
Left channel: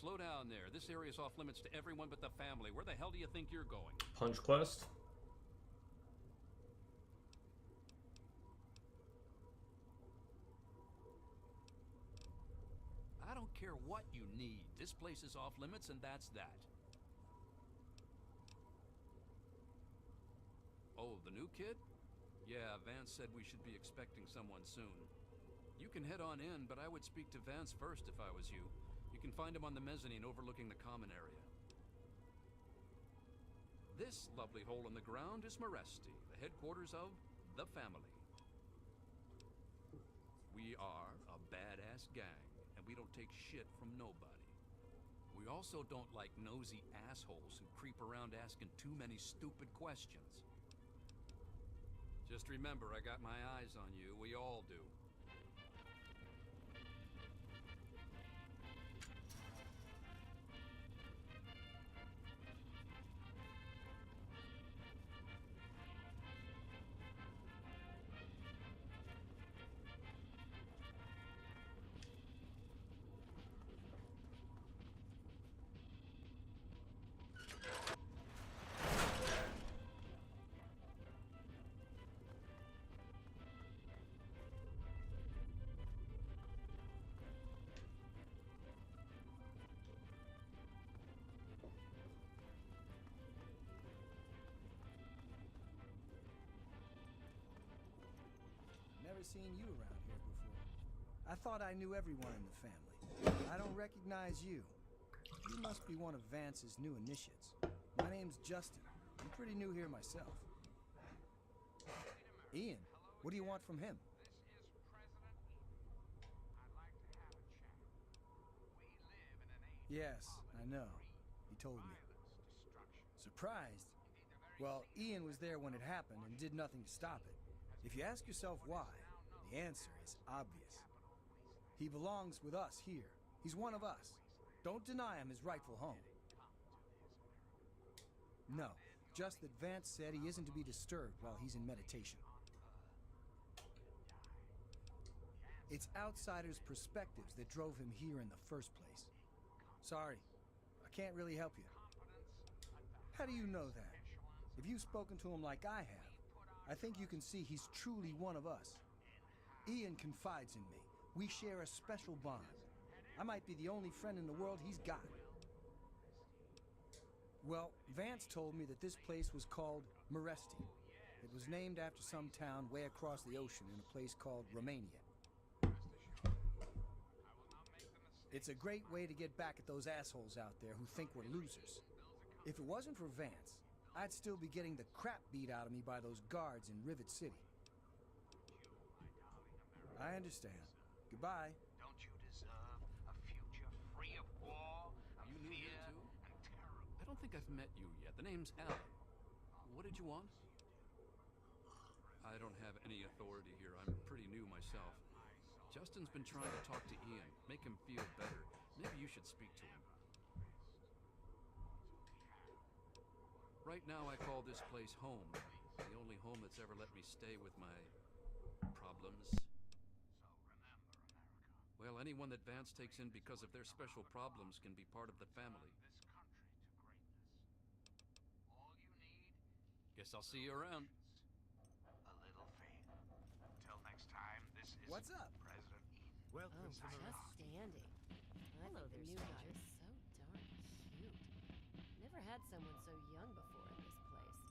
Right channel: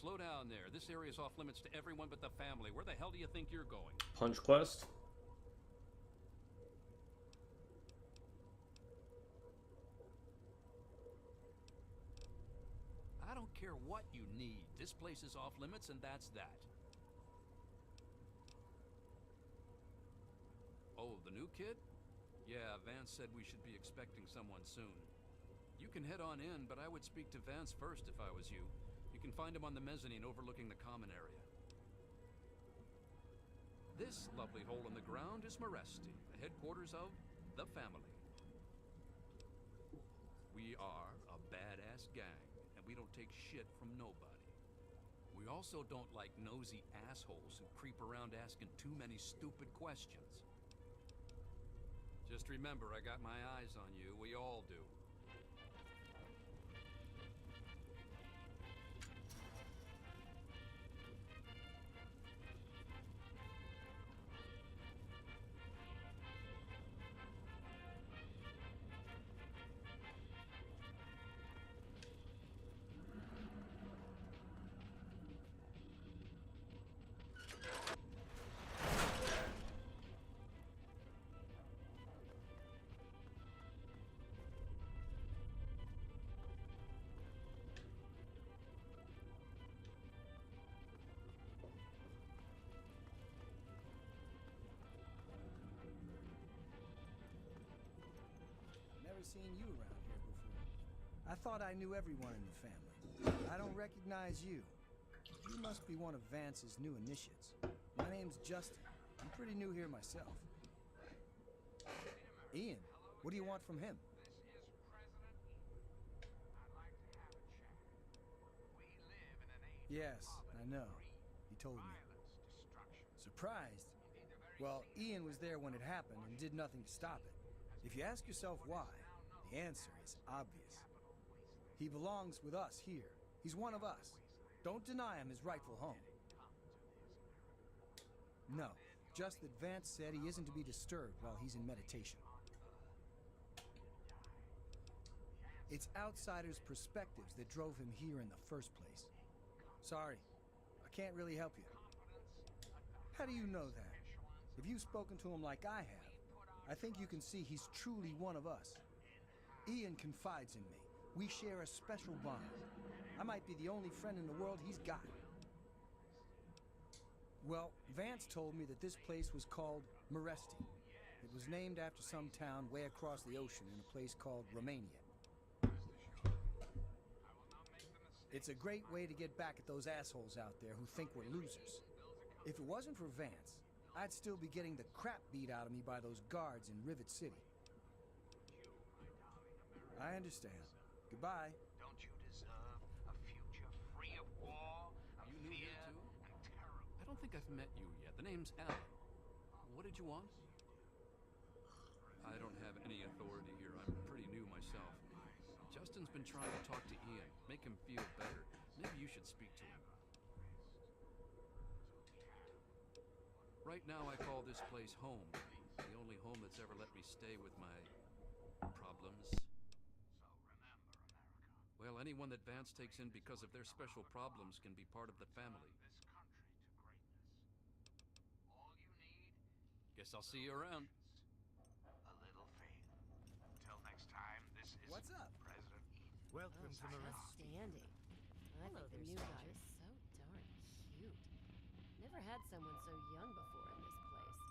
slow down there. This area's off limits to everyone but the family. Where the hell do you think you're going? Punch quest? I don't care what you need. This place is off limits, and that's that. Oh, the new kid? Yeah, Vance said we should be expecting someone soon. You can head on in, but I would speak to Vance first if I was you. You can find him on the mezzanine overlooking the common area. This lovely hole in the ground is Meresti, the headquarters of the family. We are a badass gang, and we don't take shit from nobody. We also don't like nosy assholes who creep around asking too many stupid questions. Just remember, I got my eyes on you. We all do. Never seen you around here before. I thought I knew everyone in the family. I don't recognize you. You must be one of Vance's new initiates. My name's Justin. I'm pretty new here myself. Ian, what do you want from him? Yes, I know. He told me. Surprised? Well, Ian was there when it happened and did nothing to stop it. If you ask yourself why, the answer is obvious. He belongs with us here. He's one of us. Don't deny him his rightful home. No, just that Vance said he isn't to be disturbed while he's in meditation. It's outsiders' perspectives that drove him here in the first place. Sorry, I can't really help you. How do you know that? If you've spoken to him like I have, I think you can see he's truly one of us. Ian confides in me. We share a special bond. I might be the only friend in the world he's got. Well, Vance told me that this place was called Meresti. It was named after some town way across the ocean in a place called Romania. It's a great way to get back at those assholes out there who think we're losers. If it wasn't for Vance, I'd still be getting the crap beat out of me by those guards in Rivet City. I understand. Goodbye. Don't you deserve a future free of war, of You new fear, here too? and terror? I don't think I've met you yet. The name's Alan. What did you want? I don't have any authority here. I'm pretty new myself. Justin's been trying to talk to Ian, make him feel better. Maybe you should speak to him. Right now I call this place home. The only home that's ever let me stay with my problems. Well, anyone that Vance takes in because of their special problems can be part of the family. Guess I'll see you around. A little favor. Until next time, this is What's up? President Eden. Welcome to the Outstanding. I think the new guy is so darn cute. Never had someone so young before in this place.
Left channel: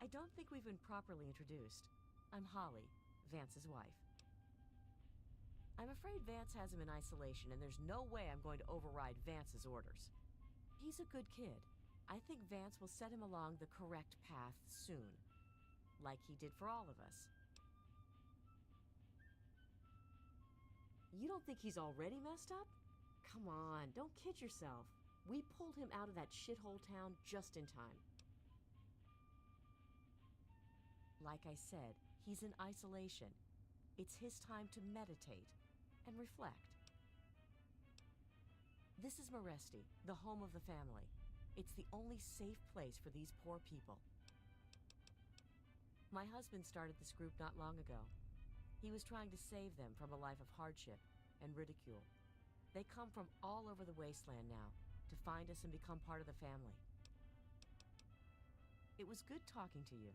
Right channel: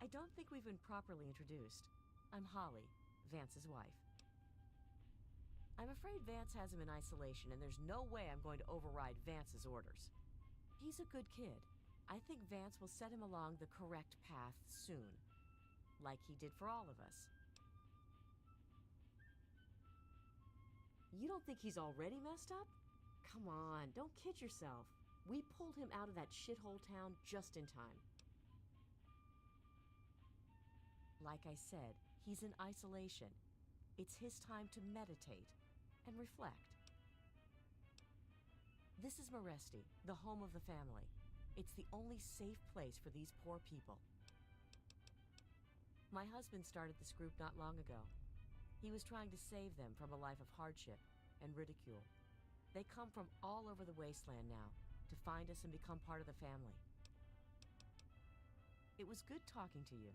I don't think we've been properly introduced. I'm Holly, Vance's wife. I'm afraid Vance has him in isolation, and there's no way I'm going to override Vance's orders. He's a good kid. I think Vance will set him along the correct path soon, like he did for all of us. You don't think he's already messed up? Come on, don't kid yourself. We pulled him out of that shithole town just in time. Like I said, he's in isolation. It's his time to meditate and reflect. This is Meresti, the home of the family. It's the only safe place for these poor people. My husband started this group not long ago. He was trying to save them from a life of hardship and ridicule. They come from all over the wasteland now to find us and become part of the family. It was good talking to you.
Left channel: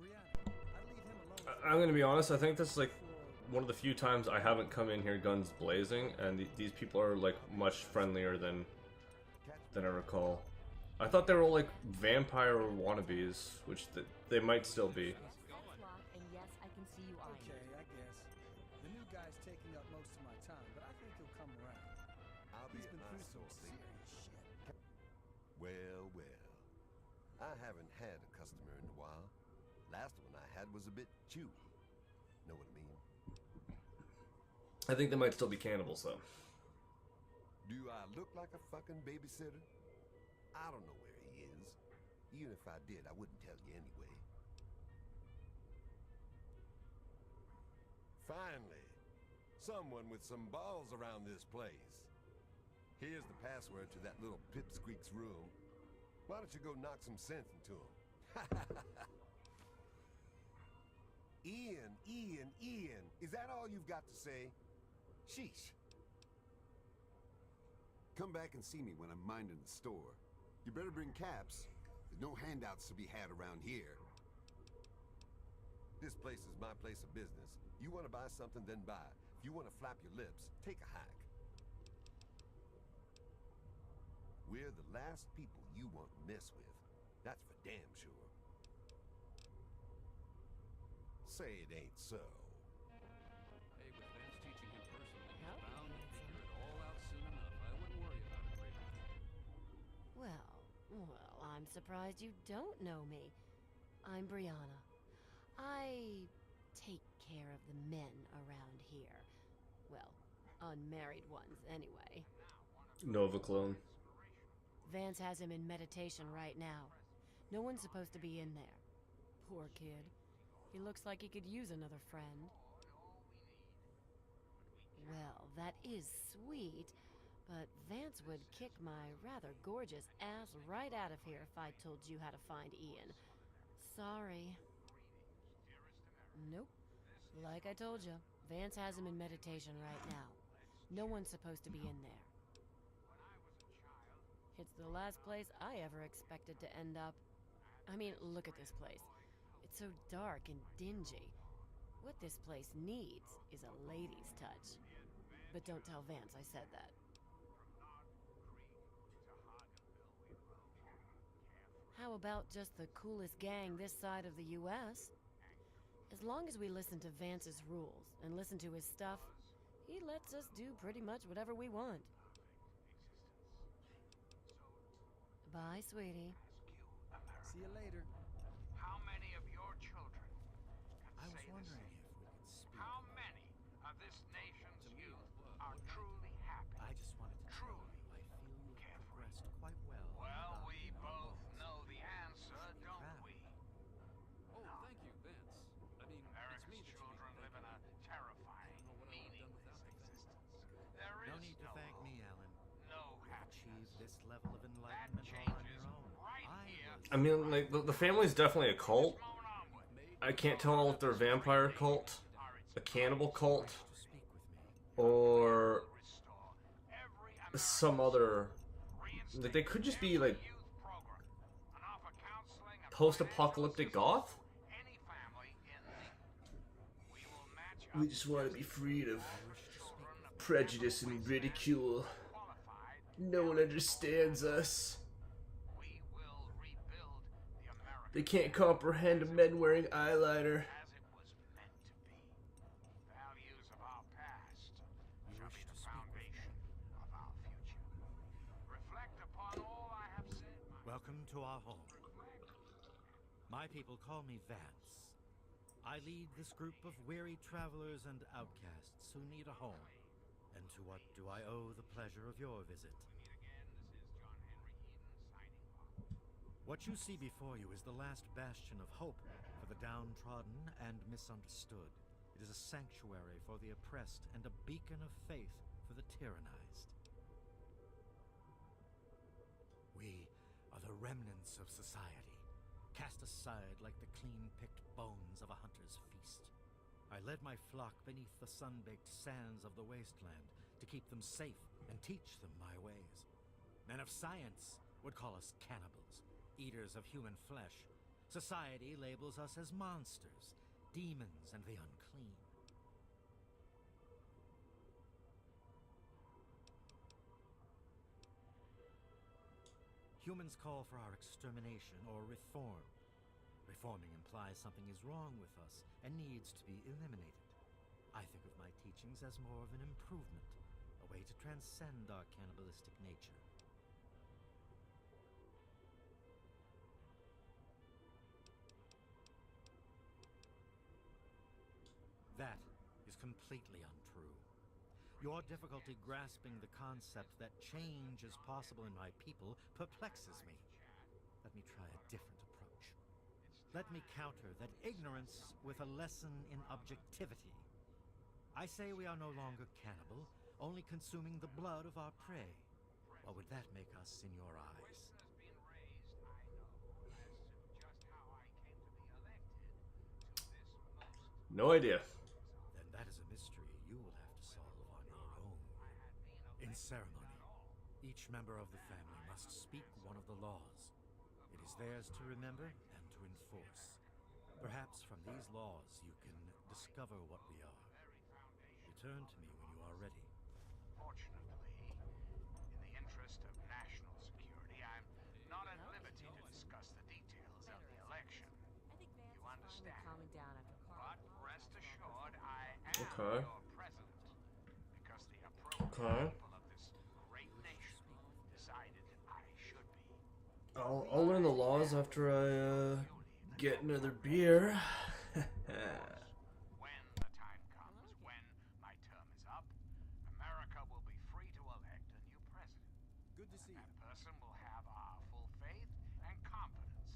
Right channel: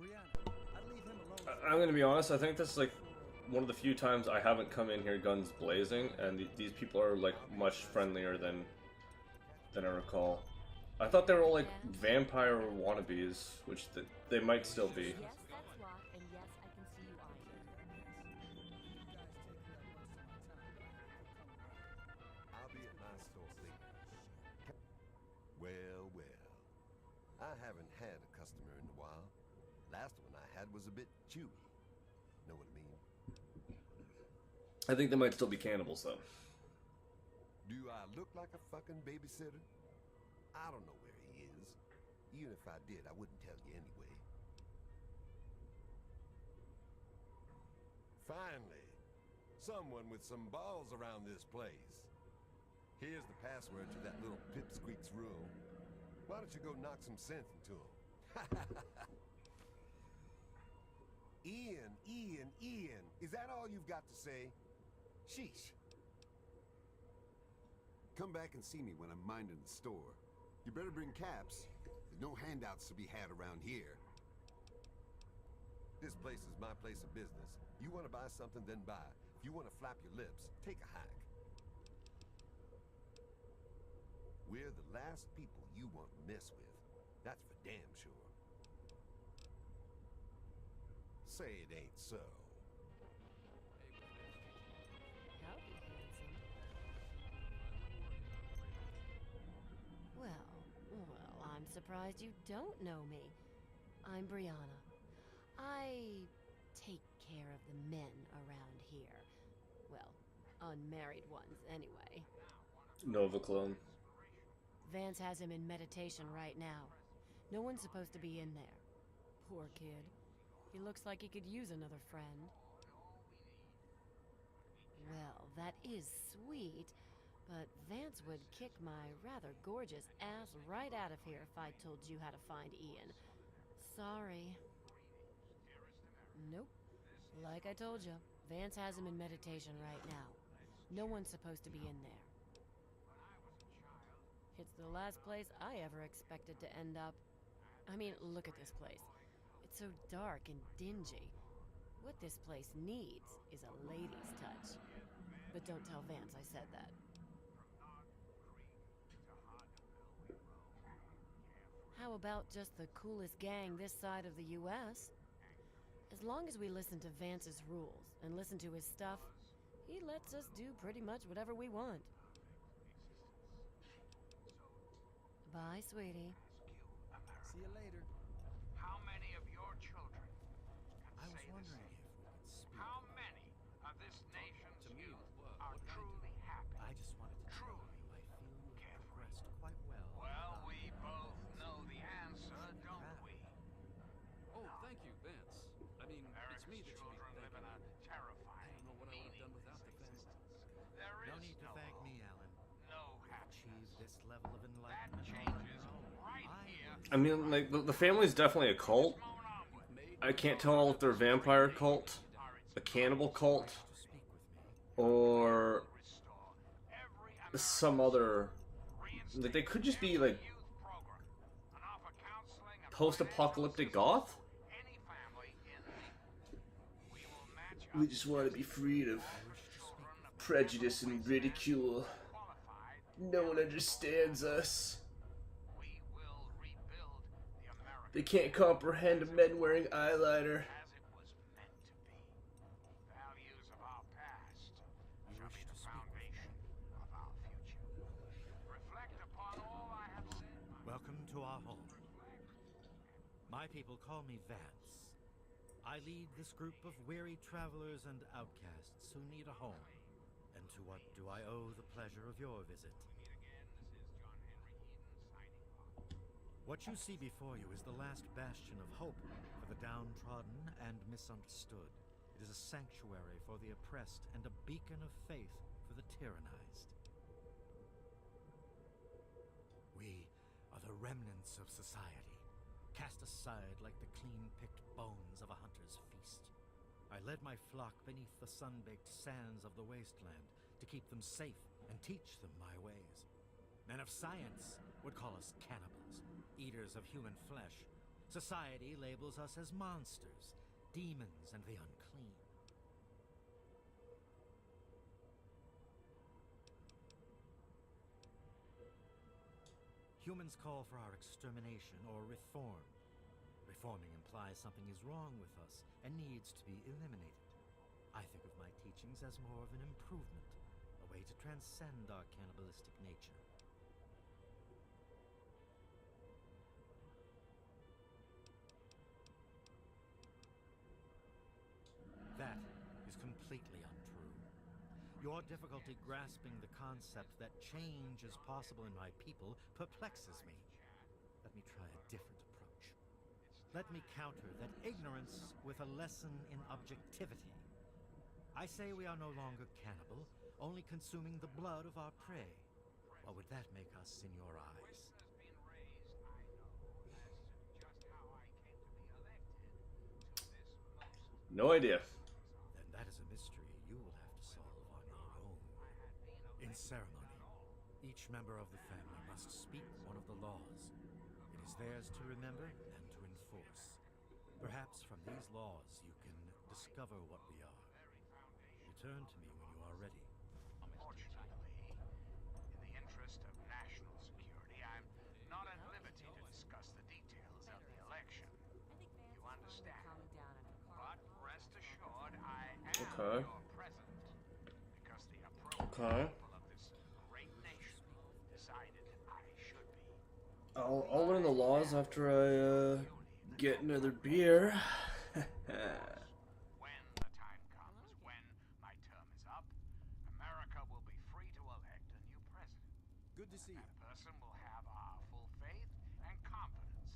Brianna, I'd leave him alone. I'm gonna be honest, I think this is like one of the few times I haven't come in here guns blazing, and these people are like much friendlier than I recall. I thought they were all like vampire wannabes, which they might still be. Yes, that's Locke, and yes, I can see you eyeing Okay, me. I guess. The new guy's taking up most of my time, but I think he'll come around. I'll be He's at been my through some source. serious shit. Well, well. I haven't had a customer in a while. Last one I had was a bit chewy. Know what I mean? I think they might still be cannibals though. Do I look like a fucking babysitter? I don't know where he is. Even if I did, I wouldn't tell you anyway. Finally, someone with some balls around this place. Here's the password to that little pipsqueak's room. Why don't you go knock some sense into him? Ian, is that all you've got to say? Sheesh. Come back and see me when I'm minding the store. You better bring caps. There's no handouts to be had around here. This place is my place of business. You want to buy something, then buy. If you want to flap your lips, take a hike. We're the last people you want to mess with. That's for damn sure. Say it ain't so. Hey, with Vance teaching in person, Howdy, handsome. all out soon enough. I wouldn't worry about it right now. Well, I'm surprised you don't know me. I'm Brianna. I take care of the men around here. Well, unmarried ones, anyway. Nova clone. Vance has him in meditation right now. No one's supposed to be in there. Poor kid. He looks like he could use another friend. Well, that is sweet, but Vance would kick my rather gorgeous ass right out of here if I told you how to find Ian. Sorry. Nope. Like I told you, Vance has him in meditation right now. No one's supposed to be in there. It's the last place I ever expected to end up. I mean, look at this place. It's so dark and dingy. What this place needs is a lady's touch. But don't tell Vance I said that. How about just the coolest gang this side of the U.S.? As long as we listen to Vance's rules and listen to his stuff, he lets us do pretty much whatever we want. Bye, sweetie. See you later. How many of your children I can was say the wondering same? if we could speak. How many of this nation's To me, youth what are can I do? truly happy? I just wanted to tell you I feel you have progressed quite well. Well, about we your both goals. know the answer, don't we? Oh, thank you, Vance. I mean, it's America's me that should be children live in a thanking you. I terrifying, don't know what I would have done without the family. existence. There No is need to thank hope, me, Alan. no You've achieved happiness. this level of That enlightenment all on changes your own. right here. I mean, like the family's definitely a cult. I can't tell if they're a vampire cult, a cannibal cult, To speak with me. or some other. Like they could just be like post-apocalyptic goth. We just want to be freed of prejudice and ridicule. No one understands us. They can't comprehend men wearing eyeliner. As it was meant to be. Values of our past You shall wish be to the speak with me. foundation of our future. Reflect upon all I have said, my Welcome to our home. My people call me Vance. I lead this group of weary travelers and outcasts who need a home. And to what do I owe the pleasure of your visit? What you see before you is the last bastion of hope for the downtrodden and misunderstood. It is a sanctuary for the oppressed and a beacon of faith for the tyrannized. We are the remnants of society, cast aside like the clean-picked bones of a hunter's feast. I led my flock beneath the sun-baked sands of the wasteland to keep them safe and teach them my ways. Men of science would call us cannibals, eaters of human flesh. Society labels us as monsters, demons and the unclean. Humans call for our extermination or reform. Reforming implies something is wrong with us and needs to be eliminated. I think of my teachings as more of an improvement, a way to transcend our cannibalistic nature. That is completely untrue. Your difficulty grasping the concept that change is possible in my people perplexes me. Let me try a different approach. Let me counter that ignorance with a lesson in objectivity. I say we are no longer cannibal, only consuming the blood of our prey. What would that make us in your eyes? No idea. Then that is a mystery you will have to solve on your own. In ceremony, each member of the family must speak one of the laws. It is theirs to remember and to enforce. Perhaps from these laws you can discover what we are. Return to me when you are ready. Unfortunately, in the interest of national security, I'm not at liberty to discuss the details of the election. You understand? But rest assured, I am Okay. your president because the appropriate Okay. people of this great nation decided I should be. I'll learn the laws after I get another beer. When the time comes, when my term is up, America will be free to elect a new president. Good to see you. That person will have our full faith and confidence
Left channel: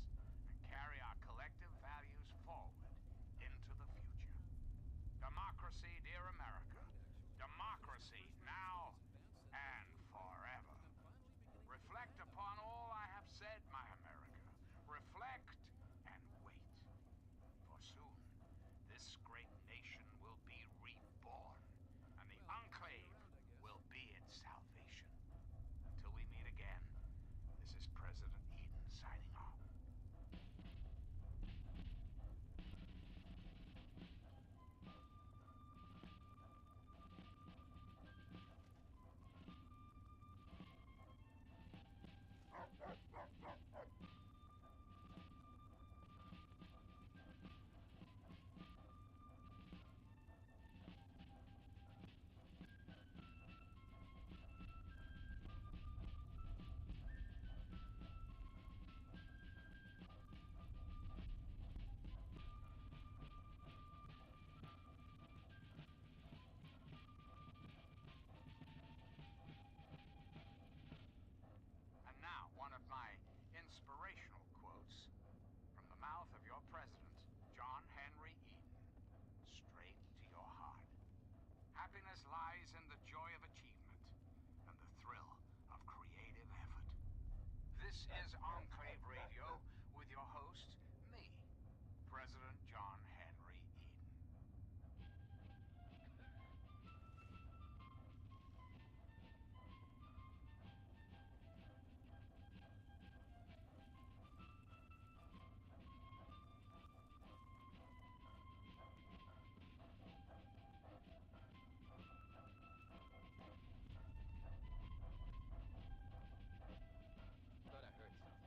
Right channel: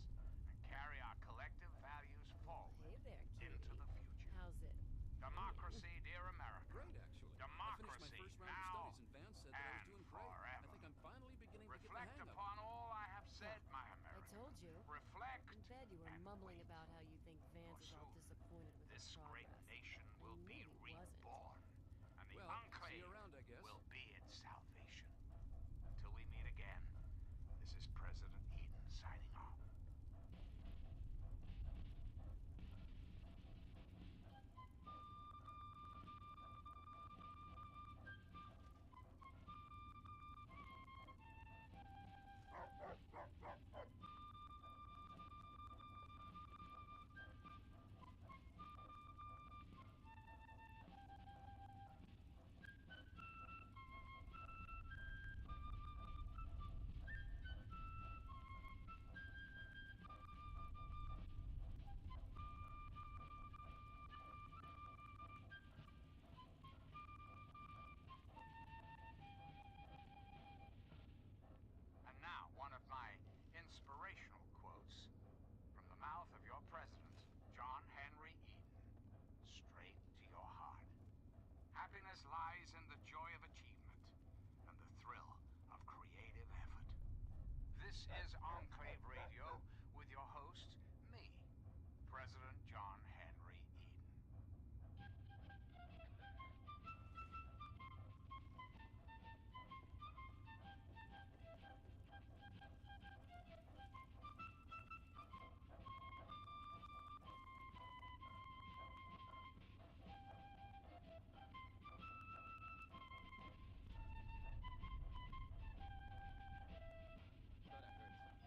and carry our collective values forward into the future. How's it? Democracy, dear America. Great, actually. Democracy I finished my first round now of studies, and Vance said that I and was doing great. forever. I think I'm finally beginning to Reflect get the hang of it. upon all I have said, my I America. told you. Reflect I bet you were and mumbling wait. about how you think Vance is all soon, disappointed with this the great progress. nation will be Maybe he wasn't. reborn, and the Well, see you Enclave around, I guess. will be its salvation. Until we meet again, this is President Eden signing off. And now, one of my inspirational quotes from the mouth of your president, John Henry Eden, straight to your heart. Happiness lies in the joy of achievement and the thrill of creative effort. This is Enclave Radio with your host, me, President John Henry Eden. Thought I heard something.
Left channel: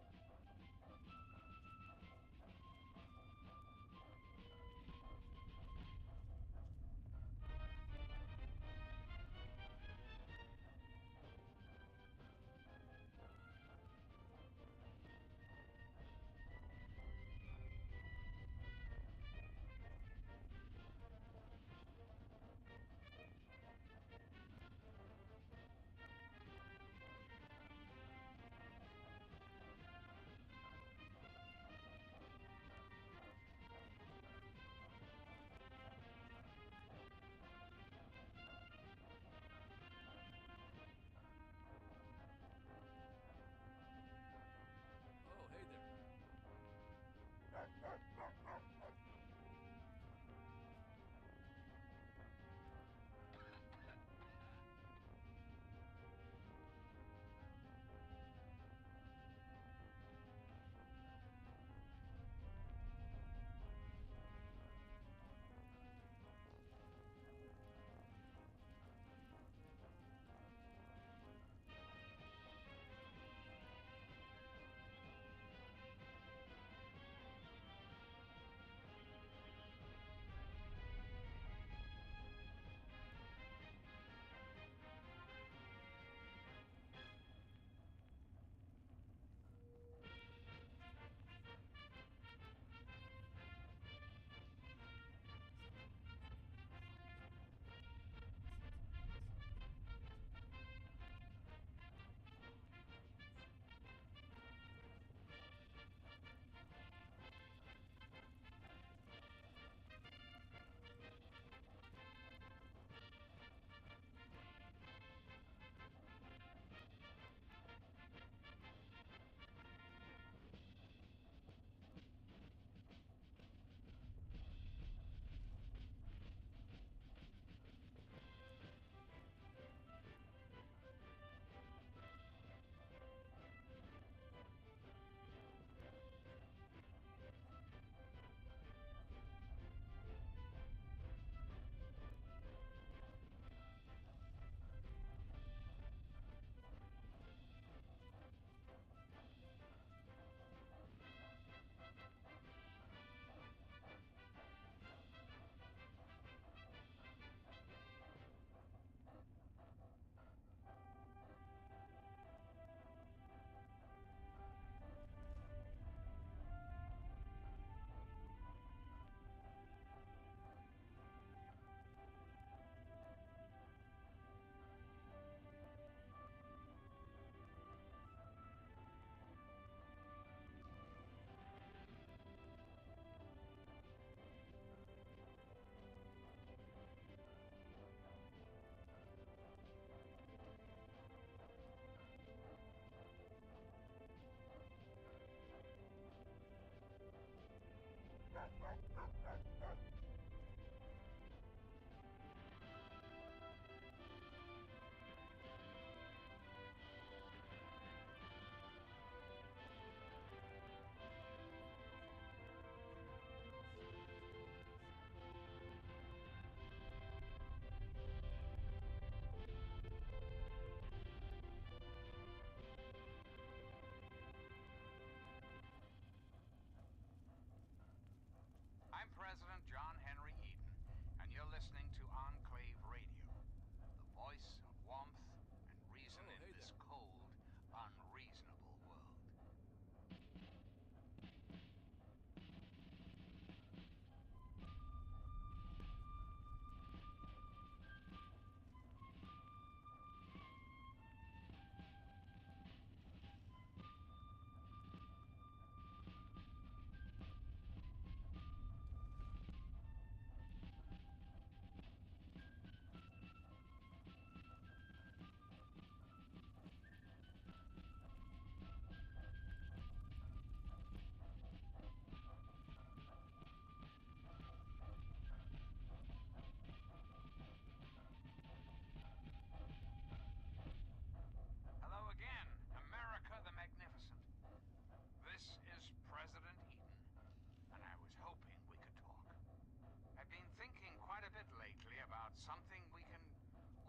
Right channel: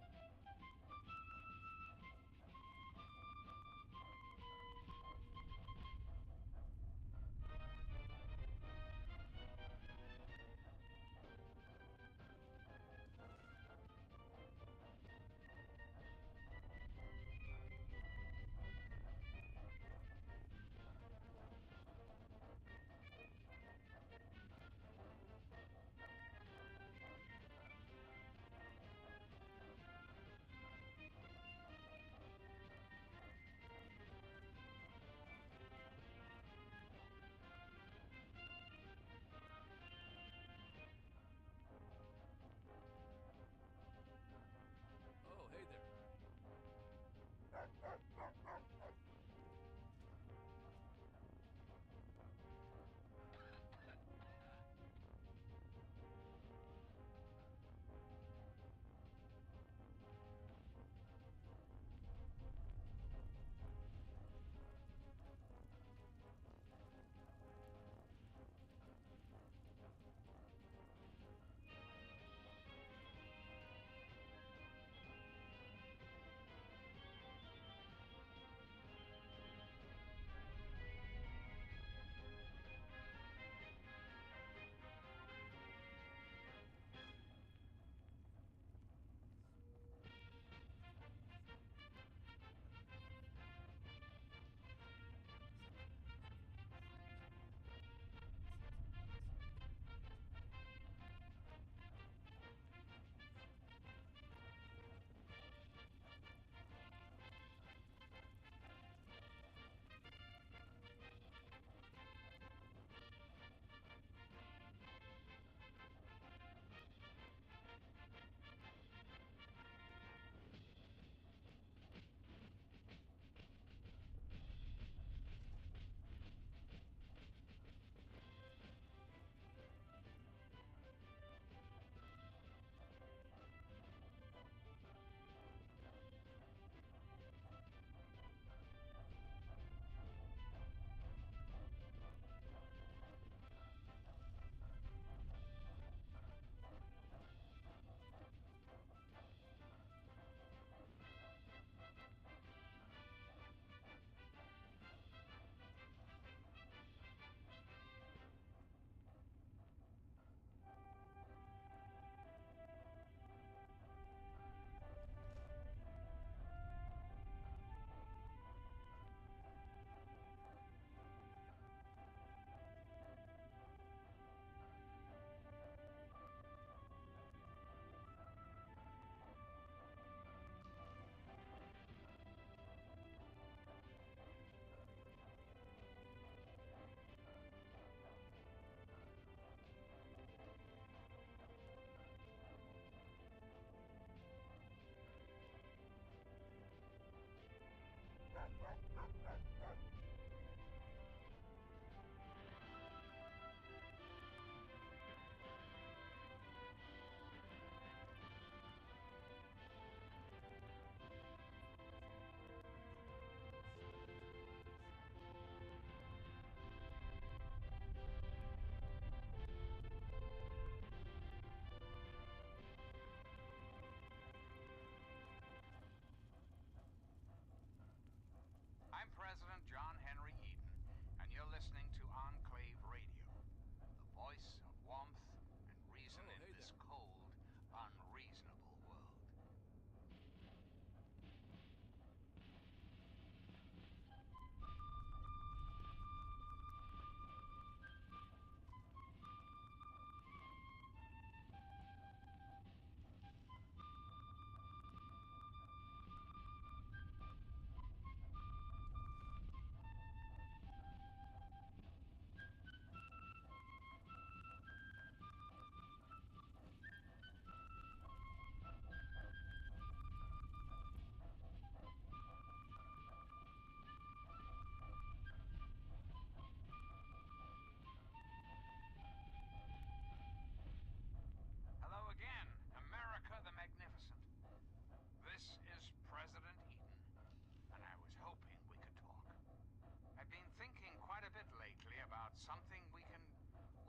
something we can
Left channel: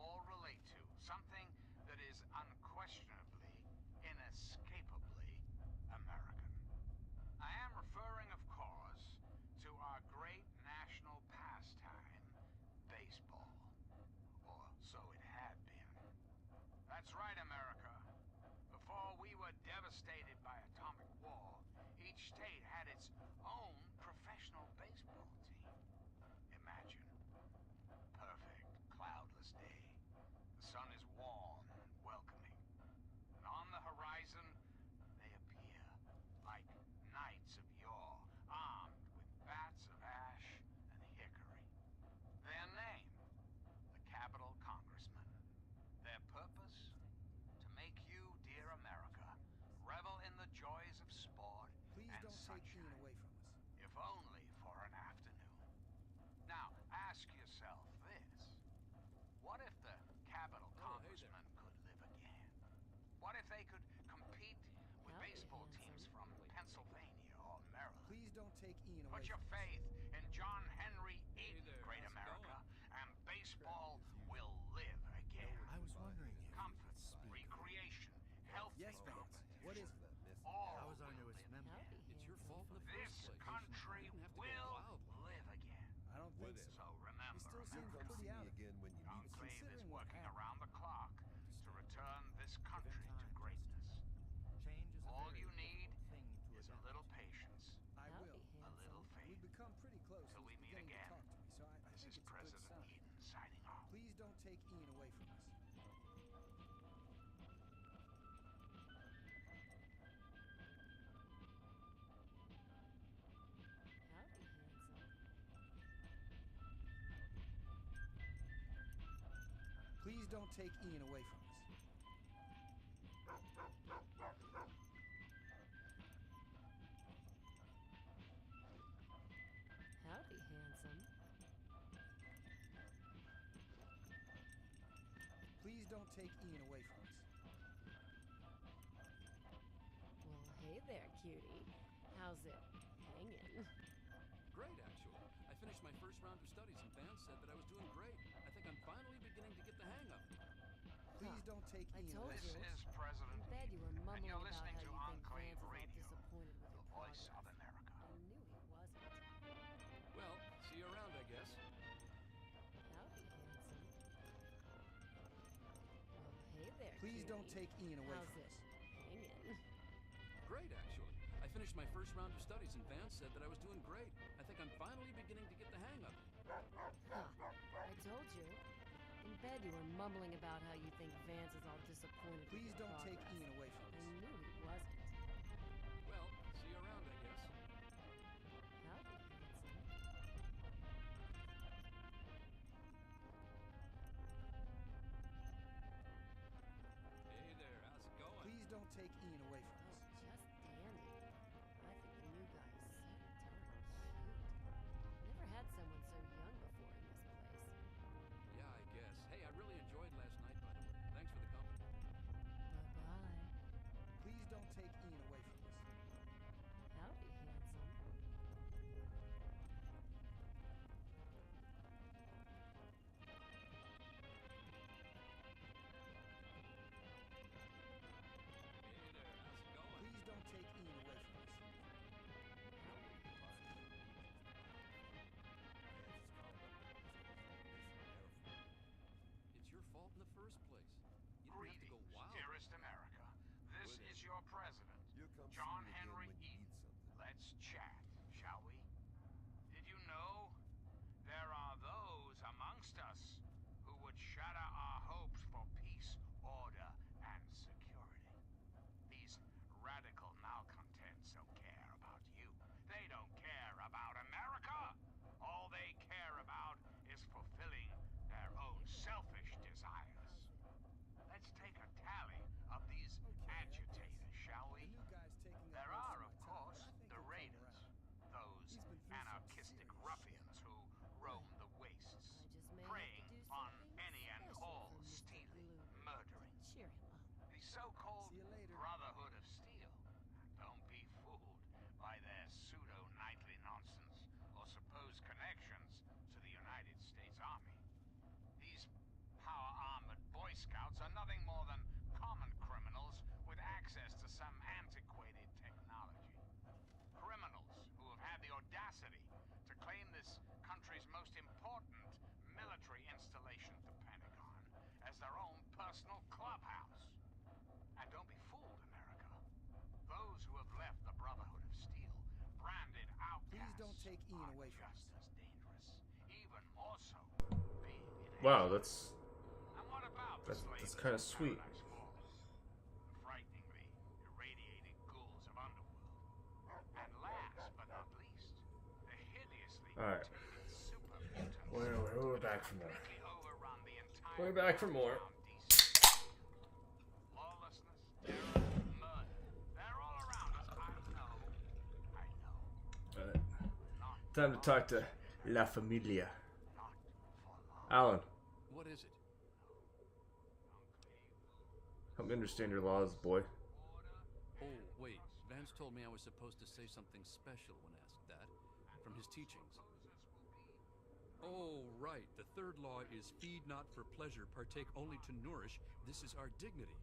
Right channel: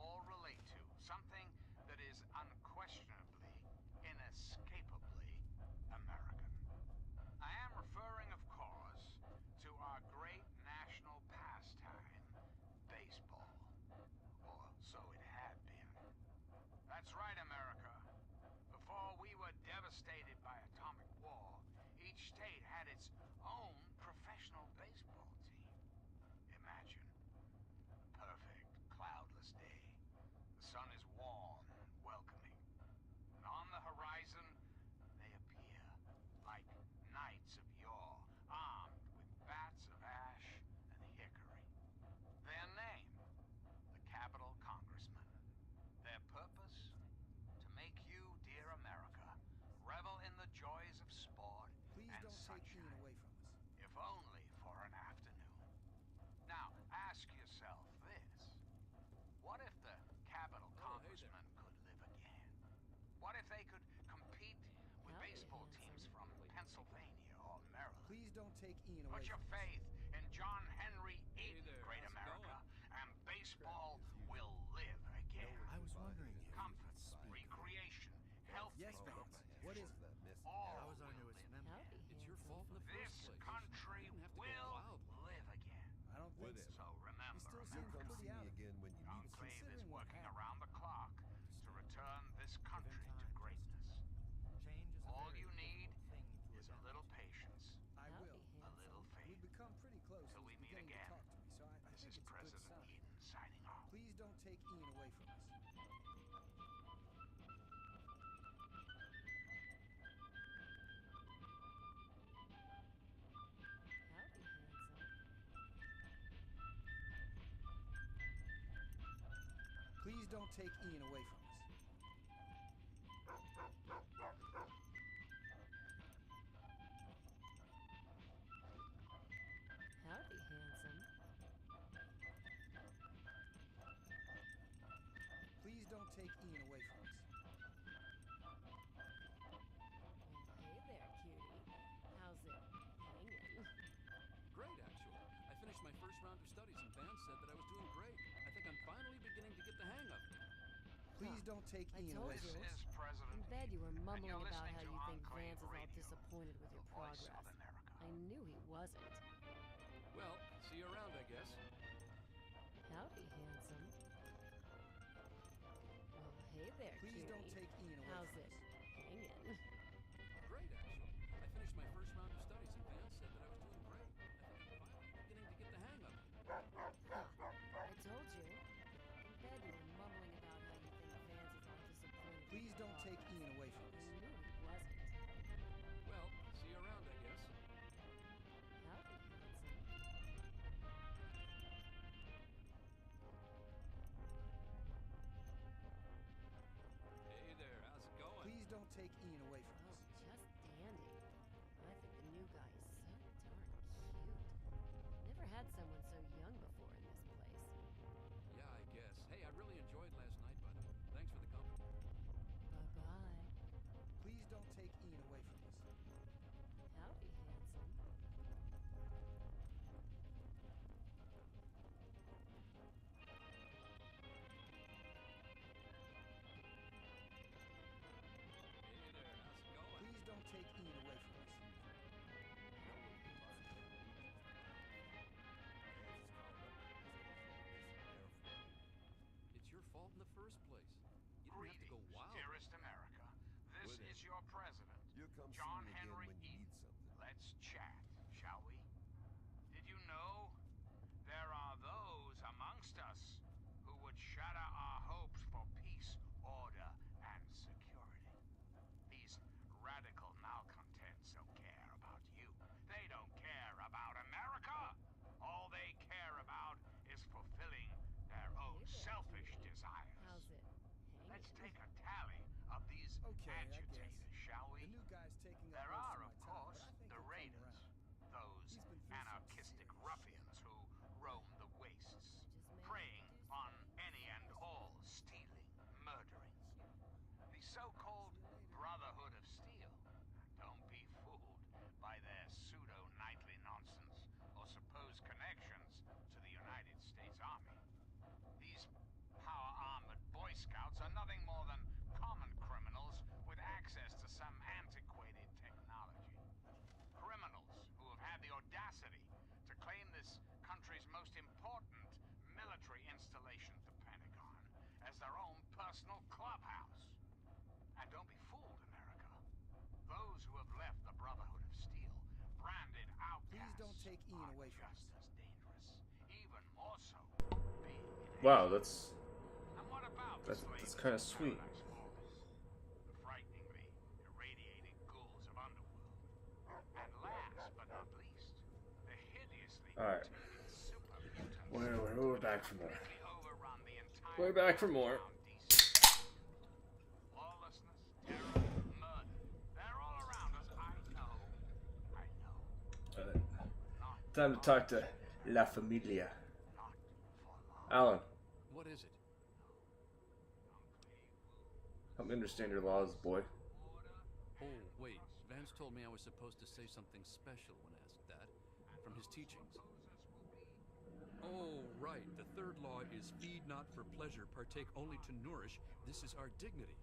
all relate to, something that is unquestionably, inescapably American. I am referring, of course, to our great national pastime, baseball. Or so it had been. That's right, America. Before we were devastated by atomic war, each state had its own professional baseball team. Imagine. Perfect, cloudless day. The sun is warm and welcoming. And on the horizon, they appear like knights of yore, armed with bats of ash and hickory. Their name, the Capitol Congressmen. Their purpose? To make you, dear America, revel in the joys of sport Please and don't take sunshine, Ian away from us. if only for an afternoon. Now, ask yourself this. What if the Capitol Congressmen could live again? What if they could compete with Howdy, baseball teams from Pennsylvania or Maryland? Please don't take Ian away Put your from us. faith in John Henry Eaton, there, great how's it America, and baseball will live again. I was wondering if Comfort, recreation, healthy Yes, Vance. competition. What is it? All I was our will newest live. member. Howdy, It's your handsome. fault in the This first place. country You didn't have to go will wild like live again. I don't think so. So remember, He still You seems come America, see pretty me out of it. again when you need Enclave something. is considering what working happened. around the clock to return this country to time, greatness. Change is a All very you need difficult thing to is a adapt little to. patience, I Howdy, will. a handsome. little faith. We've become pretty close. Till and we he's meet beginning again. to talk to me, so I This think is it's a good President sign. Eden signing off. Please don't take Ian away from us. Howdy, handsome. Please don't take Ian away from us. Howdy, handsome. Please don't take Ian away from us. Well, hey there, cutie. How's it hanging? Great, actually. I finished my first round of studies, and Vance said that I was doing great. I think I'm finally beginning to get the hang of it. Please don't take I Ian told away This from us. is President In bed, you were Eden, and mumbling you're about listening how to you think Enclave Vance is all Radio, disappointed with the your voice progress. of America. I knew he wasn't. Well, see you around, I guess. Howdy, handsome. Well, hey there, Please cutie. don't take Ian away How's from it us. hanging? Great, actually. I finished my first round of studies, and Vance said that I was doing great. I think I'm finally beginning to get the hang of it. Huh. I told you. In bed, you were mumbling about how you think Vance is all disappointed Please with your don't take progress. Ian away from I us. knew he wasn't. Well, see you around, I guess. Howdy, handsome. Hey there, how's it going? Please don't take Ian away from Oh, us. just dandy. I think the new guy is so darn cute. Never had someone so young before in this place. Yeah, I guess. Hey, I really enjoyed last night, by the way. Thanks for the company. Bye-bye. Please don't take Ian away from us. Howdy, handsome. Hey there, how's it going? Please don't take Ian away from us. It's your fault in the first place. You didn't have to go Greetings, wild. dearest America. This is your president, You'll come John see me again Henry when you Eaton. need something. Let's chat, shall we? Did you know there are those amongst us who would shatter our hopes for peace, order, and security? These radical malcontents don't care about you. They don't care about America. All they care about is fulfilling their own selfish desires. How's it? Let's take a tally of these Okay, I agitators, guess. shall we? The new guy's taking up There most are, of of my time, course, but I think the he'll come raiders, around. those He's been through some anarchistic serious ruffians who roam the wastes, I just may preying have to do on something any and special all, for Mr. stealing, Blue. murdering. Cheer him up. The so-called See you later. Brotherhood of Steel. Don't be fooled by their pseudo-knightly nonsense or supposed connections to the United States Army. Scouts are nothing more than common criminals with access to some antiquated technology. Criminals who have had the audacity to claim this country's most important military installation, the Pentagon, as their own personal clubhouse. And don't be fooled, America. Those who have left the Brotherhood of Steel, branded outcasts, Please don't take Ian away from just us. as dangerous, even more so, being in Wow, exile. And what about the that's slaves kind of in sweet. Paradise Falls? The frighteningly irradiating ghouls of Underworld. And last but not least, the hideously All right. mutated super mutants. We're back for more. Completely overrun the entire We're back for more. lawlessness, terror, murder. They're all around us. I know. Time to talk to La Familia. Alan, What is it? help me understand your laws, boy. Oh, wait. Vance told me I was supposed to say something special when asked that. From his teachings. Oh, right. The third law is feed not for pleasure, partake only to nourish. This is our dignity.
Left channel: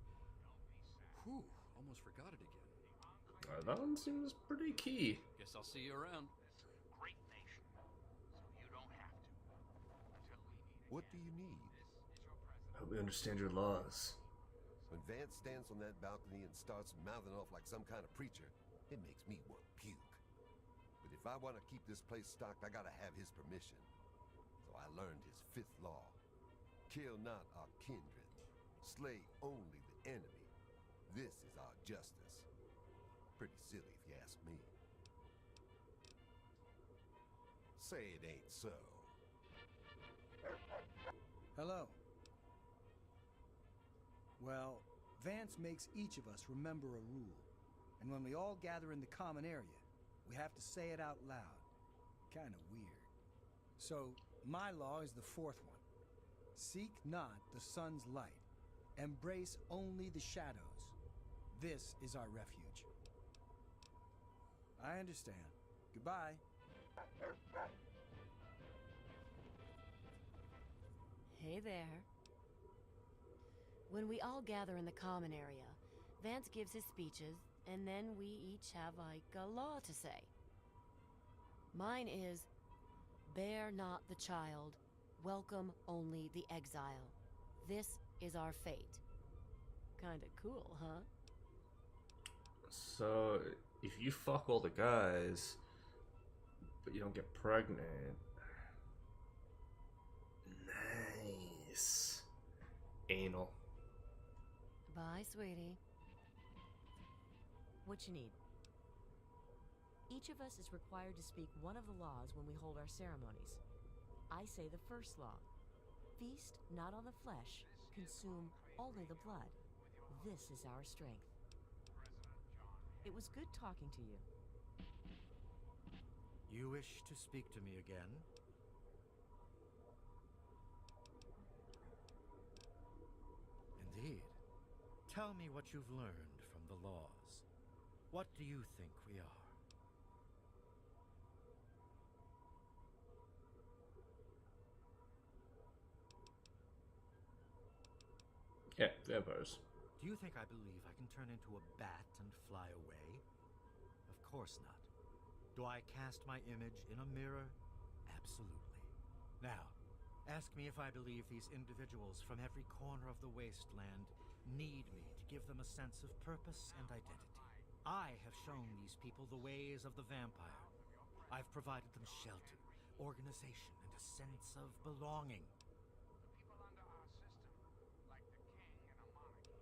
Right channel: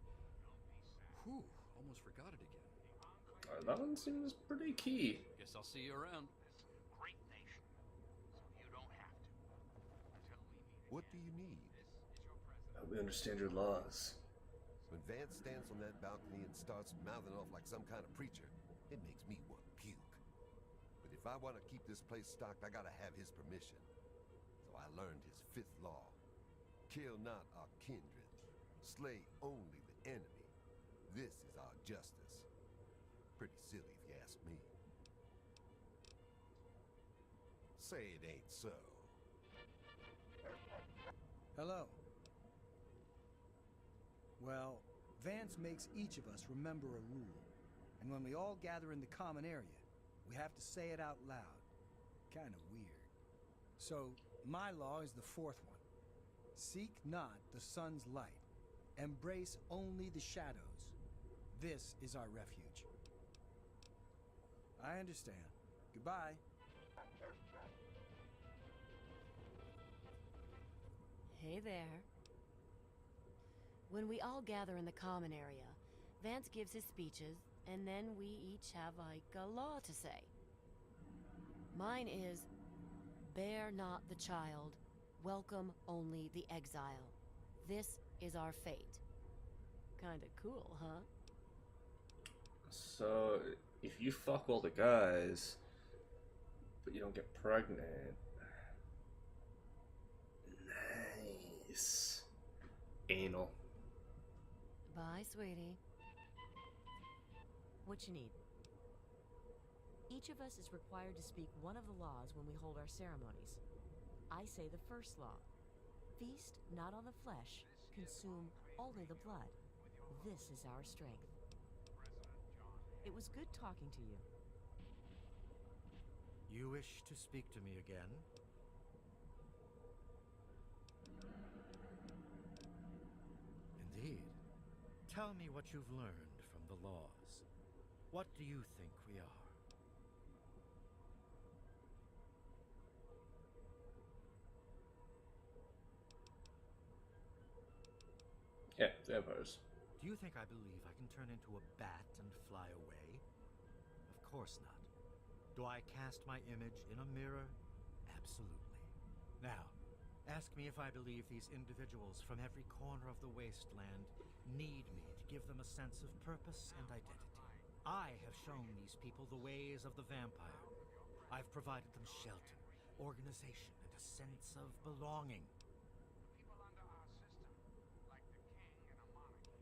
Whew, almost forgot it again. That one seems pretty key. Guess I'll see you around. Great nation. So you don't have to. Until we meet. What do you need? Help me understand your laws. When Vance stands on that balcony and starts mouthing off like some kind of preacher, it makes me want to puke. But if I want to keep this place stocked, I gotta have his permission. So I learned his fifth law. Kill not our kindred. Slay only the enemy. This is our justice. Pretty silly if you ask me. Say it ain't so. Hello. Well, Vance makes each of us remember a rule. And when we all gather in the common area, we have to say it out loud. Kinda weird. So, my law is the fourth one. Seek not the sun's light. Embrace only the shadows. This is our refuge. I understand. Goodbye. Hey there. When we all gather in the common area, Vance gives his speeches, and then we each have like a law to say. Mine is, bear not the child, welcome only the exile. This is our fate. Kinda cool, huh? So, if you fuck all the guys, but you don't get pregnant. Nice. Anal. Bye, sweetie. What you need? Each of us is required to speak one of the laws when we hold our ceremonies. I say the first law. Feast not on the flesh, consume only the blood. This is our strength. It was good talking to you. You wish to speak to me again? Indeed. Tell me what you've learned from the laws. What do you think we are? Yeah, vampires. Do you think I believe I can turn into a bat and fly away? Of course not. Do I cast my image in a mirror? Absolutely. Now, ask me if I believe these individuals from every corner of the wasteland need me to give them a sense of purpose and identity. I have shown these people the ways of the vampire. I've provided them shelter, organization, and a sense of belonging. People under our system, like the king in a monarchy,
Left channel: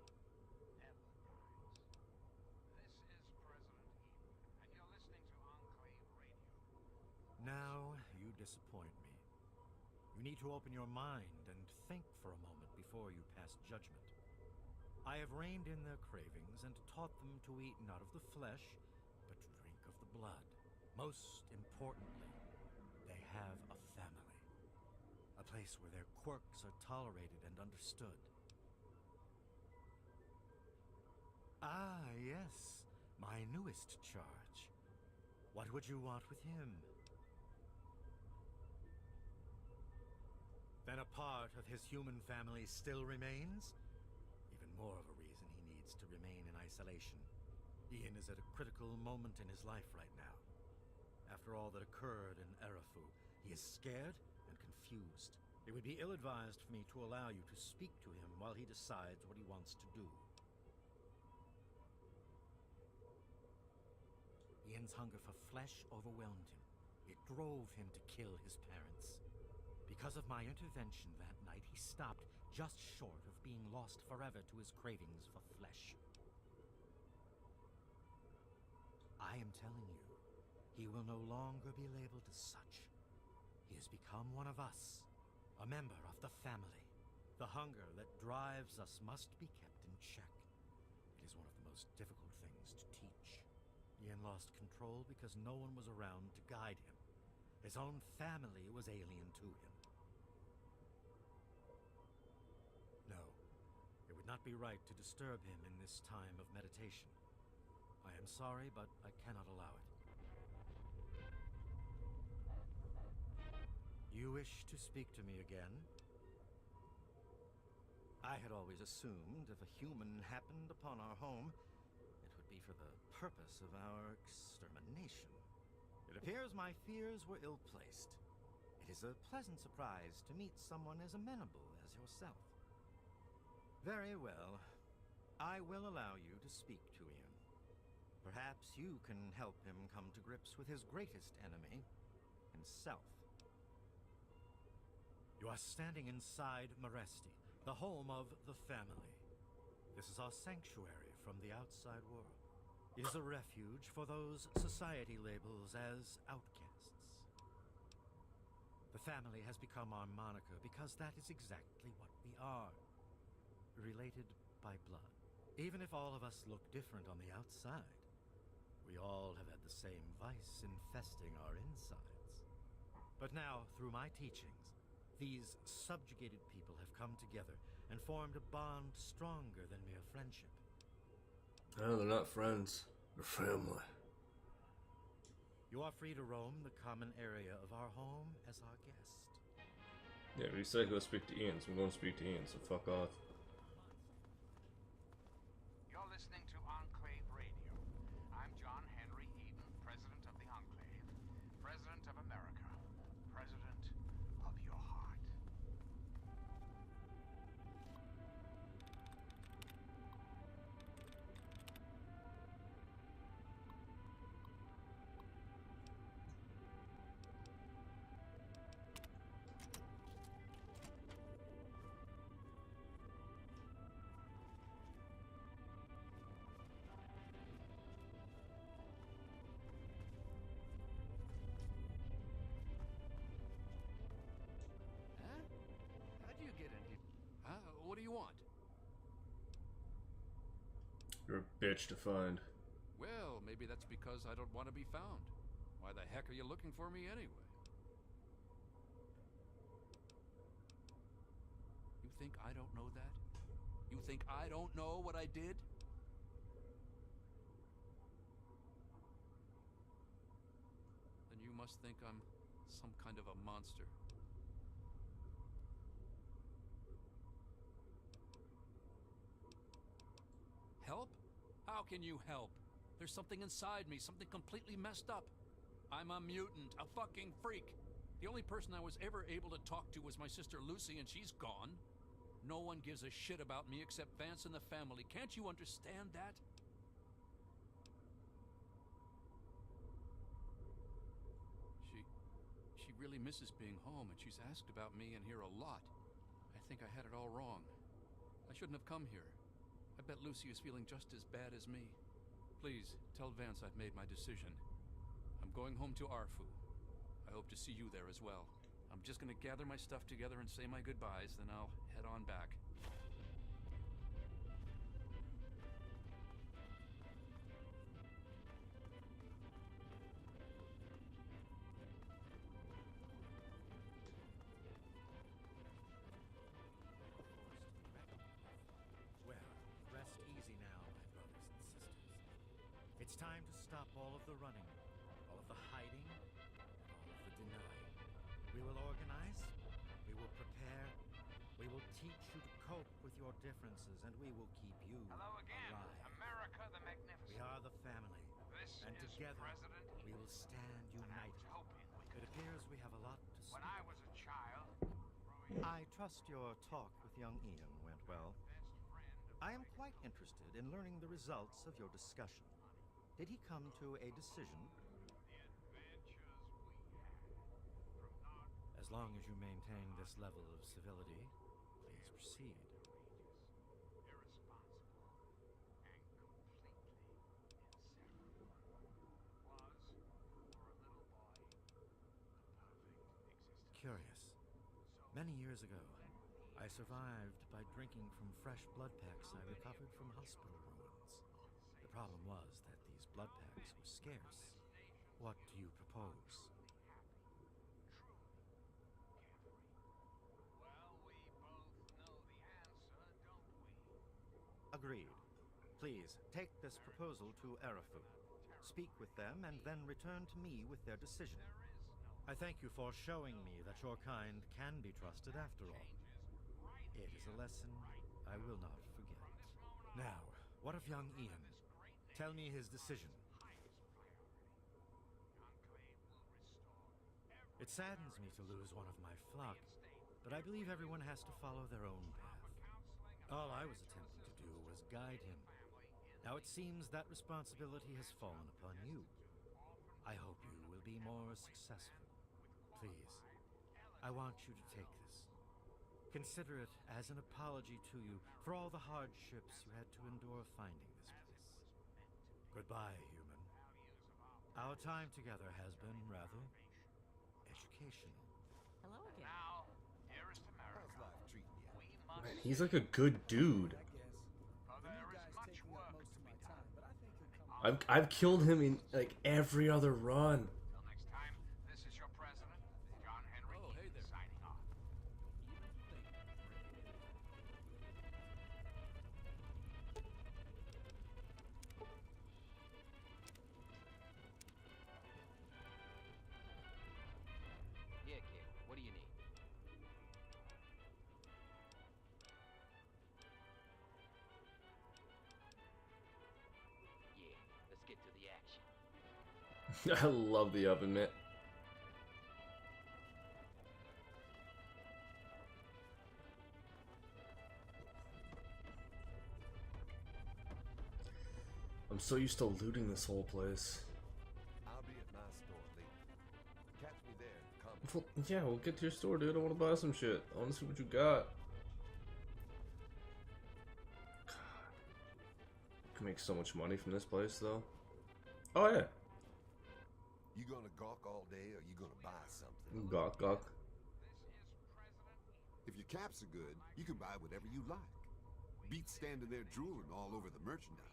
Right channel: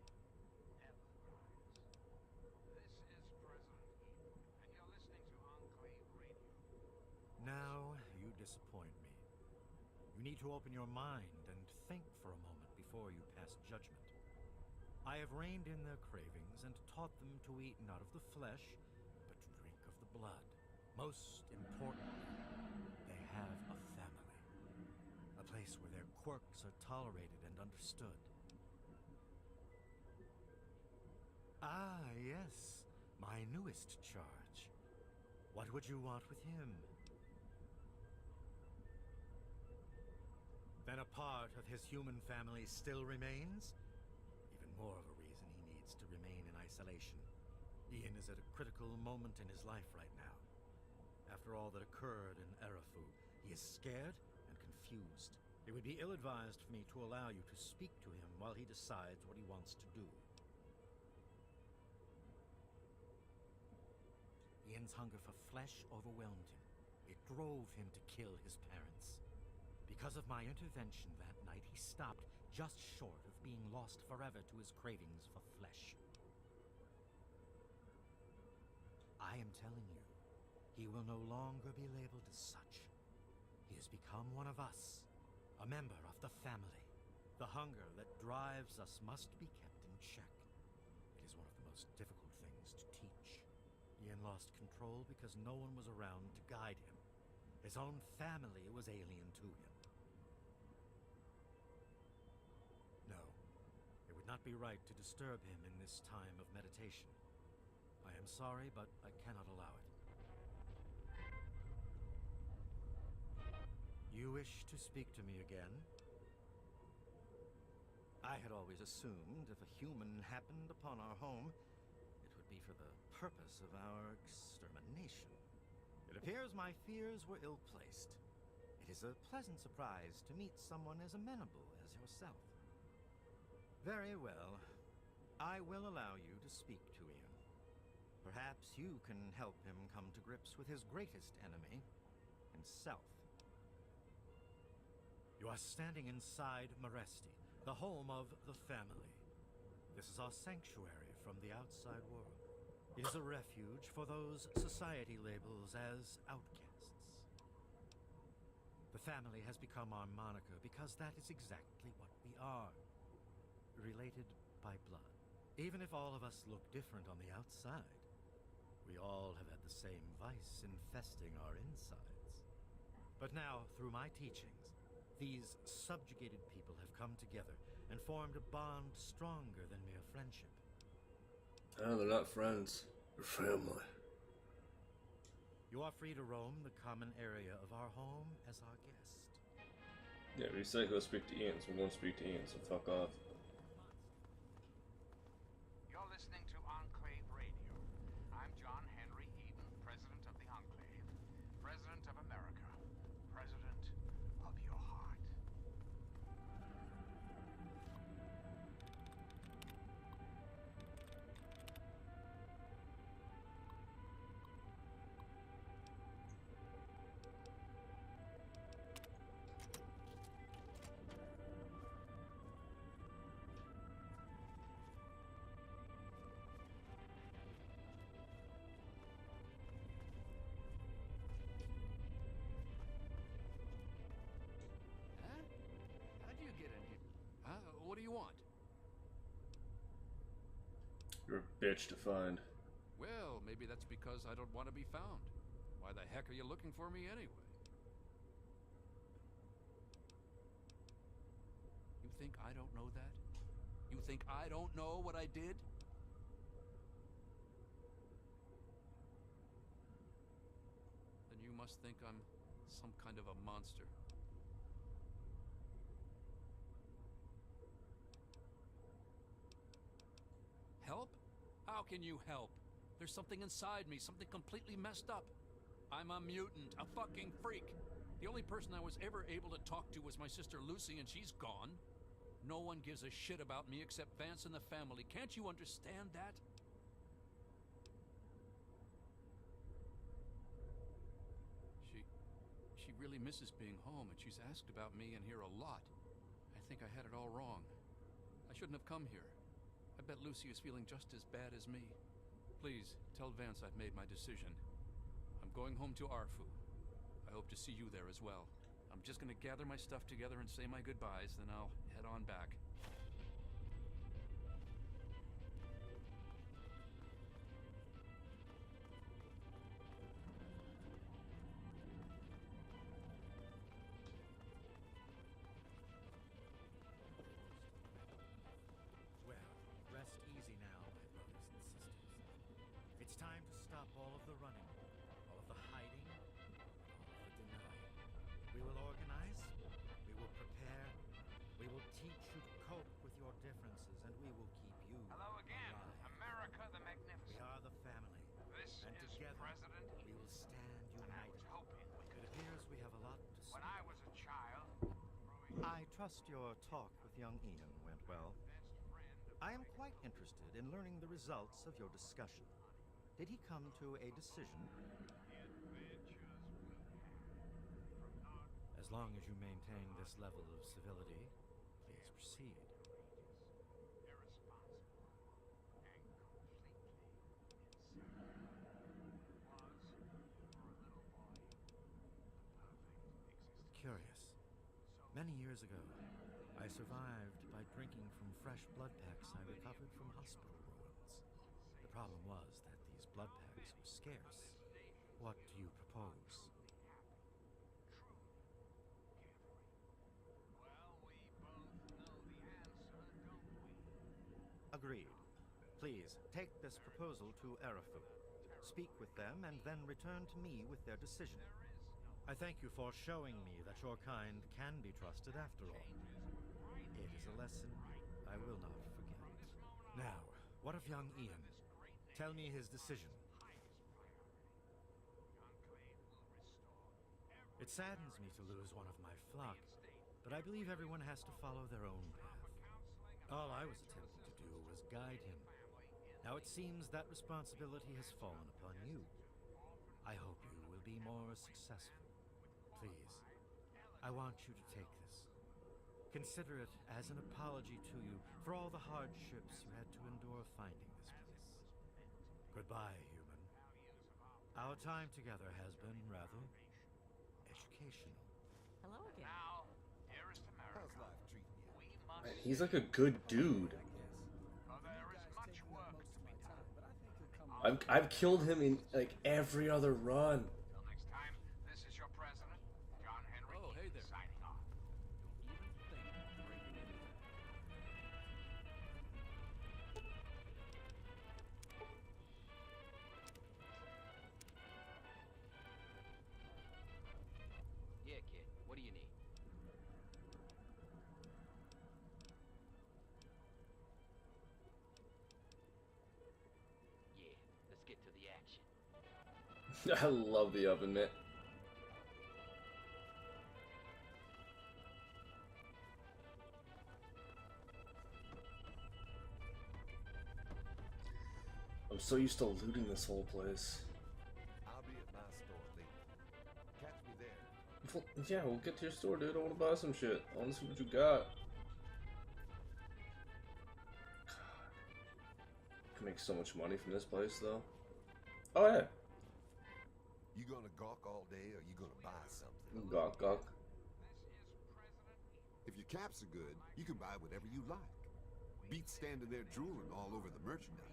never dies. This is President Eden, and you're listening to Enclave Radio. Now, you disappoint me. You need to open your mind and think for a moment before you pass judgment. I have reined in their cravings and taught them to eat not of the flesh, but to drink of the blood. Most importantly, they have a family. A place where their quirks are tolerated and understood. Ah, yes, my newest charge. What would you want with him? Then a part of his human family still remains? more of a reason he needs to remain in isolation. Ian is at a critical moment in his life right now. After all that occurred in Arafu, he is scared and confused. It would be ill-advised for me to allow you to speak to him while he decides what he wants to do. Ian's hunger for flesh overwhelmed him. It drove him to kill his parents. Because of my intervention that night, he stopped just short of being lost forever to his cravings for flesh. I am telling you, he will no longer be labeled as such. He has become one of us, a member of the family. The hunger that drives us must be kept in check. It is one of the most difficult things to teach. Ian lost control because no one was around to guide him. His own family was alien to him. No, it would not be right to disturb him in this time of meditation. I am sorry, but I cannot allow it. You wish to speak to me again? I had always assumed if a human happened upon our home, it would be for the purpose of our extermination. It appears my fears were ill-placed. It is a pleasant surprise to meet someone as amenable as yourself. Very well. I will allow you to speak to Ian. Perhaps you can help him come to grips with his greatest enemy, himself. You are standing inside Maresti, the home of the family. This is our sanctuary from the outside world. It is a refuge for those society labels as outcasts. The family has become our moniker because that is exactly what we are. Related by blood. Even if all of us look different on the outside, we all have had the same vice infesting our insides. But now, through my teachings, these subjugated people have come together and formed a bond stronger than mere friendship. No, they're not friends. They're family. You are free to roam the common area of our home as our guest. Yeah, we said go speak to Ian, so I'm going to speak to Ian, so fuck off. You're listening to Enclave Radio. I'm John Henry Eden, President of the Enclave, President of America, President of your heart. Huh? How'd you get in here? Huh? What do you want? You're a bitch to find. Well, maybe that's because I don't want to be found. Why the heck are you looking for me anyway? You think I don't know that? You think I don't know what I did? Then you must think I'm some kind of a monster. Help? How can you help? There's something inside me, something completely messed up. I'm a mutant, a fucking freak. The only person I was ever able to talk to was my sister Lucy, and she's gone. No one gives a shit about me except Vance and the family. Can't you understand that? She really misses being home, and she's asked about me in here a lot. I think I had it all wrong. I shouldn't have come here. I bet Lucy is feeling just as bad as me. Please, tell Vance I've made my decision. I'm going home to Arfu. I hope to see you there as well. I'm just gonna gather my stuff together and say my goodbyes, then I'll head on back. Well, rest easy now, my brothers and sisters. It's time to stop all of the running, all of the hiding, all of the denying. We will organize, we will prepare, we will teach you to cope with your differences, and we will keep you Hello again, alive. America the We Magnificent. are the family, This and is together President we will stand united. It appears we have a lot to speak When I was a child, I trust your talk with young Ian went well. I am quite interested in learning the results of your discussion. Did he come to a decision? As long as you maintain this level of civility, please proceed. Curious. Many years ago, I survived by drinking from fresh blood packs I recovered from hospital ruins. The problem was that these blood packs were scarce. What do you propose? Agreed. Please, take this proposal to Arafu. Speak with them and then return to me with their decision. I thank you for showing me that your kind can be trusted after all. It is a lesson I will not forget. Now, what of young Ian? Tell me his decision. It saddens me to lose one of my flock, but I believe everyone has to follow their own path. All I was attempting to do was guide him. Now it seems that responsibility has fallen upon you. I hope you will be more successful. Please, I want you to take this. Consider it as an apology to you for all the hardships you had to endure finding this place. Goodbye, human. Our time together has been rather educational. Hello again. now, dearest America, How's life treating you? we must Man, he's like a good dude. for there is much work to be done. I've killed him in like every other run. Till next time, this is your president, John Henry Oh, hey Eaton, there. signing off. Don't even think of breaking into that. Yeah, kid. What do you need? Yeah, let's get to the action. I love the oven mitt. I'm so used to looting this whole place. I'll be at my store later. Catch me there in Compton. Well, yeah, we'll get to your store, dude. I want to buy some shit. I want to see what you got. Can make so much money from this place, though. Oh yeah. You gonna gawk all day, or you gonna buy something? Gawk, gawk. If your caps are good, you can buy whatever you like. Beat standing there drooling all over the merchandise.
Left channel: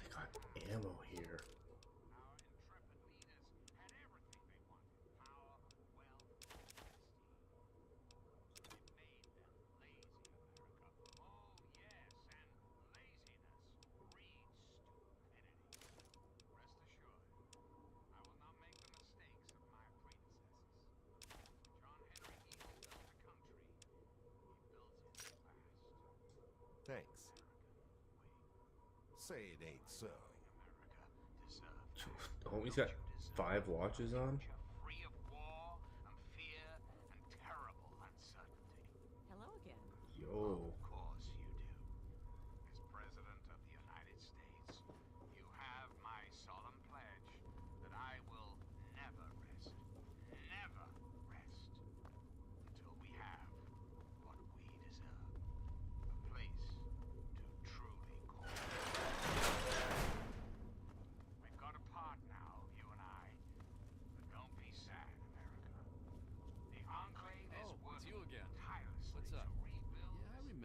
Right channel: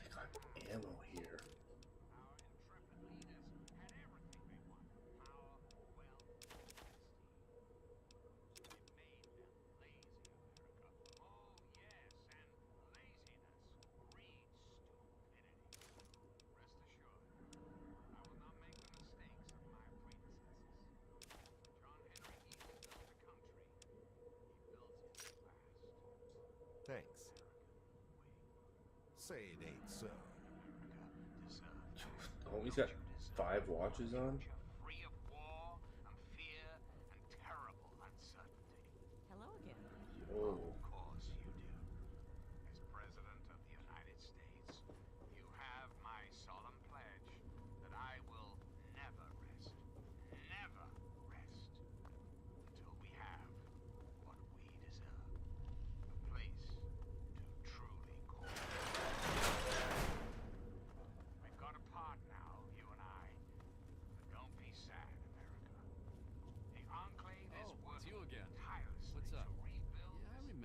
They got ammo here. Thanks. Say it ain't so. Oh, he's got 5 watches on. Free of war and fear and terrible uncertainty. Hello again. Yo. Of course you do. As President of the United States, you have my solemn pledge that I will never rest, until we have what we deserve. A place to truly call home. We've got a part now, you and I. The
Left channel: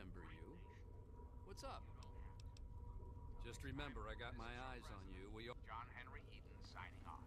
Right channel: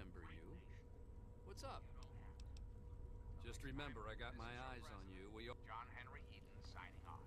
remember you. What's up? Just remember, I got my eyes on you. John Henry Eden signing off.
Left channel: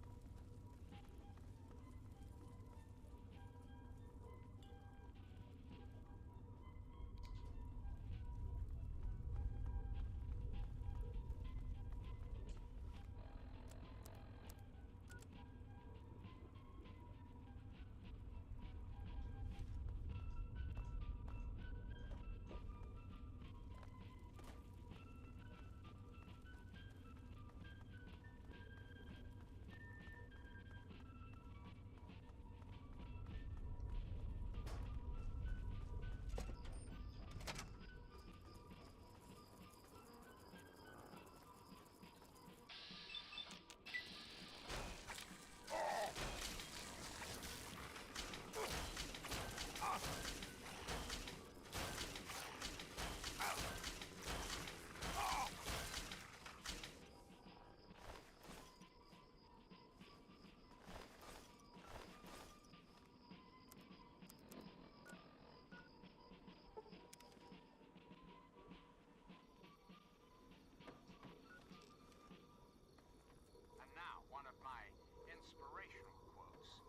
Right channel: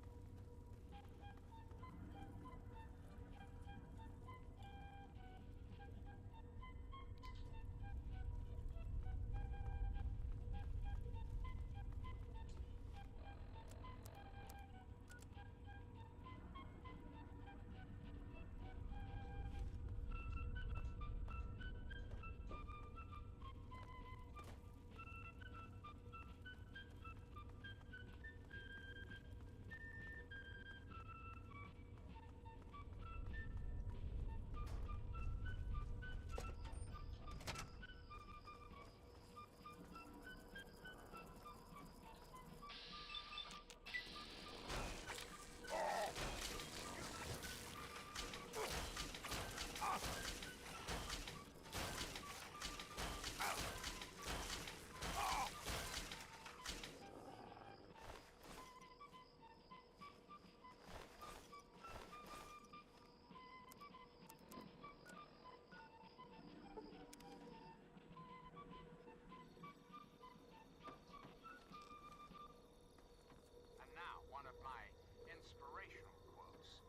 And now, one of my inspirational quotes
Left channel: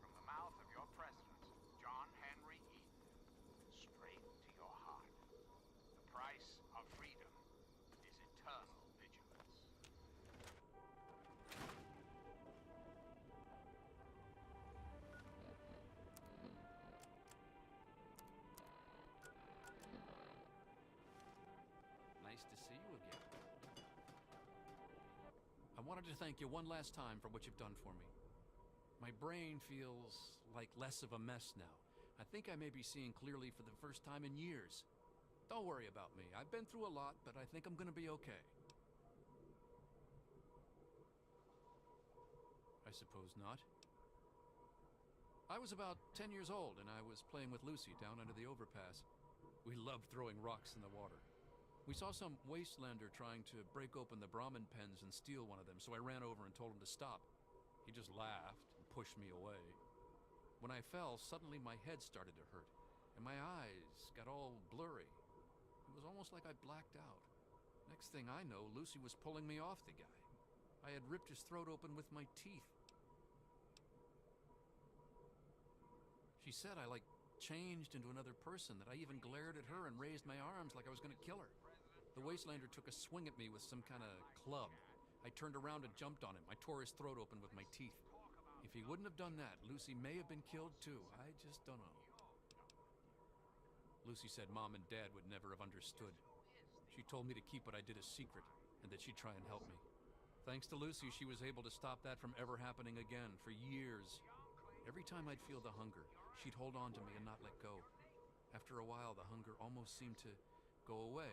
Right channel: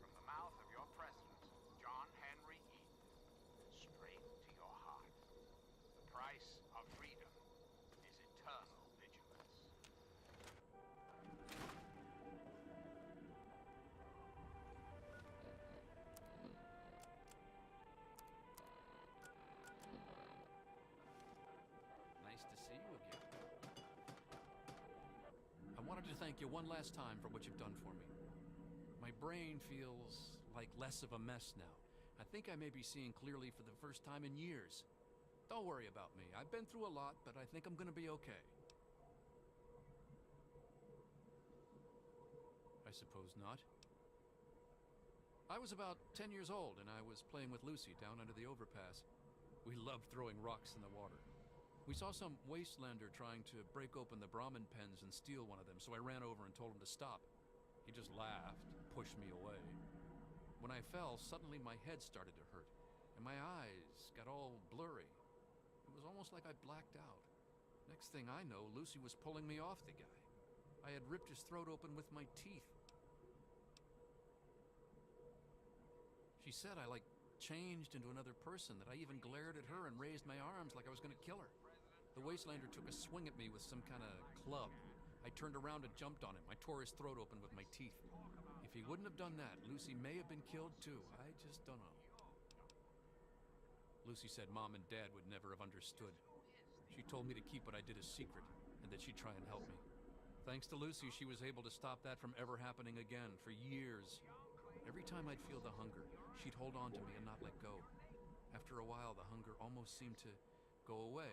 from the mouth of your president, John Henry Eden, straight to your heart. The price of freedom is eternal vigilance. Nice to see you again. I wanted to thank you one last time for what you've done for me. My brain feels like less of a mess now. I think I may be seeing clearly for the first time in years. Don't worry about me. I've been through a lot, but I think I'm gonna be okay. I suppose not. I was about 10 years old and I was playing with Lucy down under the overpass. We loved throwing rocks in the water. We saw some wastelander trying to break open the Brahmin pens and steal one of them, so I ran over and told him to stop. He just laughed, pushed me away. When I fell, suddenly my head started to hurt, and my eyes got all blurry. It was almost like I blacked out. Next thing I know, Lucy was pulling me off the guy. I had ripped his throat open with my teeth. She said I, changed into another person, that I even glared at her and raised my arms like I was gonna kill her. The wastelander took a swing at me with some kind of club. I turned around and jumped on him. I tore his throat open with my teeth. If he wouldn't have done that, Lucy may have been killed too. I just don't know. Lucy said Mom and Dad would never have understood. She told me to keep what I did a secret, and that she'd try and help me. Thanks to Lucy, she was able to stop that from ever happening again for years. Every time I'd feel the hunger, she'd hold on to me and not let go. After a while, the hunger almost seemed to go away.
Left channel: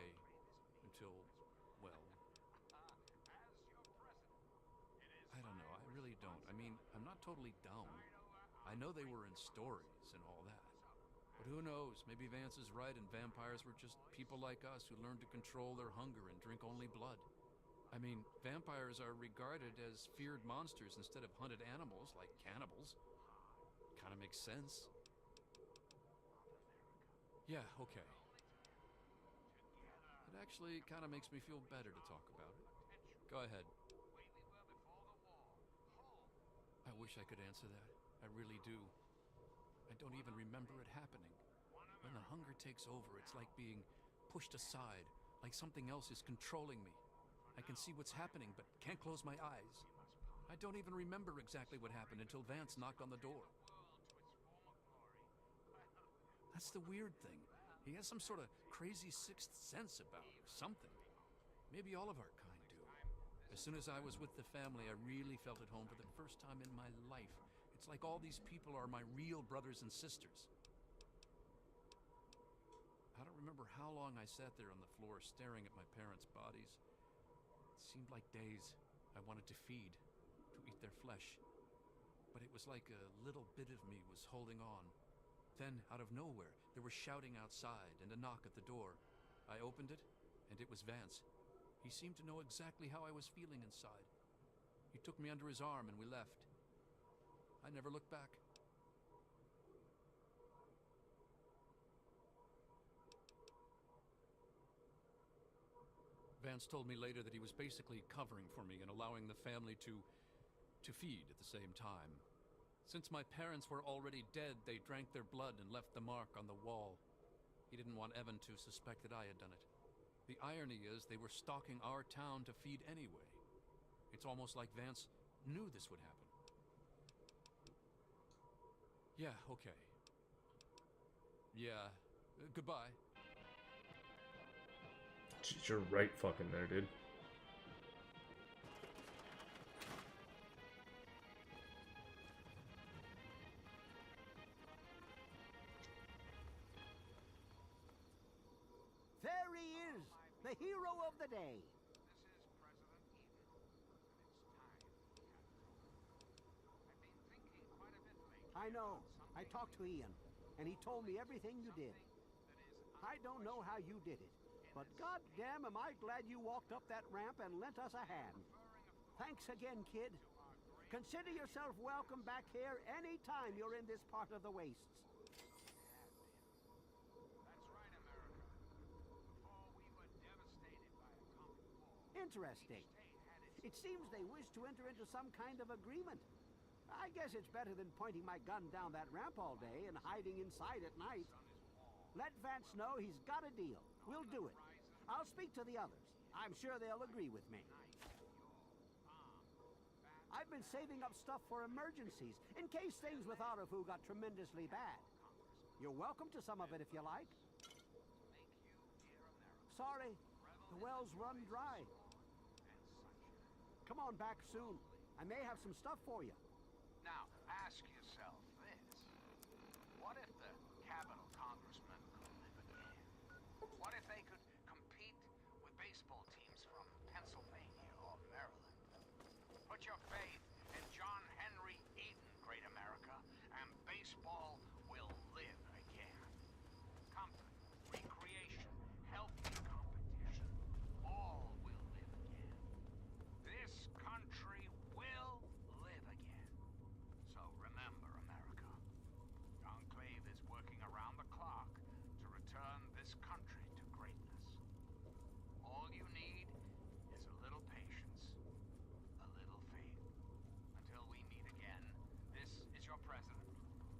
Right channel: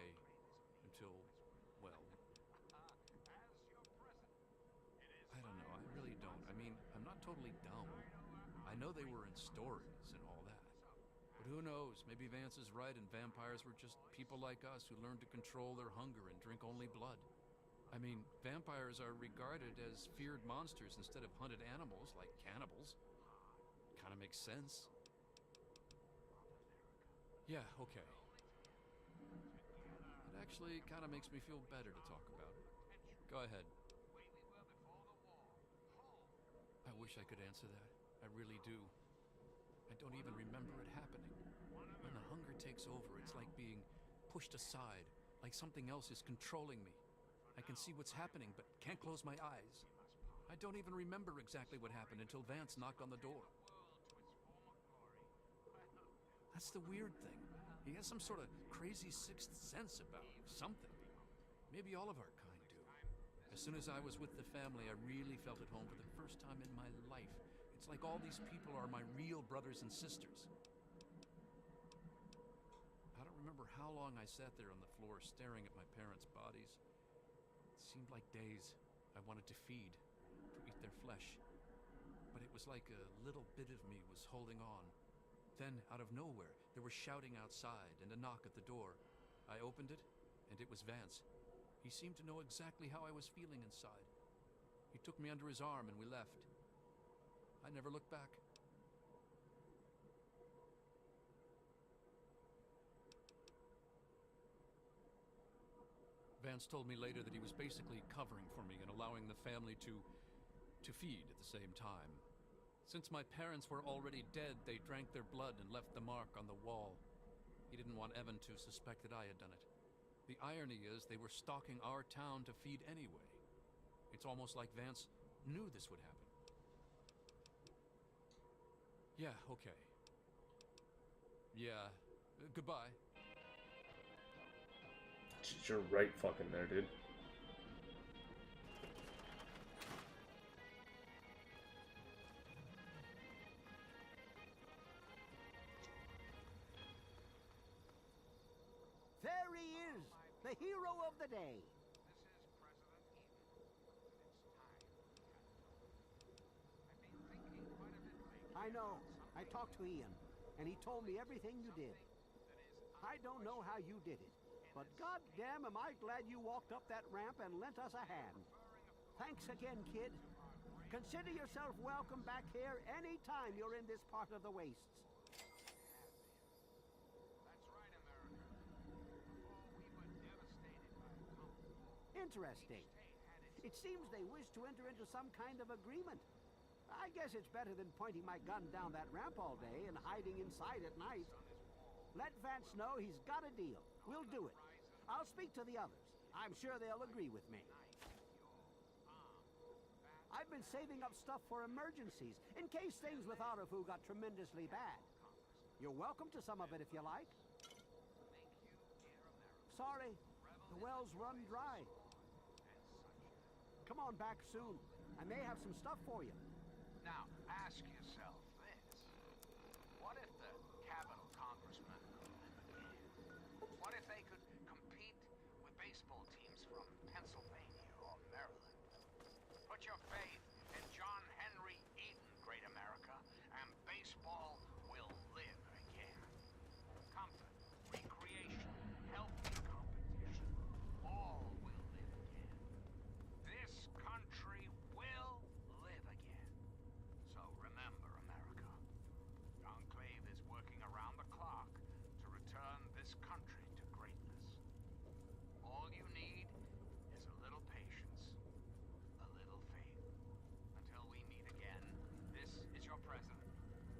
Until, well, I don't know, I really don't. I mean, I'm not totally dumb. I know they were in stories and all that. But who knows, maybe Vance is right and vampires were just people like us who learned to control their hunger and drink only blood. I mean, vampires are regarded as feared monsters instead of hunted animals like cannibals. Kinda makes sense. Yeah, okay. It actually kind of makes me feel better to talk about it. Go ahead. I wish I could answer that. I really do. I don't even remember it happening. When the hunger takes over, it's like being pushed aside, like something else is controlling me. I can see what's happening, but can't close my eyes. I don't even remember exactly what happened until Vance knocked on the door. That's the weird thing. He has some sort of crazy sixth sense about something. Maybe all of our kind do. As soon as I was with the family, I really felt at home for the first time in my life. It's like all these people are my real brothers and sisters. I don't remember how long I sat there on the floor staring at my parents' bodies. It seemed like days. I wanted to feed, to eat their flesh. But it was like a little bit of me was holding on. Then, out of nowhere, there was shouting outside and a knock at the door. I opened it, and it was Vance. He seemed to know exactly how I was feeling inside. He took me under his arm and we left. I never looked back. Vance told me later that he was basically covering for me and allowing the family to feed at the same time. Since my parents were already dead, they drank their blood and left the mark on the wall. He didn't want Evan to suspect that I had done it. The irony is they were stalking our town to feed anyway. It's almost like Vance knew this would happen. Yeah, okay. Yeah, goodbye. Jeez, you're right fucking there, dude. There he is, the hero of the day. I know. I talked to Ian, and he told me everything you did. I don't know how you did it, but goddamn am I glad you walked up that ramp and lent us a hand. Thanks again, kid. Consider yourself welcome back here any time you're in this part of the wastes. Interesting. It seems they wish to enter into some kind of agreement. I guess it's better than pointing my gun down that ramp all day and hiding inside at night. Let Vance know he's got a deal. We'll do it. I'll speak to the others. I'm sure they'll agree with me. I've been saving up stuff for emergencies, in case things with Arafu got tremendously bad. You're welcome to some of it if you like. Sorry, the well's run dry. Come on back soon. I may have some stuff for you. Now, ask yourself this. What if the Capitol Congressman could live again? What if they could compete with baseball teams from Pennsylvania or Maryland? Put your faith in John Henry Eden, great America, and baseball will live again. Comfort, recreation, healthy competition, all will live again. This country will live again. So remember, America, the Enclave is working around the clock to return this country to greatness. All you need is a little patience, a little faith. Until we meet again, this is your president,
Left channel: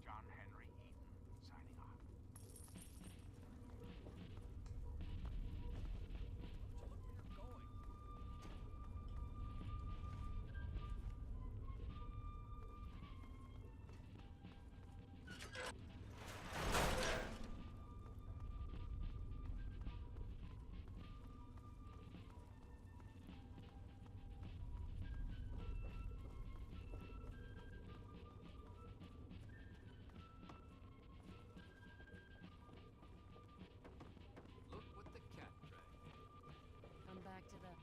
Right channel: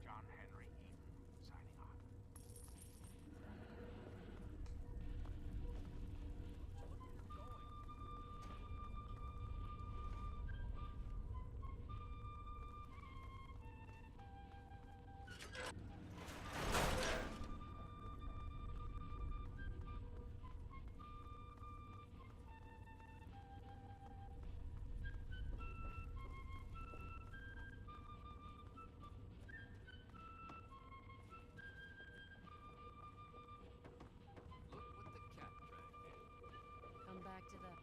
John Henry Eden, signing off. Look what the cat dragged in. Come back to the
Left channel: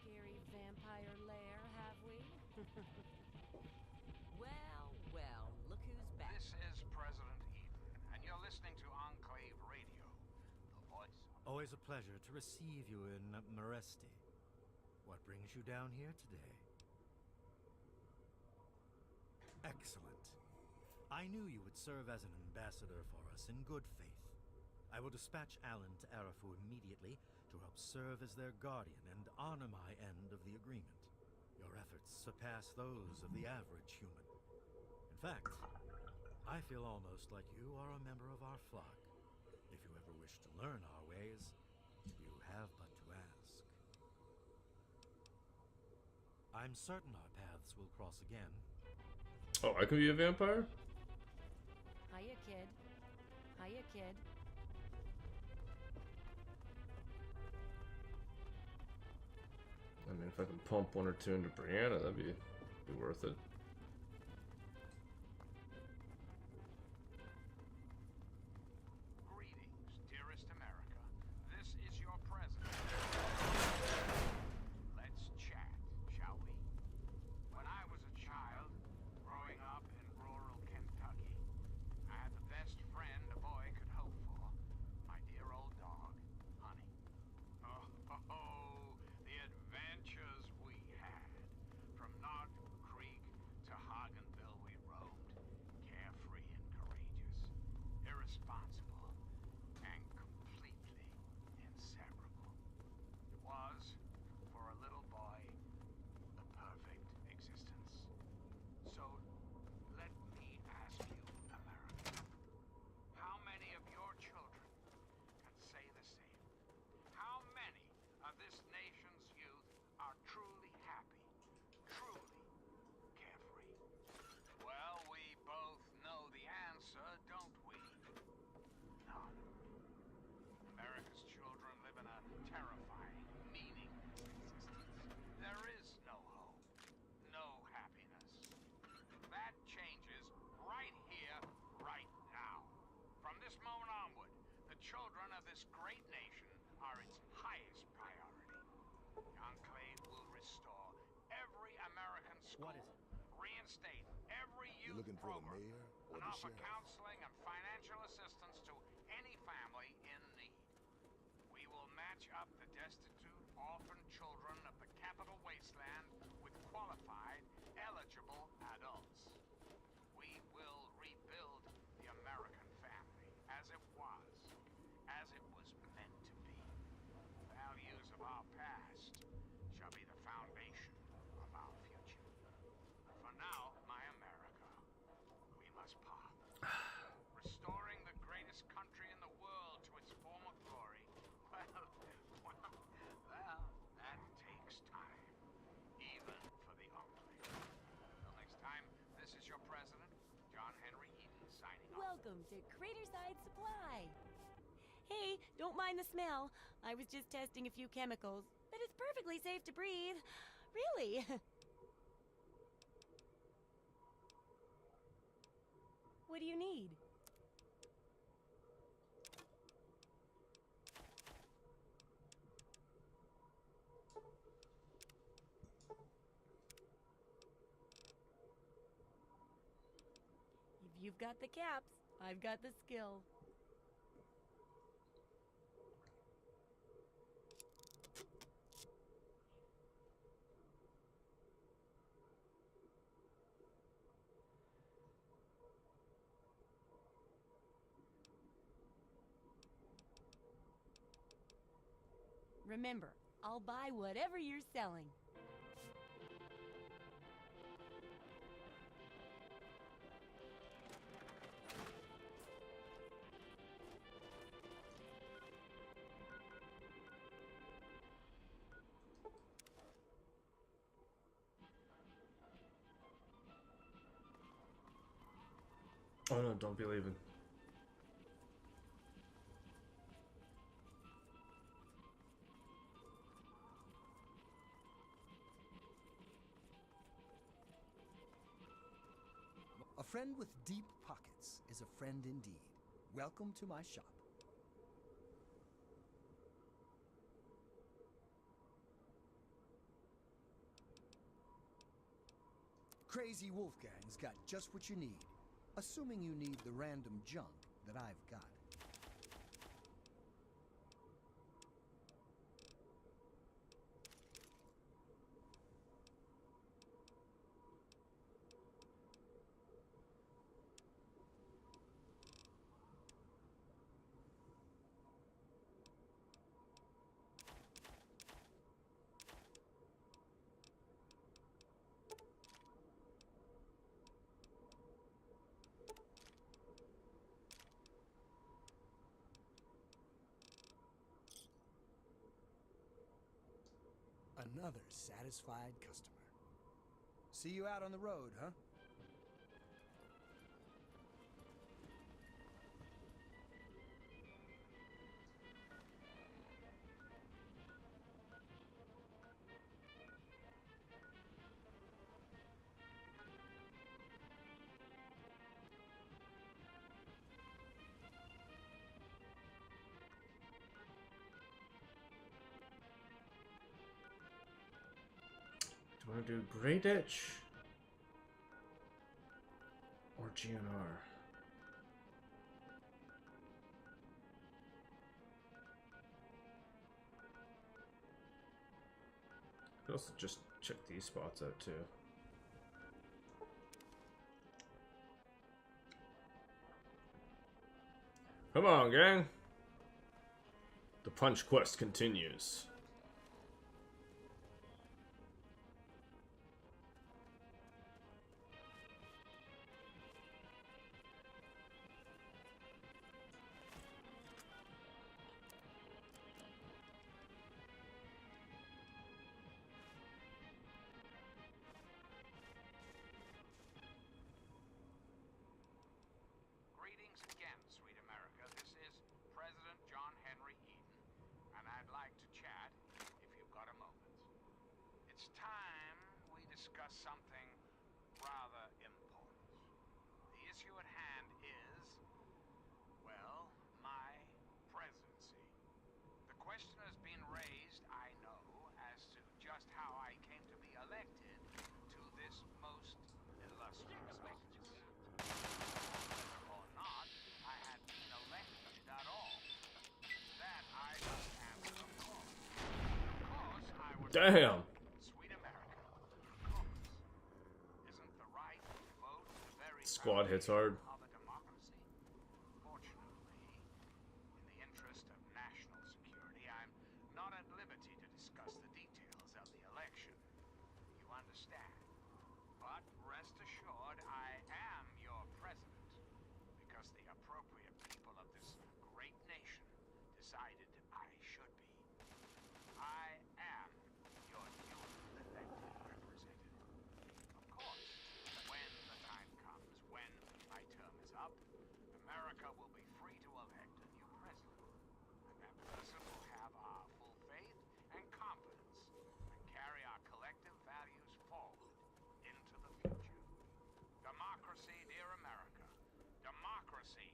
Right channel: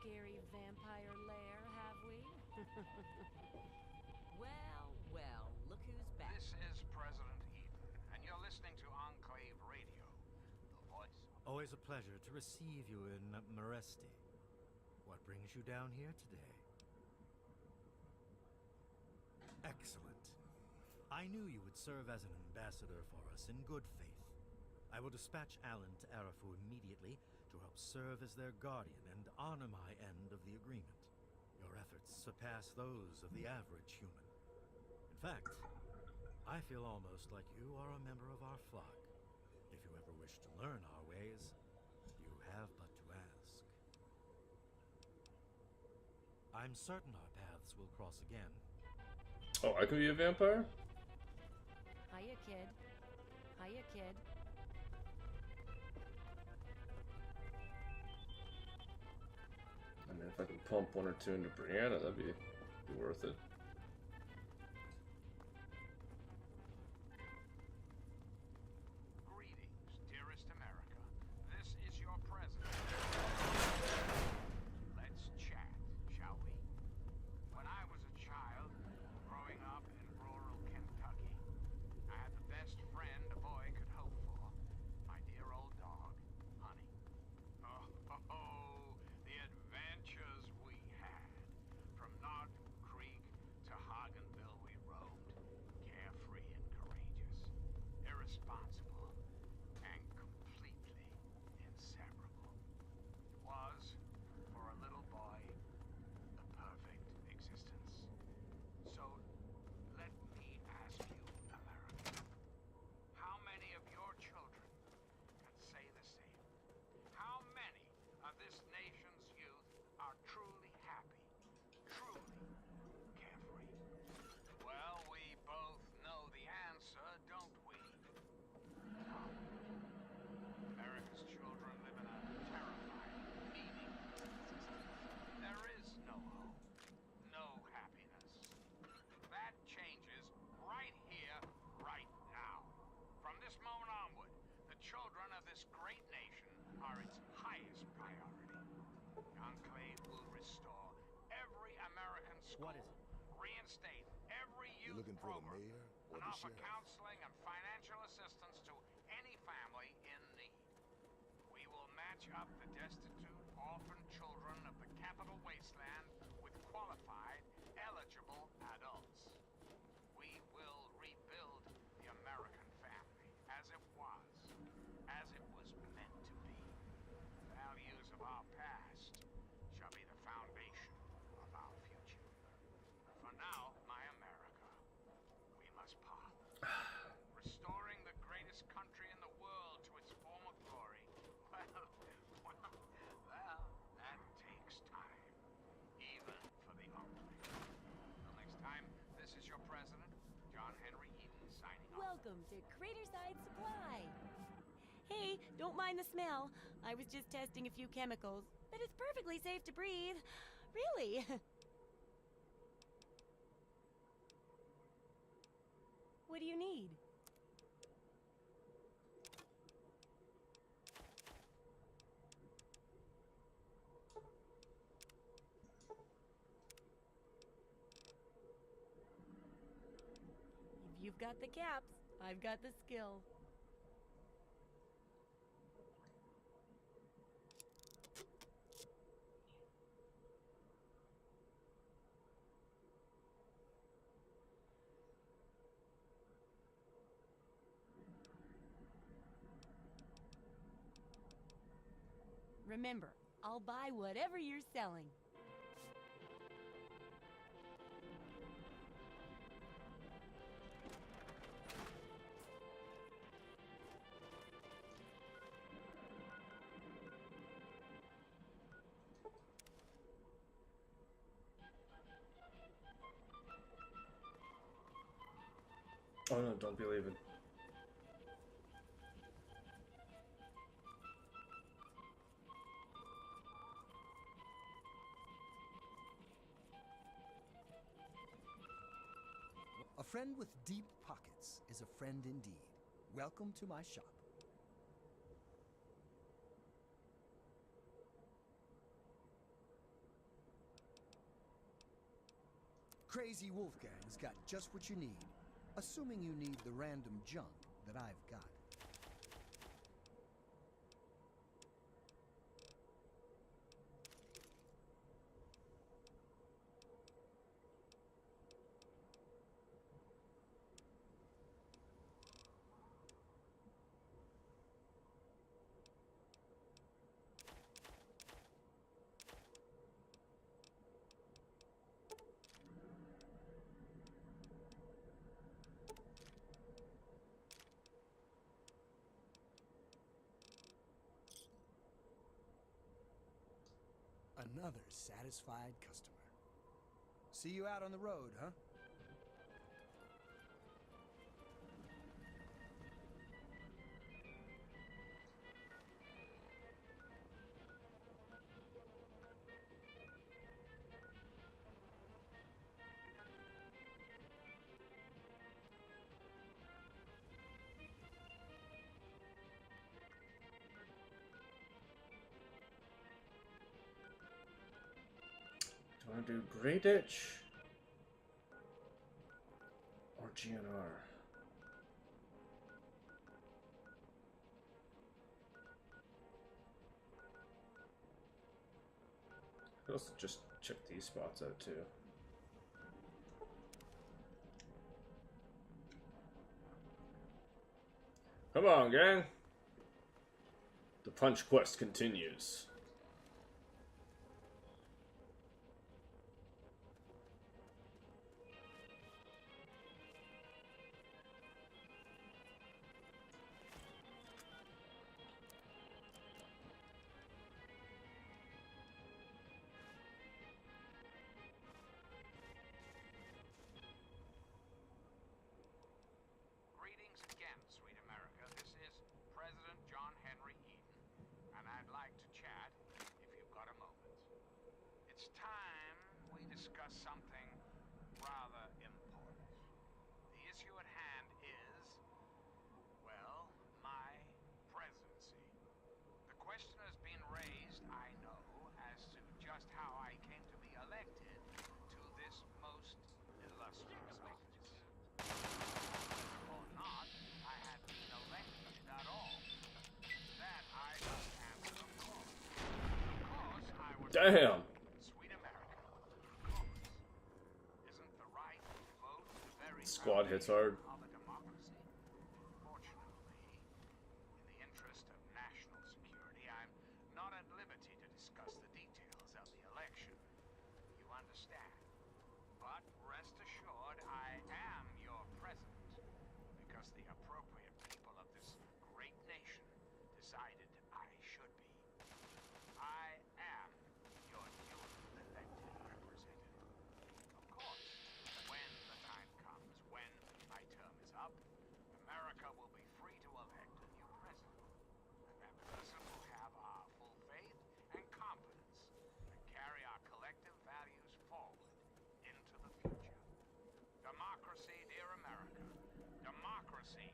scary vampire lair, have we? Well, well, look who's back. This is President Eden, and you're listening to Enclave Radio, the voice of... Always a pleasure to receive you in Meresti. What brings you down here today? Excellent. I knew you would serve as an ambassador for us in good faith. I will dispatch Alan to Arafu immediately to help serve as their guardian and honor my end of the agreement. Your efforts surpass those of the average human. In fact, I feel almost like you are a member of our flock. If you ever wish to learn our ways, you have but to ask. I'm certain our paths will cross again. Oh, I can be a vampire? Hiya, kid. Hiya, kid. I mean, if I can pump one or two into Brianna, that'd be worth it. Greetings, dearest America. This is your president. Let's chat, shall we? When I was a child, growing up in rural Kentucky, I had the best friend a boy could hope for. My dear old dog, Honey. Oh, the adventures we had. From Knob Creek The Enclave will restore every American school. What is it? Reinstate every You youth looking for the program. mayor or And the offer sheriff? counseling and financial assistance to any family in need. We will match up the destitute, orphan children of the Capital Wasteland with qualified, eligible adults. We will rebuild the American family as it was meant to be. The values of our past shall be the foundation of our future. For now, my America, we must part. Restoring the greatest country in the world to its former glory, well, that takes time, even for the ugly. Till next time, this is your president, John Henry Eden, signing off. Welcome to Craterside Supply. Hey, don't mind the smell. I was just testing a few chemicals, but it's perfectly safe to breathe. Really. What do you need? If you've got the caps, I've got the skill. Remember, I'll buy whatever you're selling. Oh no, don't be leaving. A friend with deep pockets is a friend indeed. Welcome to my shop. Crazy Wolfgang's got just what you need, assuming you need the random junk that I've got. Another satisfied customer. See you out on the road, huh? Do I want to do Grey Ditch or GNR? I could also just check these spots out too. Come on, gang! The punch quest continues. Greetings again, sweet America. This is President John Henry Eden, and I'd like to chat if you've got a moment. It's time we discuss something rather important. The issue at hand is, well, my presidency. The question has been raised, I know, as to Damn. Sweet America, of course. Isn't the right to vote the very Squad hits hard. of a democracy? Fortunately, in the interest of national security, I'm not at liberty to discuss the details of the election. You understand? But rest assured, I am your president, because the appropriate people of this great nation decided I should be. I am your newly elected representative. Of course, when the time comes, when my term is up, America will be free to elect a new president. And that person will have our full faith and confidence and carry our collective values forward into the future. Democracy, dear America. Democracy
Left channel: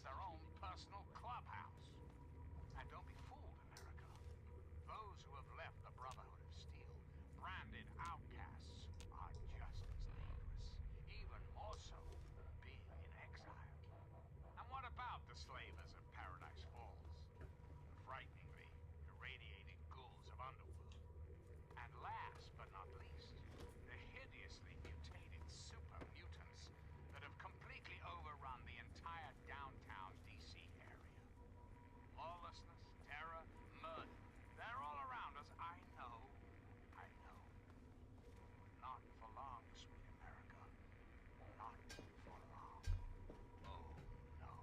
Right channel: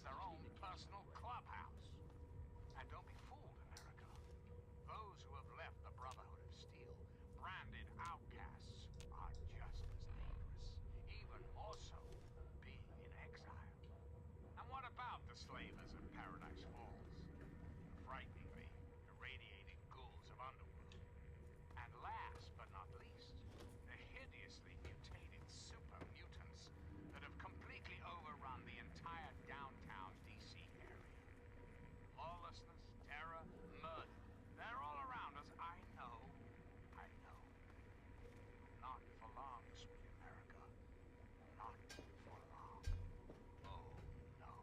has their own personal clubhouse. And don't be fooled, America. Those who have left the Brotherhood of Steel, branded outcasts, are just as dangerous, even more so, being in exile. And what about the slavers of Paradise Falls? The frighteningly irradiated ghouls of Underworld. And last but not least, the hideously mutated super mutants that have completely overrun the entire downtown DC area. Lawlessness, terror, murder. They're all around us. I know. Not for long, sweet America. Not for long. Oh, no.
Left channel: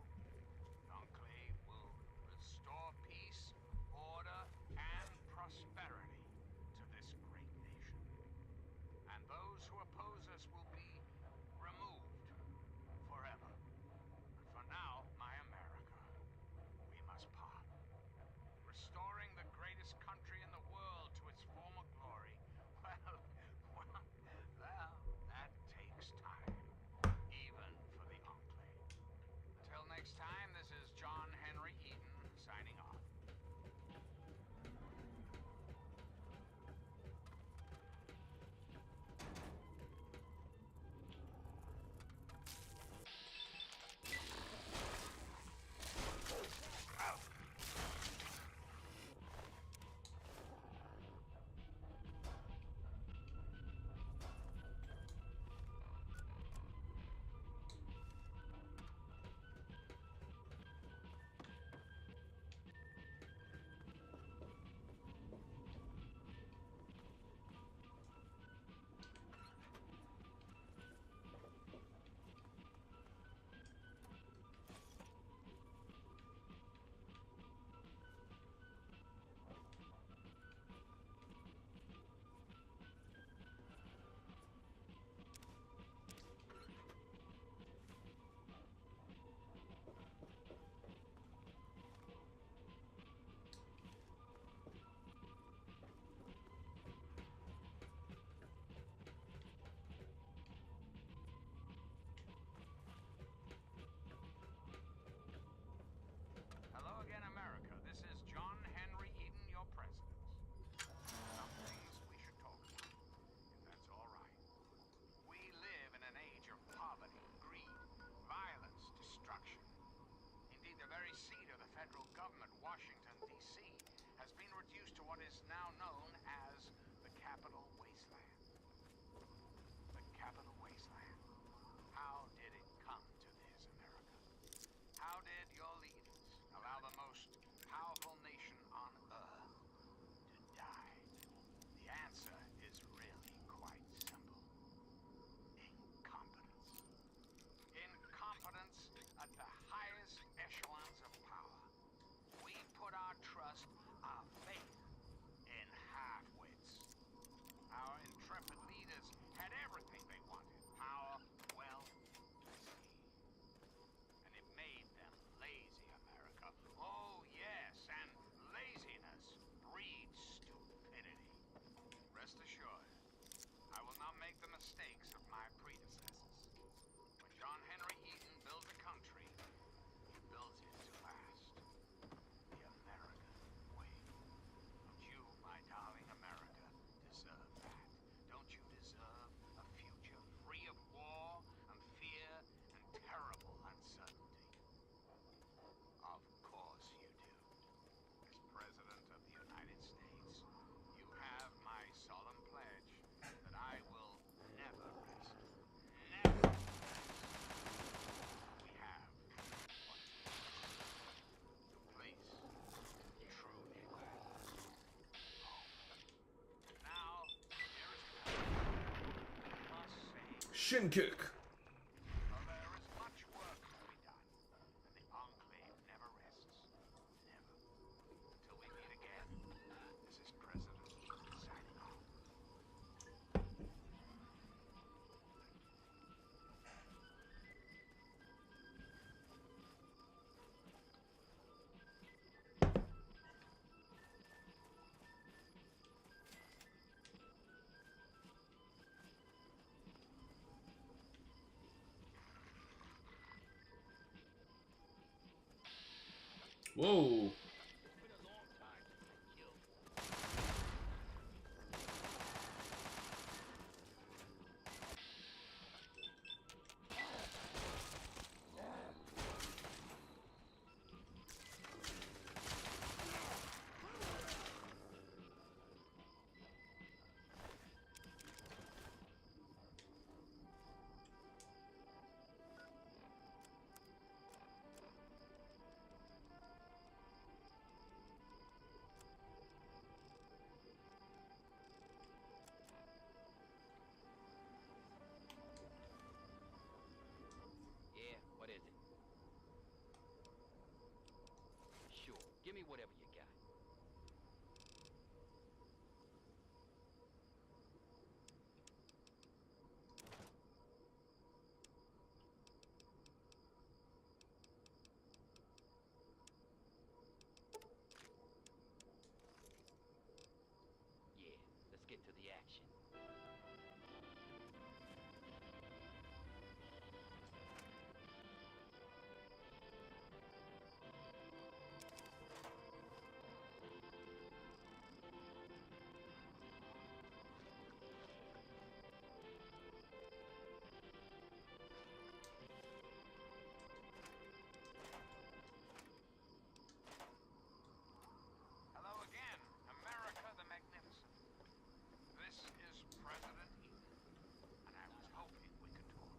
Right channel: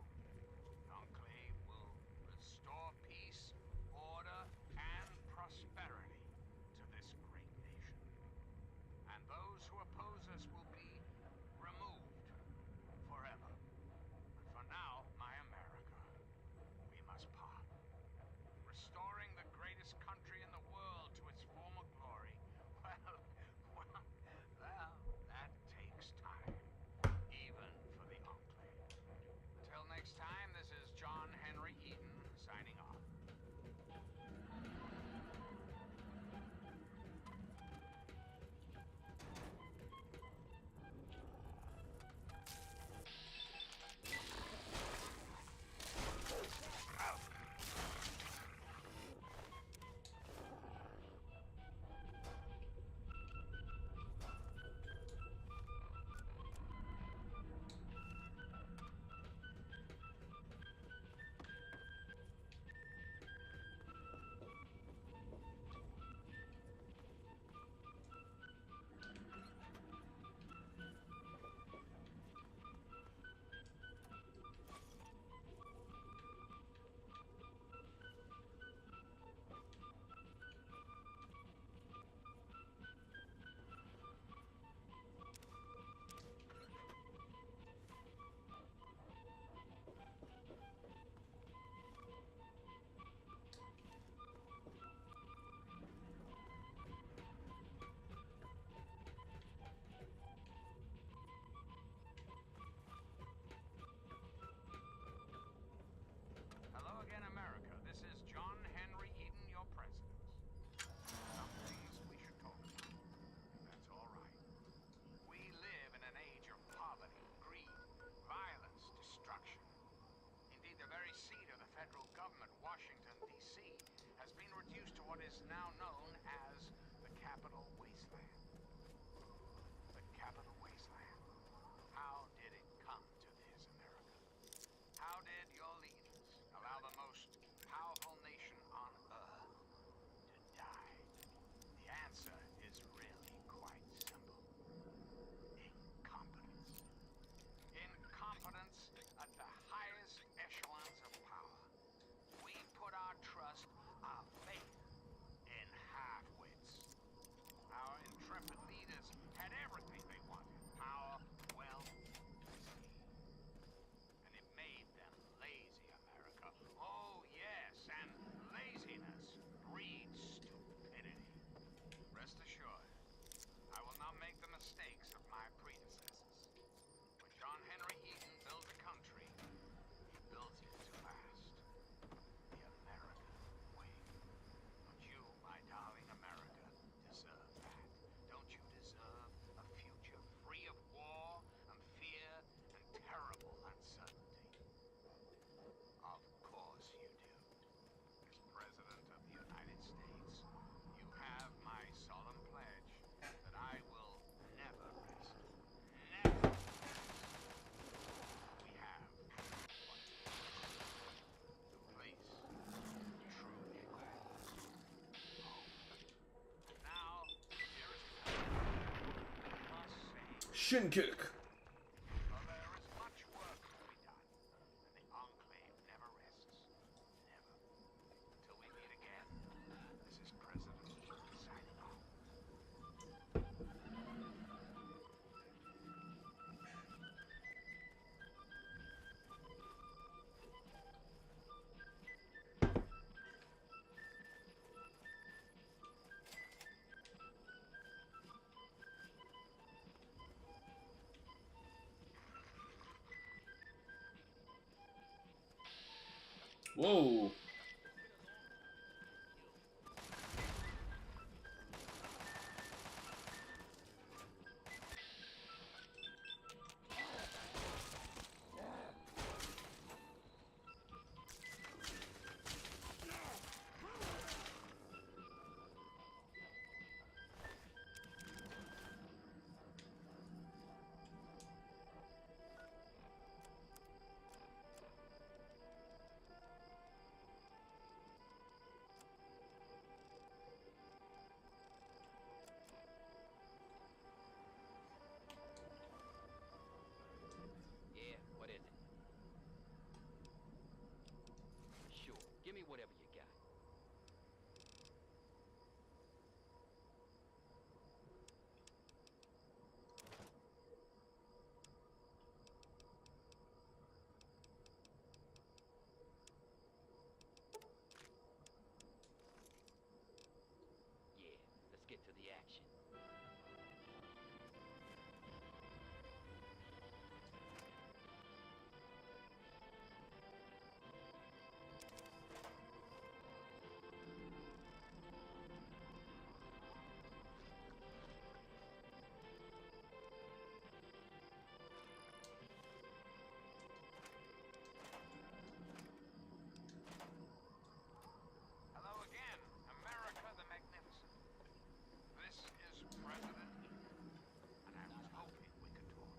The Enclave will restore peace, order, and prosperity to this great nation. And those who oppose us will be removed forever. But for now, my America, we must part. Restoring the greatest country in the world to its former glory, well, that takes time, even for the Enclave. Until next time, this is John Henry Eaton signing off. Hello again, America. This is John Henry Eaton, your president. Some things we should talk about, if that's all right. We live in an age of poverty, greed, violence, destruction. Indeed, the very seat of the federal government, Washington, D.C., has been reduced to what is now known as the Capital Wasteland. The Capital Wasteland. How did it come to this, America? How did your leaders allow the most powerful nation on Earth to die? The answer is really quite simple. Incompetence. Incompetence at the highest echelons of power. We put our trust, our faith, in half-wits. Our intrepid leaders had everything they wanted. Power, wealth, prestige. And it made them lazy, America. Oh, yes, and laziness breeds stupidity. Rest assured, I will not make the mistakes of my predecessors. When John Henry Eaton builds a country, he builds it to last. The American way. Don't you, my darling America, deserve that? Don't you deserve a future free of war and fear and terrible uncertainty? Of course you do. As President of the United States, you have my solemn pledge that I will never rest. Never rest. We have what we need. The place truly matters. Now, dearest America, I must say, Shin kick. well, there is much work to be done, and the Enclave never rests. Never. Until we meet again, this is President Eaton signing off. Whoa. Yeah, what is it? Sure, give me whatever you got. Yeah, let's get to the action. Hello again, America the Magnificent. This is President Eden, and I was hoping we could talk.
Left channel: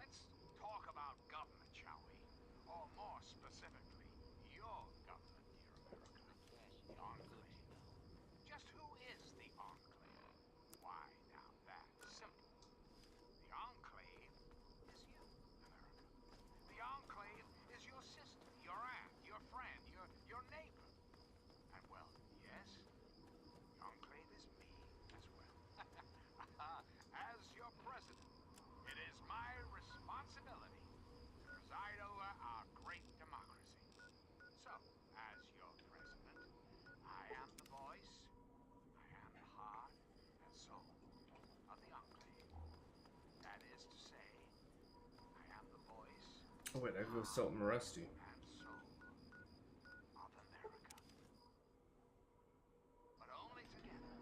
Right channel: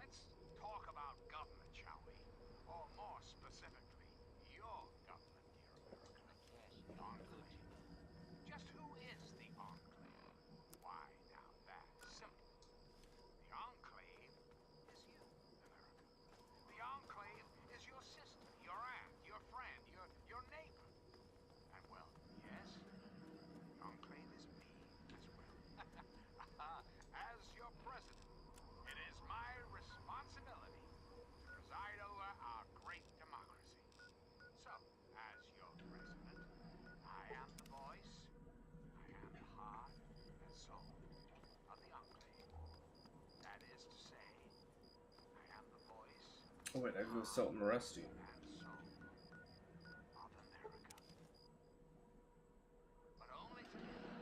Let's talk about government, shall we? Or more specifically, your government, dear America. The Enclave. Just who is the Enclave? Why, now that's simple. The Enclave is you, America. The Enclave is your sister, your aunt, your friend, your neighbor. And well, yes, the Enclave is me as well. As your president, it is my responsibility to preside over our great democracy. So, as your president, I am the voice, I am the heart and soul of the Enclave. That is to say, I am the voice Oh wait, I go Sultan Rusty. and soul of America. But only together,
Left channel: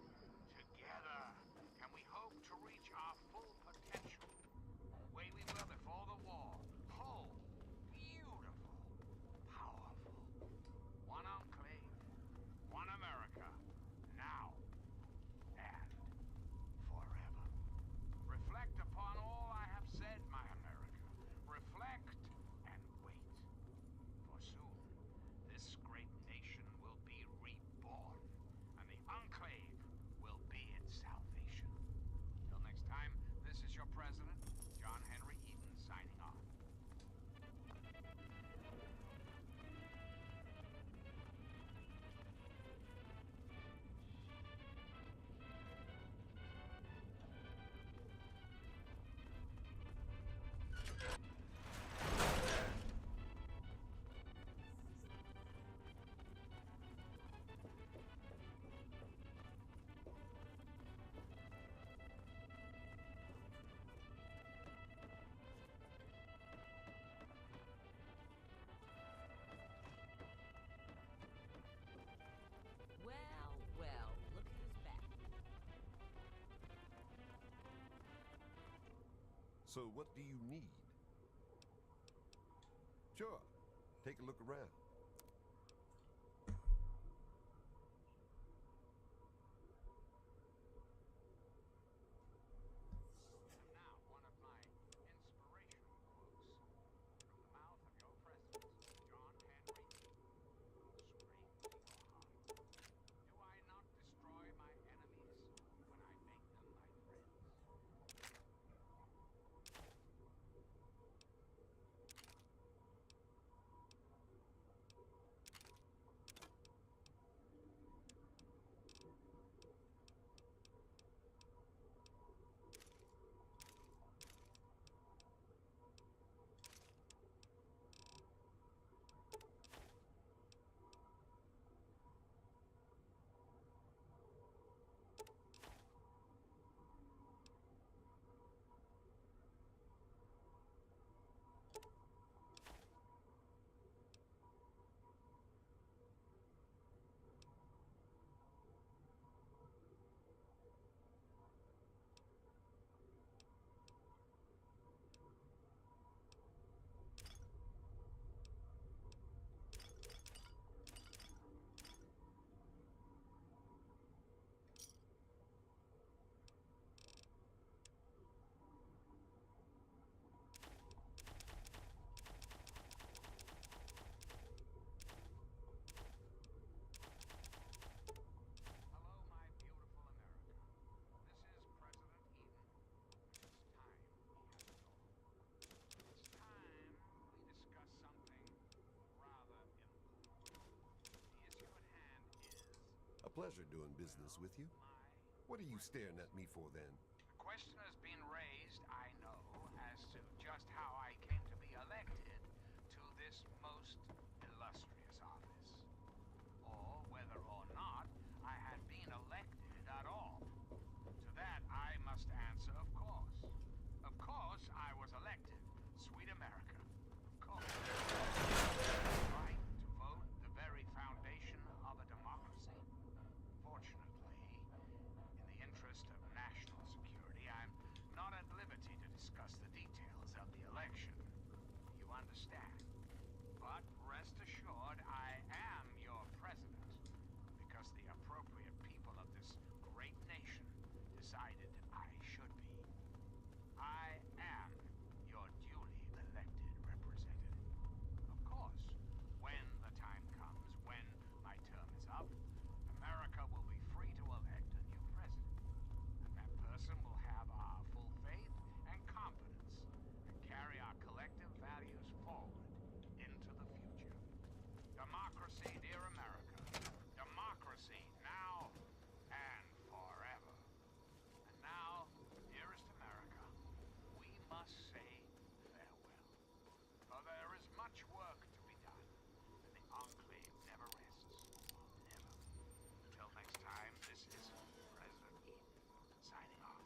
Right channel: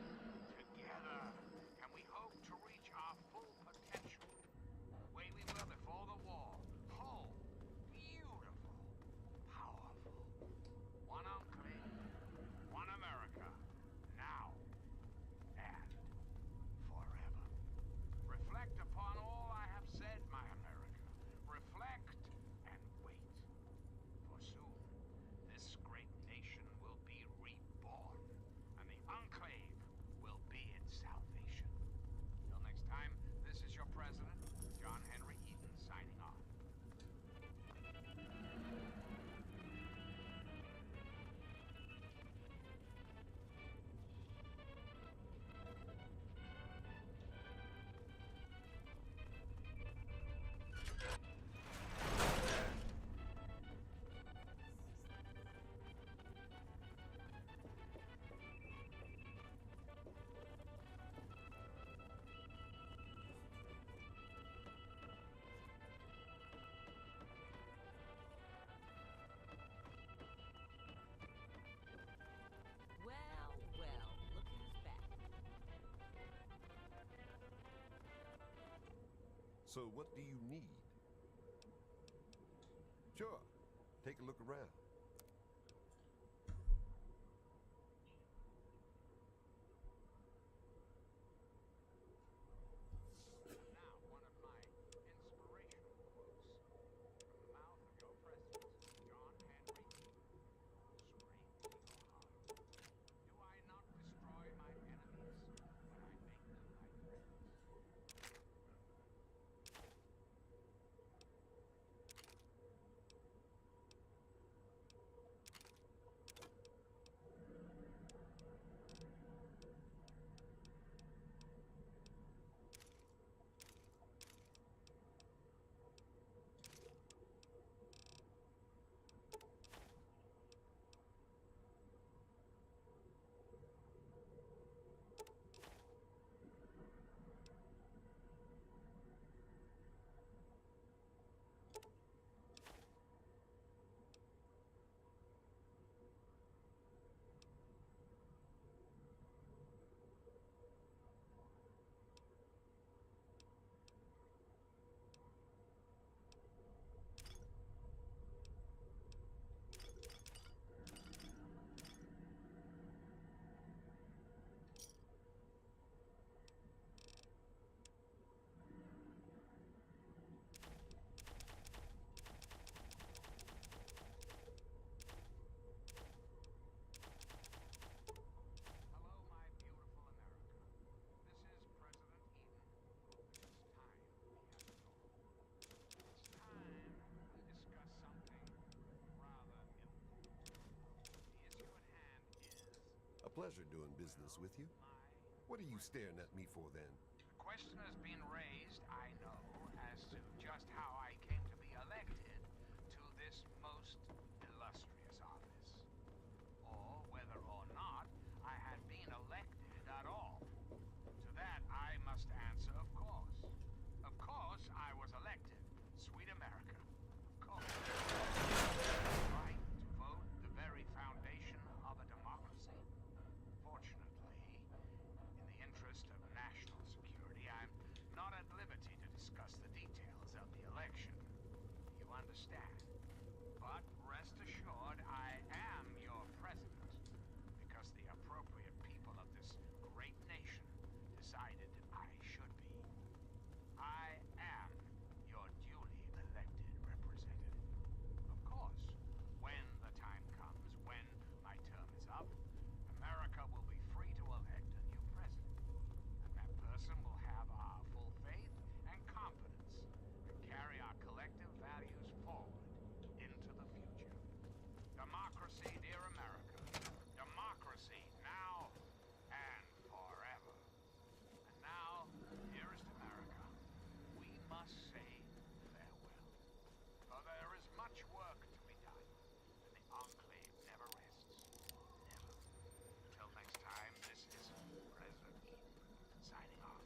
together, can we hope to reach our full potential. The way we were before the war. Whole, beautiful, powerful. One Enclave, one America, now and forever. Reflect upon all I have said, my America. Reflect and wait. For soon, this great nation will be reborn, and the Enclave will be its salvation. Till next time, this is your president, John Henry Eden, signing off. Well, well, look who's back. So what do you need? Sure. Take a look around. Now, one of my inspirational quotes from the mouth of your president, John Henry Eden. Scream to your heart. Do I not destroy my enemies when I make them my friends? pleasure doing business with you. What are you staring at me for then? The question has been raised, I know, as to just how I came to be elected to this most illustrious office. Or whether or not I had been elected at all. To that I must answer, of course. Of course I was elected. Sweet America. Of course. Right to vote, the very foundation of a democracy. Fortunately, in the interest of national security, I'm not at liberty to discuss the details of the election. You understand? But rest assured, I am your president, because the appropriate people of this great nation decided I should be. I am your duly elected representative. Of course, when the time comes, when my term is up, America will be free to elect a new president. And that person will have our full faith and confidence to carry our collective values forward into the future. Democracy, dear America. Democracy now and forever. And now, dearest America, we must say farewell. For there is much work to be done, and the Enclave never rests. Never. Until next time, this is President Eden, signing off.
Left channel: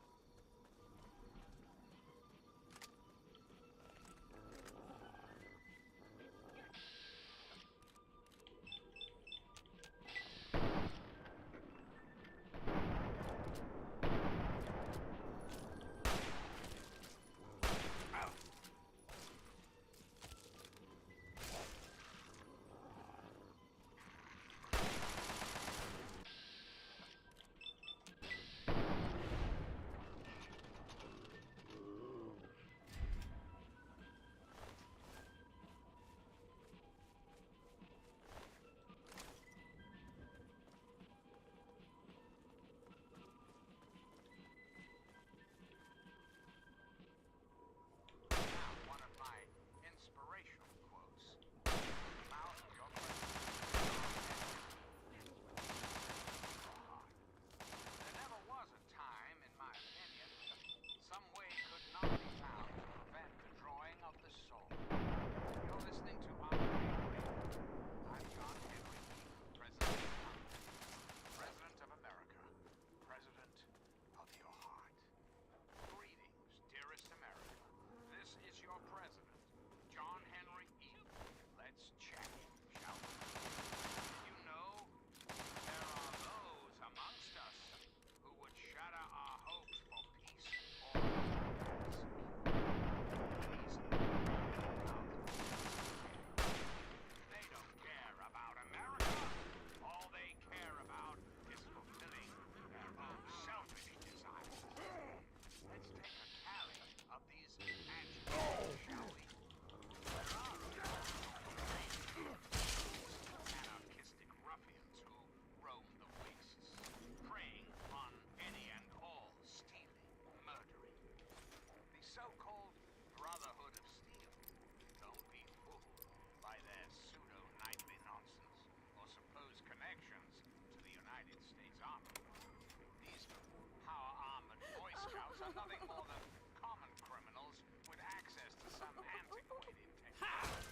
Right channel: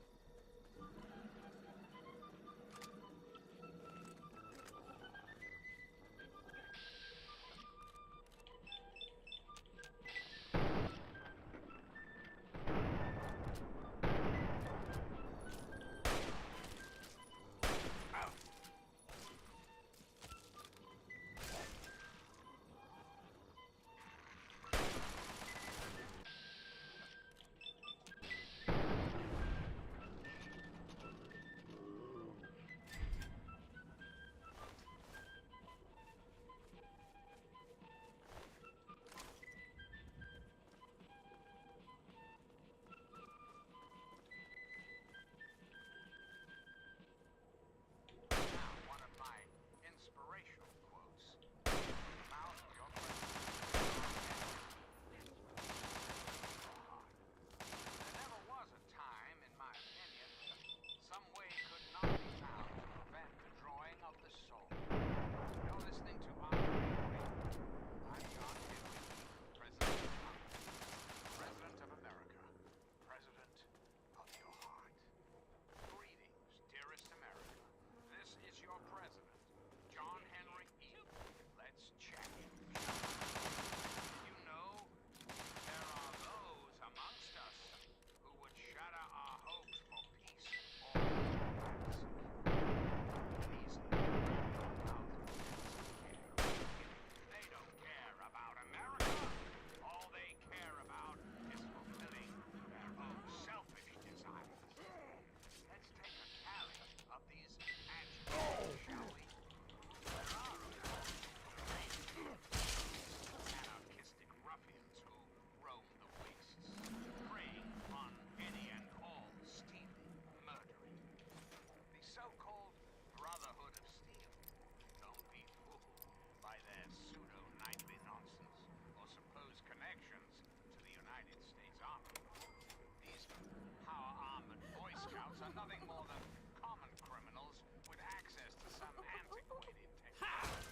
Now, one of my inspirational quotes. The mouth of your There never was a time, in my opinion, some way could not be found to prevent the drawing of the soul. You're listening to Enclave Radio. I'm John Henry, President of Congress, President of America, President of your heart. Greetings, dearest America. This is your president, John Henry Eden. Let's chat, shall we? You know, there are those amongst us who would shatter our hopes for peace, order, and security. They don't care about America. All they care about is fulfilling their own selfish desires. Let's take a tally of these adjectives, shall we? There are, of course, anarchistic ruffians who roam the wastes, preying on any and all stealing, murdering. The so-called Brotherhood of Steel. Don't be fooled by their pseudo-knightly nonsense or supposed connections to the United States Army. These power-armored Boy Scouts are nothing more than common criminals with access to some antiquated technology.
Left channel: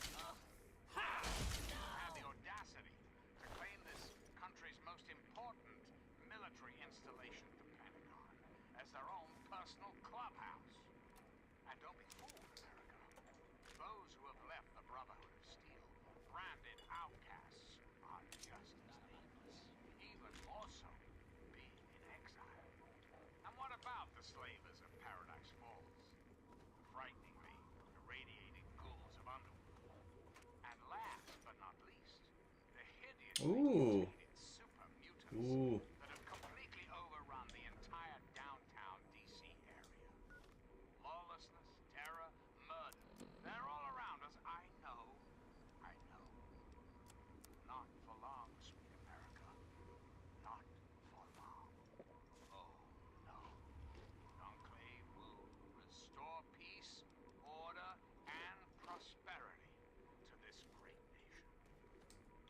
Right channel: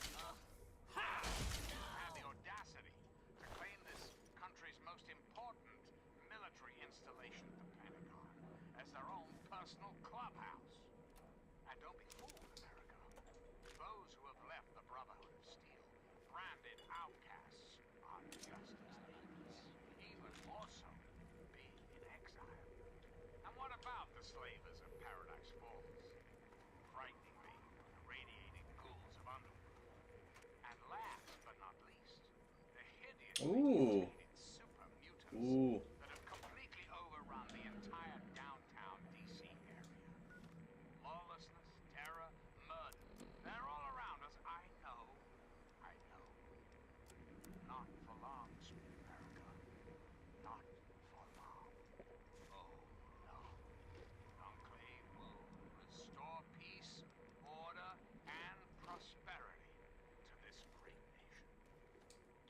Have the audacity to claim this country's most important military installation, the Pentagon, as their own personal clubhouse. And don't be fooled, America. Those who have left the Brotherhood of Steel, branded outcasts, are just as dangerous, even more so, being in exile. And what about the slavers of Paradise Falls? Frighteningly irradiated ghouls of underworld. And last but not least, the hideously Ooh. mutated super mutants Ooh. that have completely overrun the entire downtown DC area. Lawlessness, terror, murder. They're all around us. I know. Not for long, sweet America. Not for long. Oh, no. Enclave will restore peace, order, and prosperity to this great nation.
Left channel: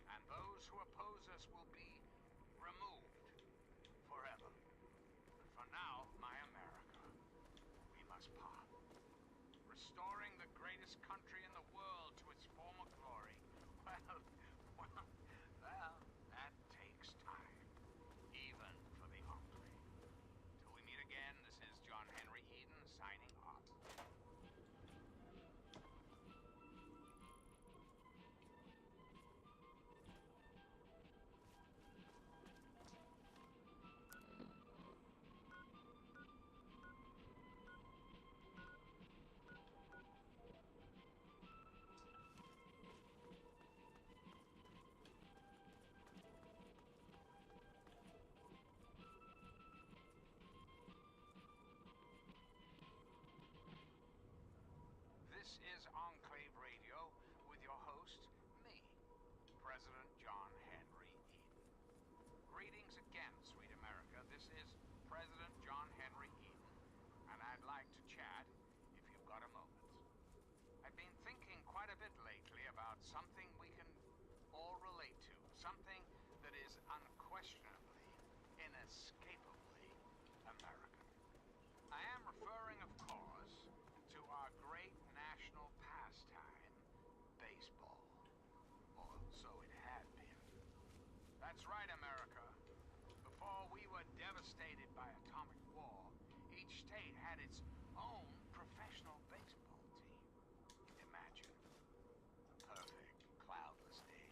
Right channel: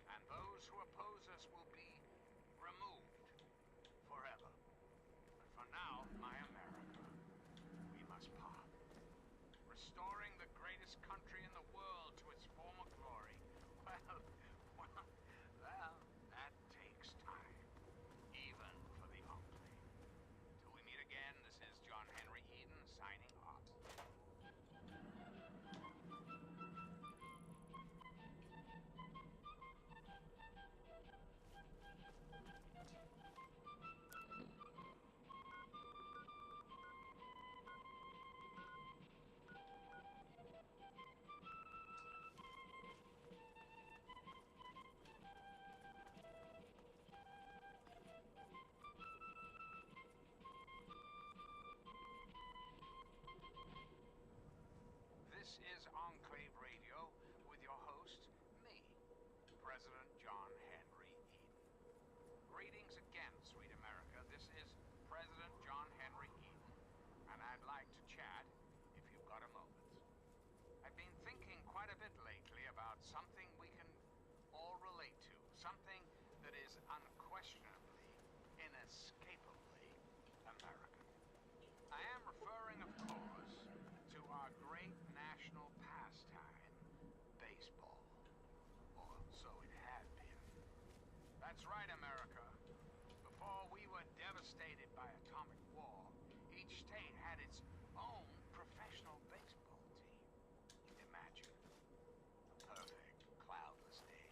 And those who oppose us will be removed us, Pa. Restoring the greatest country in the world to its former glory. Well, that takes time. Even for the Enclave. Till we meet again, this is John Henry Eden signing off. This is Enclave Radio with your host, me, President John Henry Eden. Greetings again, sweet America. This is President John Henry Eden, and I'd like to chat if you've got a moment. I've been thinking quite a bit lately about something we can all relate to, something that is unquestionably, inescapably American. I am referring, of course, to our great national pastime, baseball. Or so it had been. That's right, America. Before we were devastated by atomic war, each state had its own professional baseball team. Imagine a perfect, cloudless day.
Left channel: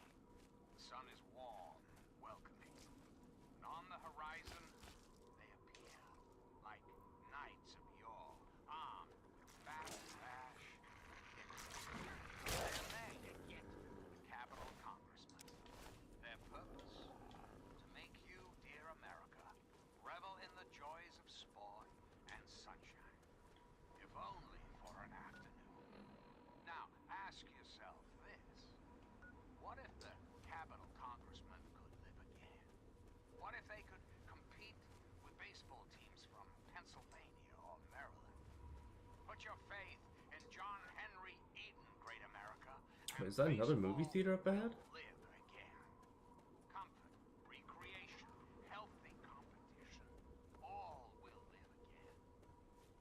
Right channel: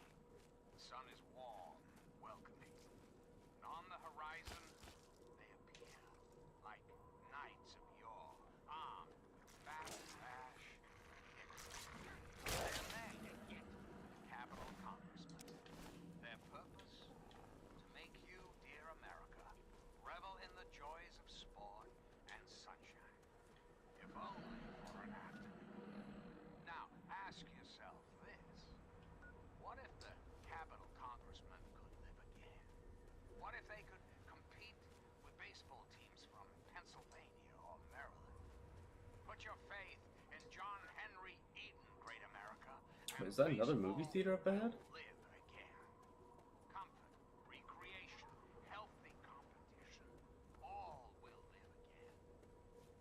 The sun is warm, welcoming. And on the horizon, they appear like knights of yore, armed with fast dash. They're there, the Capitol Congressmen. Their purpose? To make you, dear America, revel in the joys of sport and sunshine. If only for an afternoon. Now, ask yourself this. What if the Capitol Congressmen could live again? What if they could compete with baseball teams from Pennsylvania or Maryland? Put your faith in John Henry Eden, great America. Is that another movie theater up ahead? Live again. Comfort, recreation, healthy competition, all will live again.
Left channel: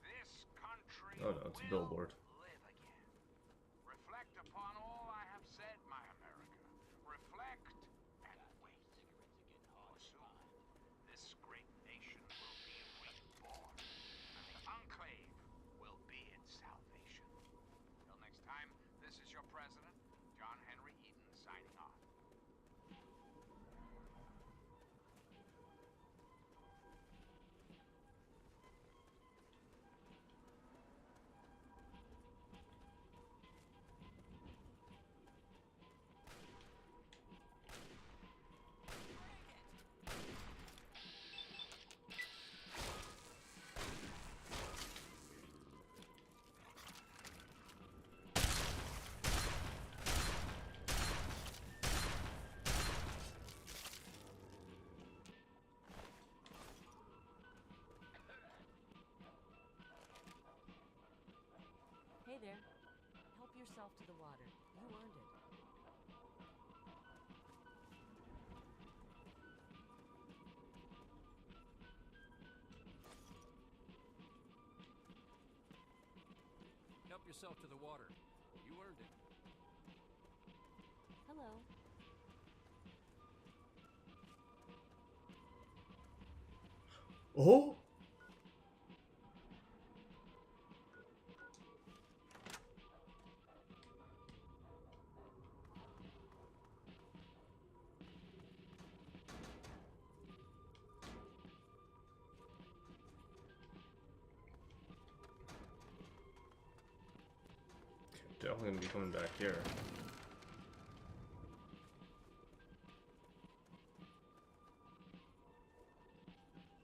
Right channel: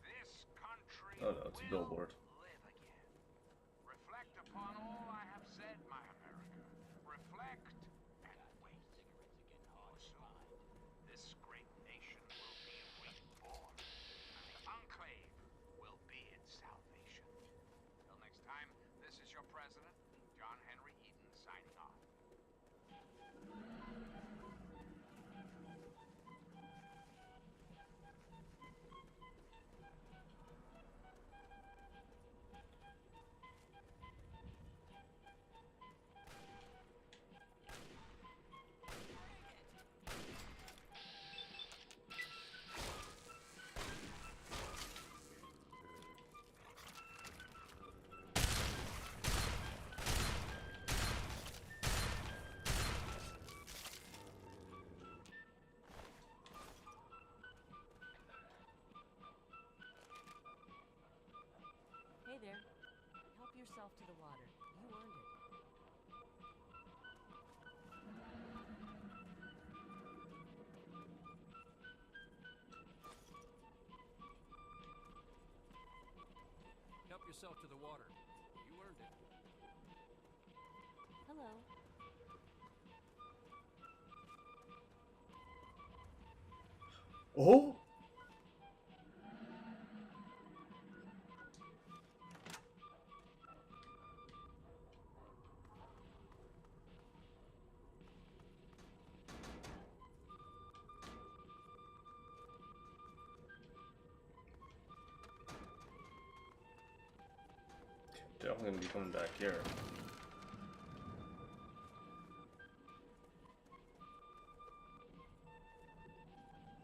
This country Oh no, it's a will billboard. live again. Reflect upon all I have said, my America. Reflect and wait. For soon, this great nation will be reborn. The Enclave will be its salvation. Till next time, this is your president, John Henry Eden, signing off. Hey there. Help yourself to the water. You earned it. Help yourself to the water. You earned it. Hello. Oh! Definitely gonna be coming back here.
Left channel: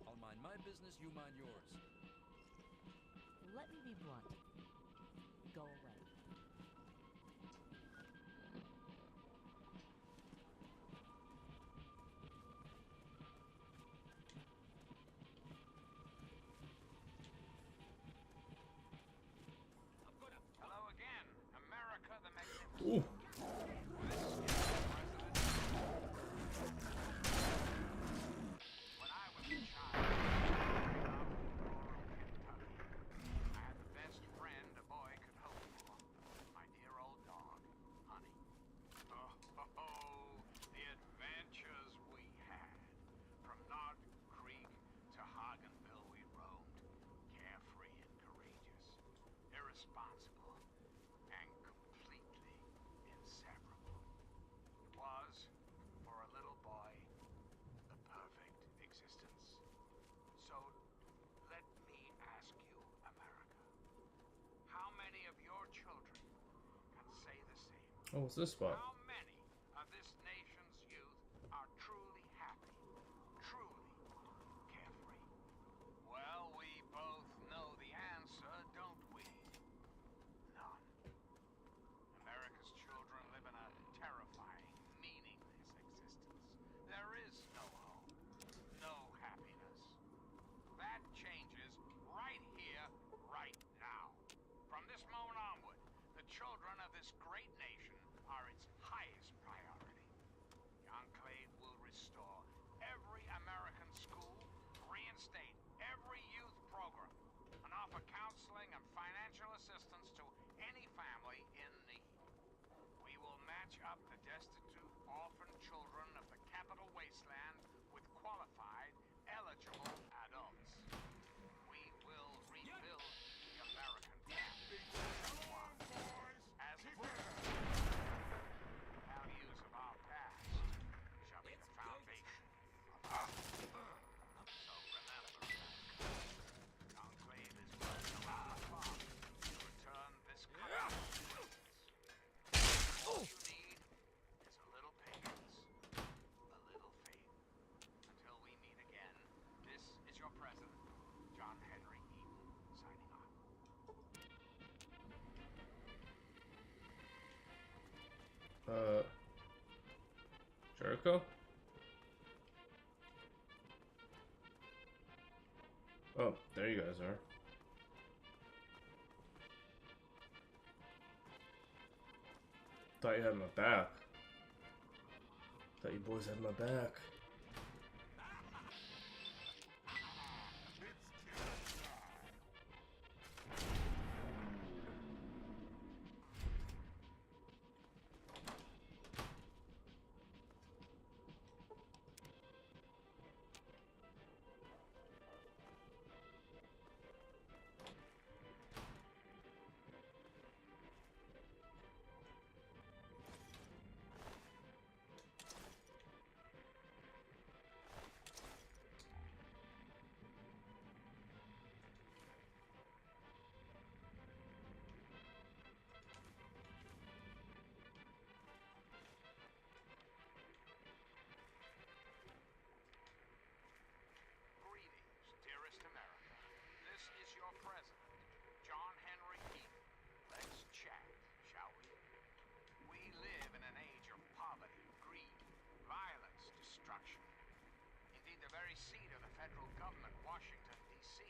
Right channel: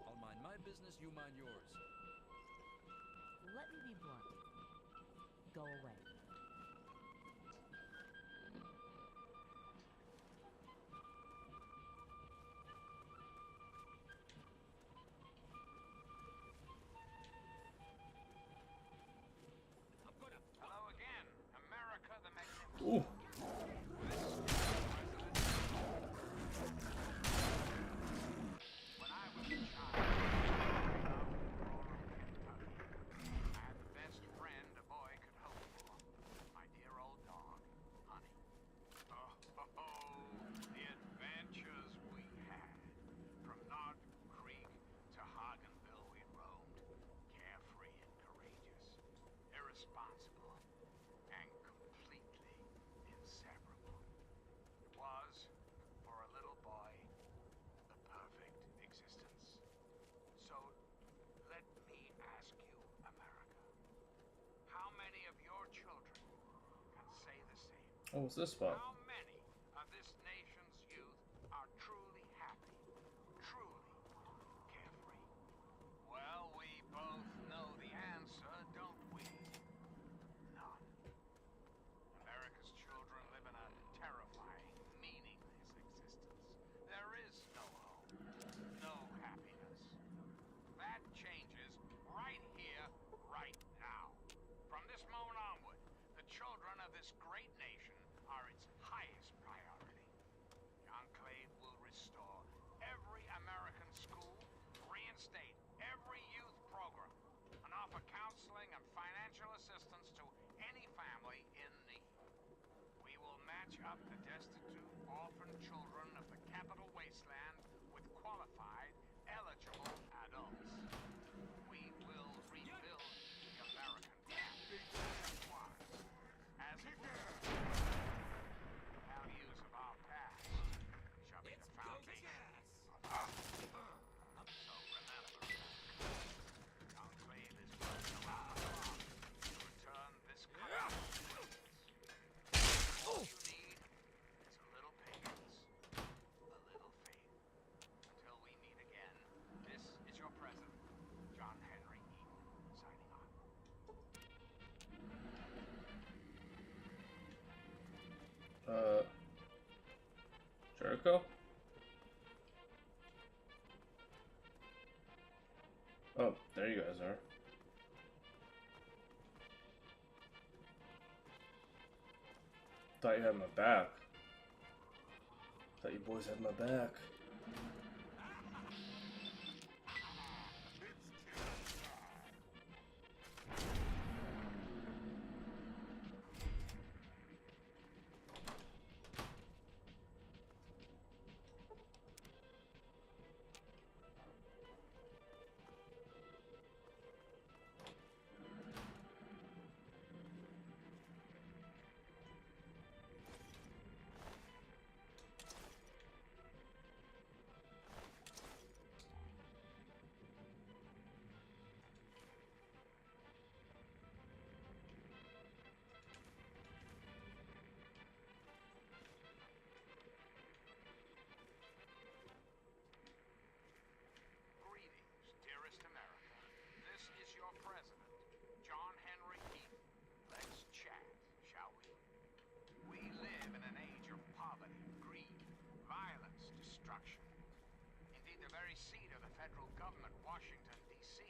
I'll mind my business, you mind yours. Let me be blunt. Go away. Hello again, America the Magnificent. Ooh. When I was a child, growing up in rural Kentucky, I had the Oh, what's this spot? How many of this nation's youth are truly happy, truly carefree? Well, we both know the answer, don't we? None. America's children live in a terrifying, meaningless existence. There is no hope, no happiness. That changes right here, right now. From this moment onward, the children of this great nation are its highest priority. The Enclave will restore every American school, reinstate every youth program, and offer counseling and financial assistance to any family in need. We will match up the destitute, orphan children of the capital wasteland with qualified, eligible adults. We will rebuild the American family. As it were. Values of our past shall be the foundation of our future. So remember, the Enclave is working around the clock to return this country to greatness. All you need is a little patience, a little faith. Until we meet again, this is your president, John Henry Eaton, signing off. Jericho? Oh, there you guys are. Thought you had my back. Thought you boys had my back. Dearest America, this is your president, John Henry Eaton. Let's chat, shall we? We live in an age of poverty, greed, violence, destruction. Indeed, the very seat of the federal government, Washington, D.C.,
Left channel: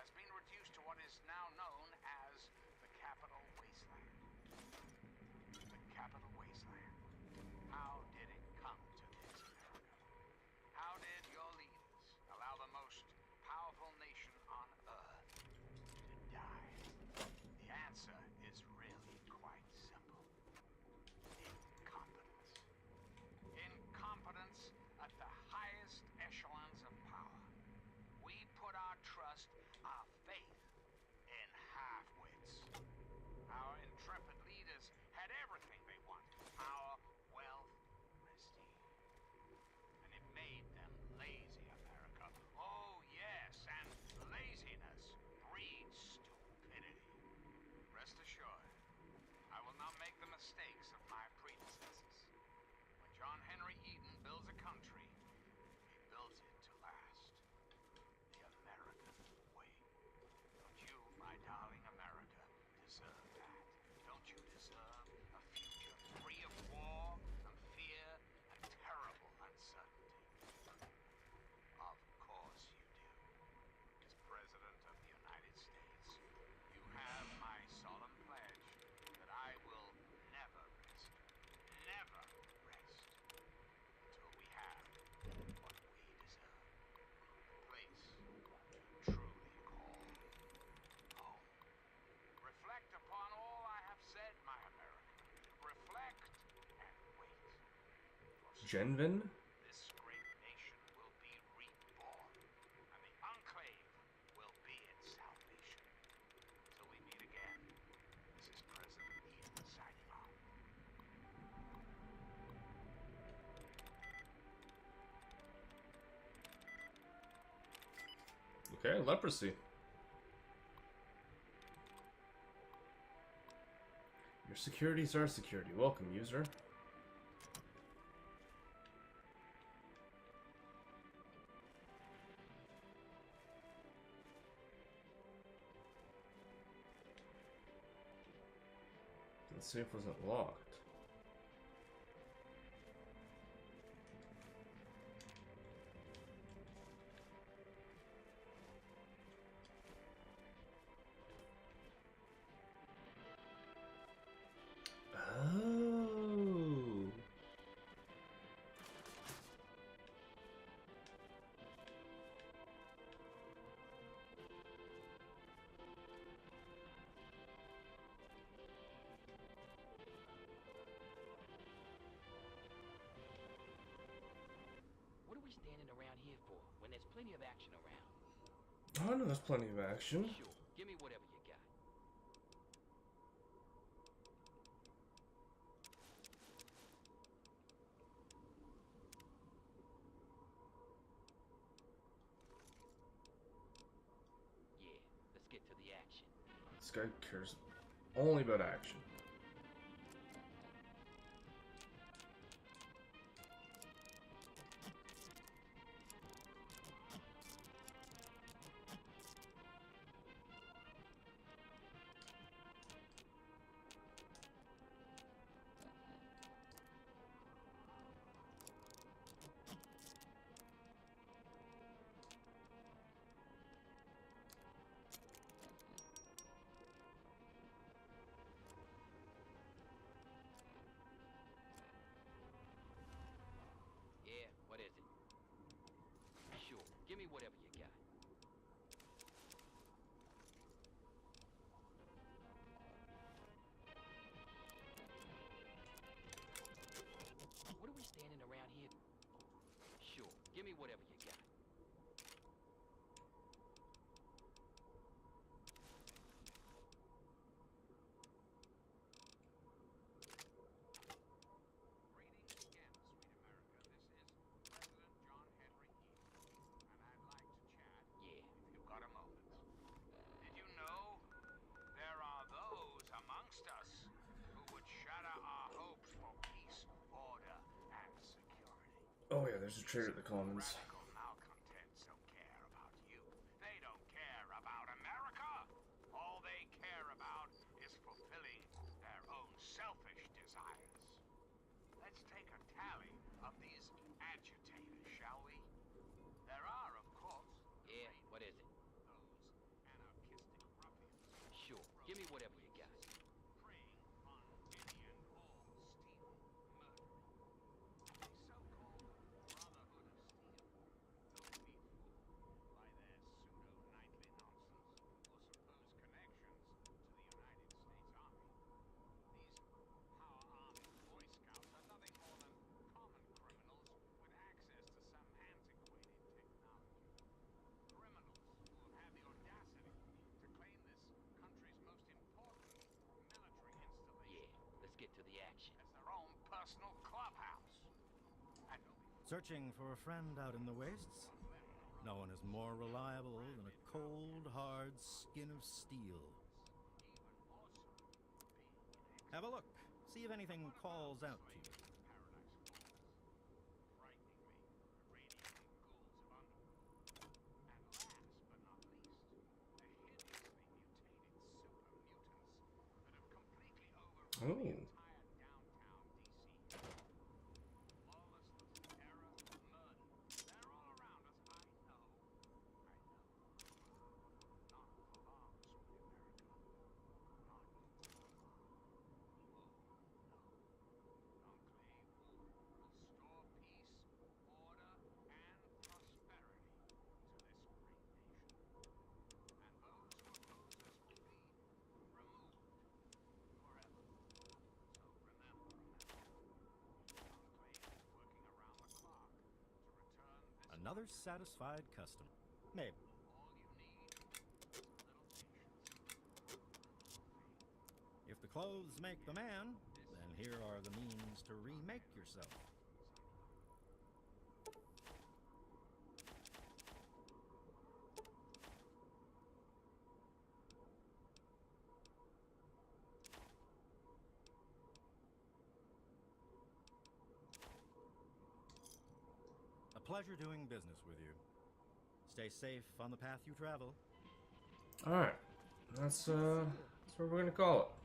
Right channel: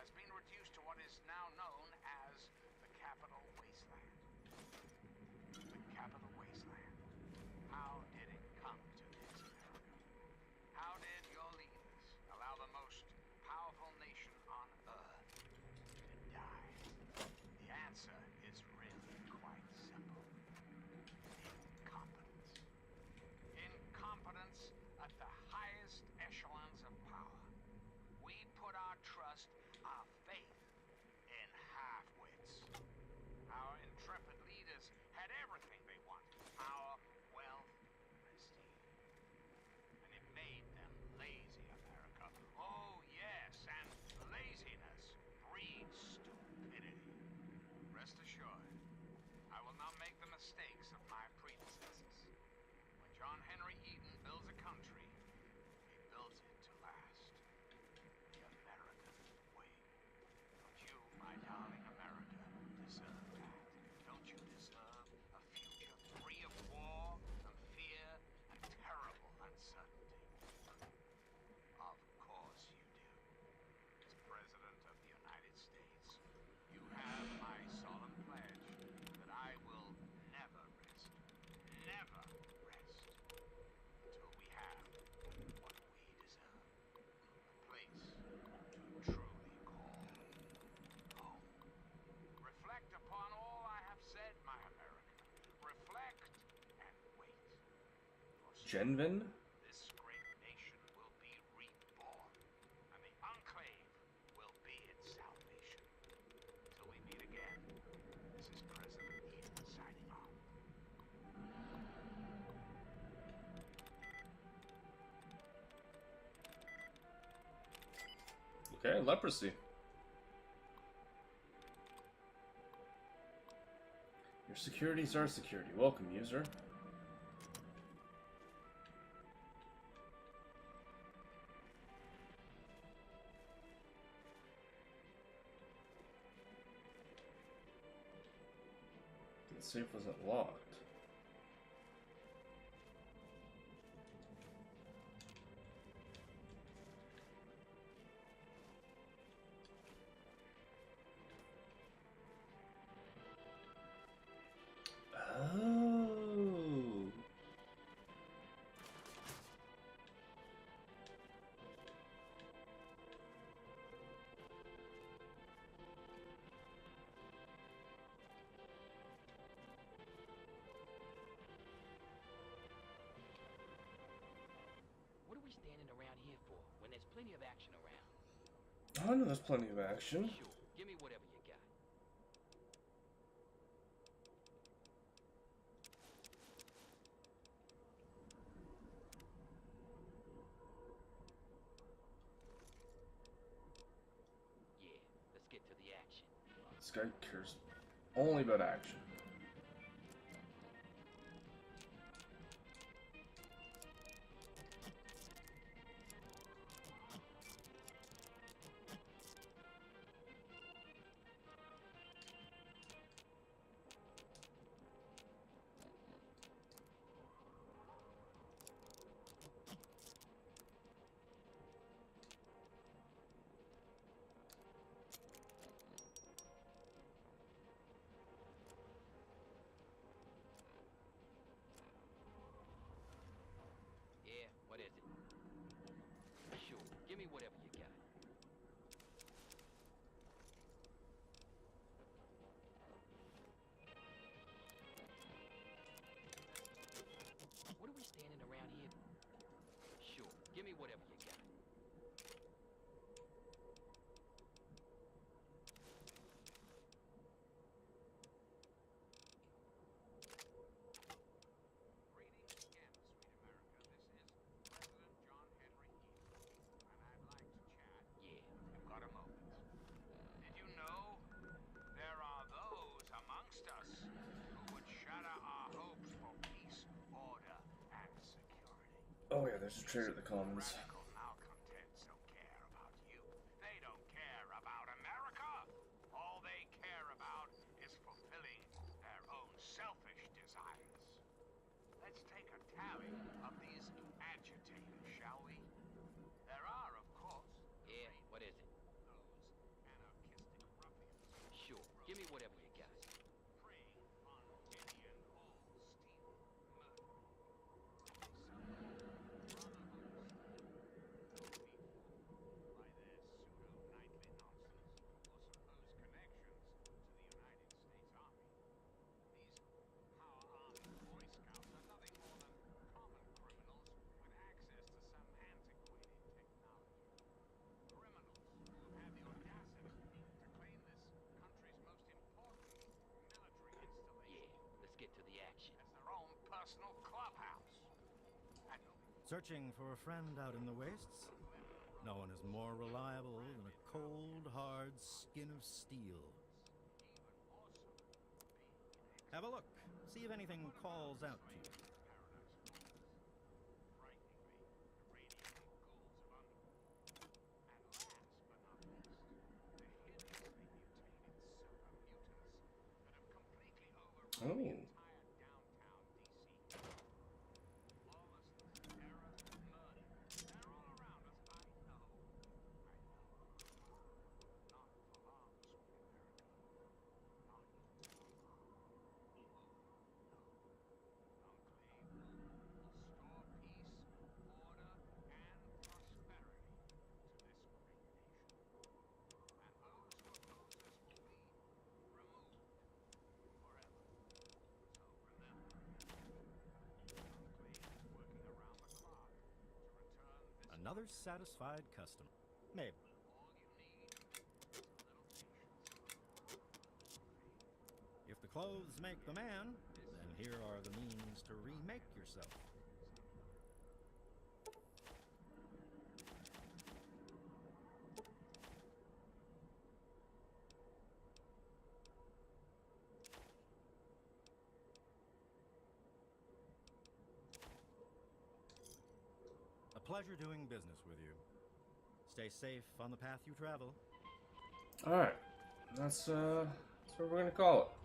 has been reduced to what is now known as the Capital Wasteland. The Capital Wasteland. How did it come to this, America? How did your leaders allow the most powerful nation on Earth to die? The answer is really quite simple. Incompetence. Incompetence at the highest echelons of power. We put our trust, our faith in half-wits. Our intrepid leaders had everything they wanted. Power, wealth, prestige. And it made them lazy, America. Oh, yes, and laziness breeds stupidity. Rest assured, I will not make the mistakes of my predecessors. When John Henry Eaton builds a country, he builds it to last. The American way. Don't you, my darling America, deserve that? Don't you deserve a future free of war and fear and terrible uncertainty? Of course you do. As President of the United States, you have my solemn pledge that I will never rest, never rest, until we have what we deserve. A place to truly call home. Reflect upon all I have said, my America. Reflect and wait. For Genvin? this great nation will be reborn, and the Enclave will be its salvation. Until we meet again, this is President Eaton signing off. Okay, leprosy. Your security's our security. Welcome, user. The safe wasn't locked. Oh. What are we standing around here for when there's plenty of action around? Oh, no, there's plenty of action. Sure, give me whatever you got. Yeah, let's get to the action. This guy cares only about action. Yeah, what is it? Sure, give me whatever you got. What are we standing around here? Sure, give me whatever you got. Greetings again, sweet America. This is President John Henry Eden, and I'd like to chat. Yeah. If you've got a moment. Did you know there are those amongst us who would shatter our hopes for peace, order, and security? Oh yeah, there's a traitor at the Commons. Radical malcontents don't care about you. They don't care about America. All they care about is fulfilling their own selfish desires. Let's take a tally of these agitators, shall we? There are, of course, Yeah, what is it? those anarchistic ruffians Sure, give me whatever you got. preying on any and all, stealing, murdering. A so-called Brotherhood of Steel. Don't be fooled by their pseudo-knightly nonsense or supposed connections to the United States Army. These Power Army Boy Scouts are nothing more than common criminals with access to some antiquated technology. Criminals who have had the audacity to claim this country's most important military installation Yeah, let's get to the action. as their own personal clubhouse. And Searching for a friend out in the wastes? No one is more reliable than a cold, hard skin of steel. Have a look. See if anything calls out to you. I mean, Another satisfied customer. Maybe. If the clothes make the man, then here are the means to remake yourself. pleasure doing business with you. Stay safe on the path you travel. Alright. That's what we're gonna call it.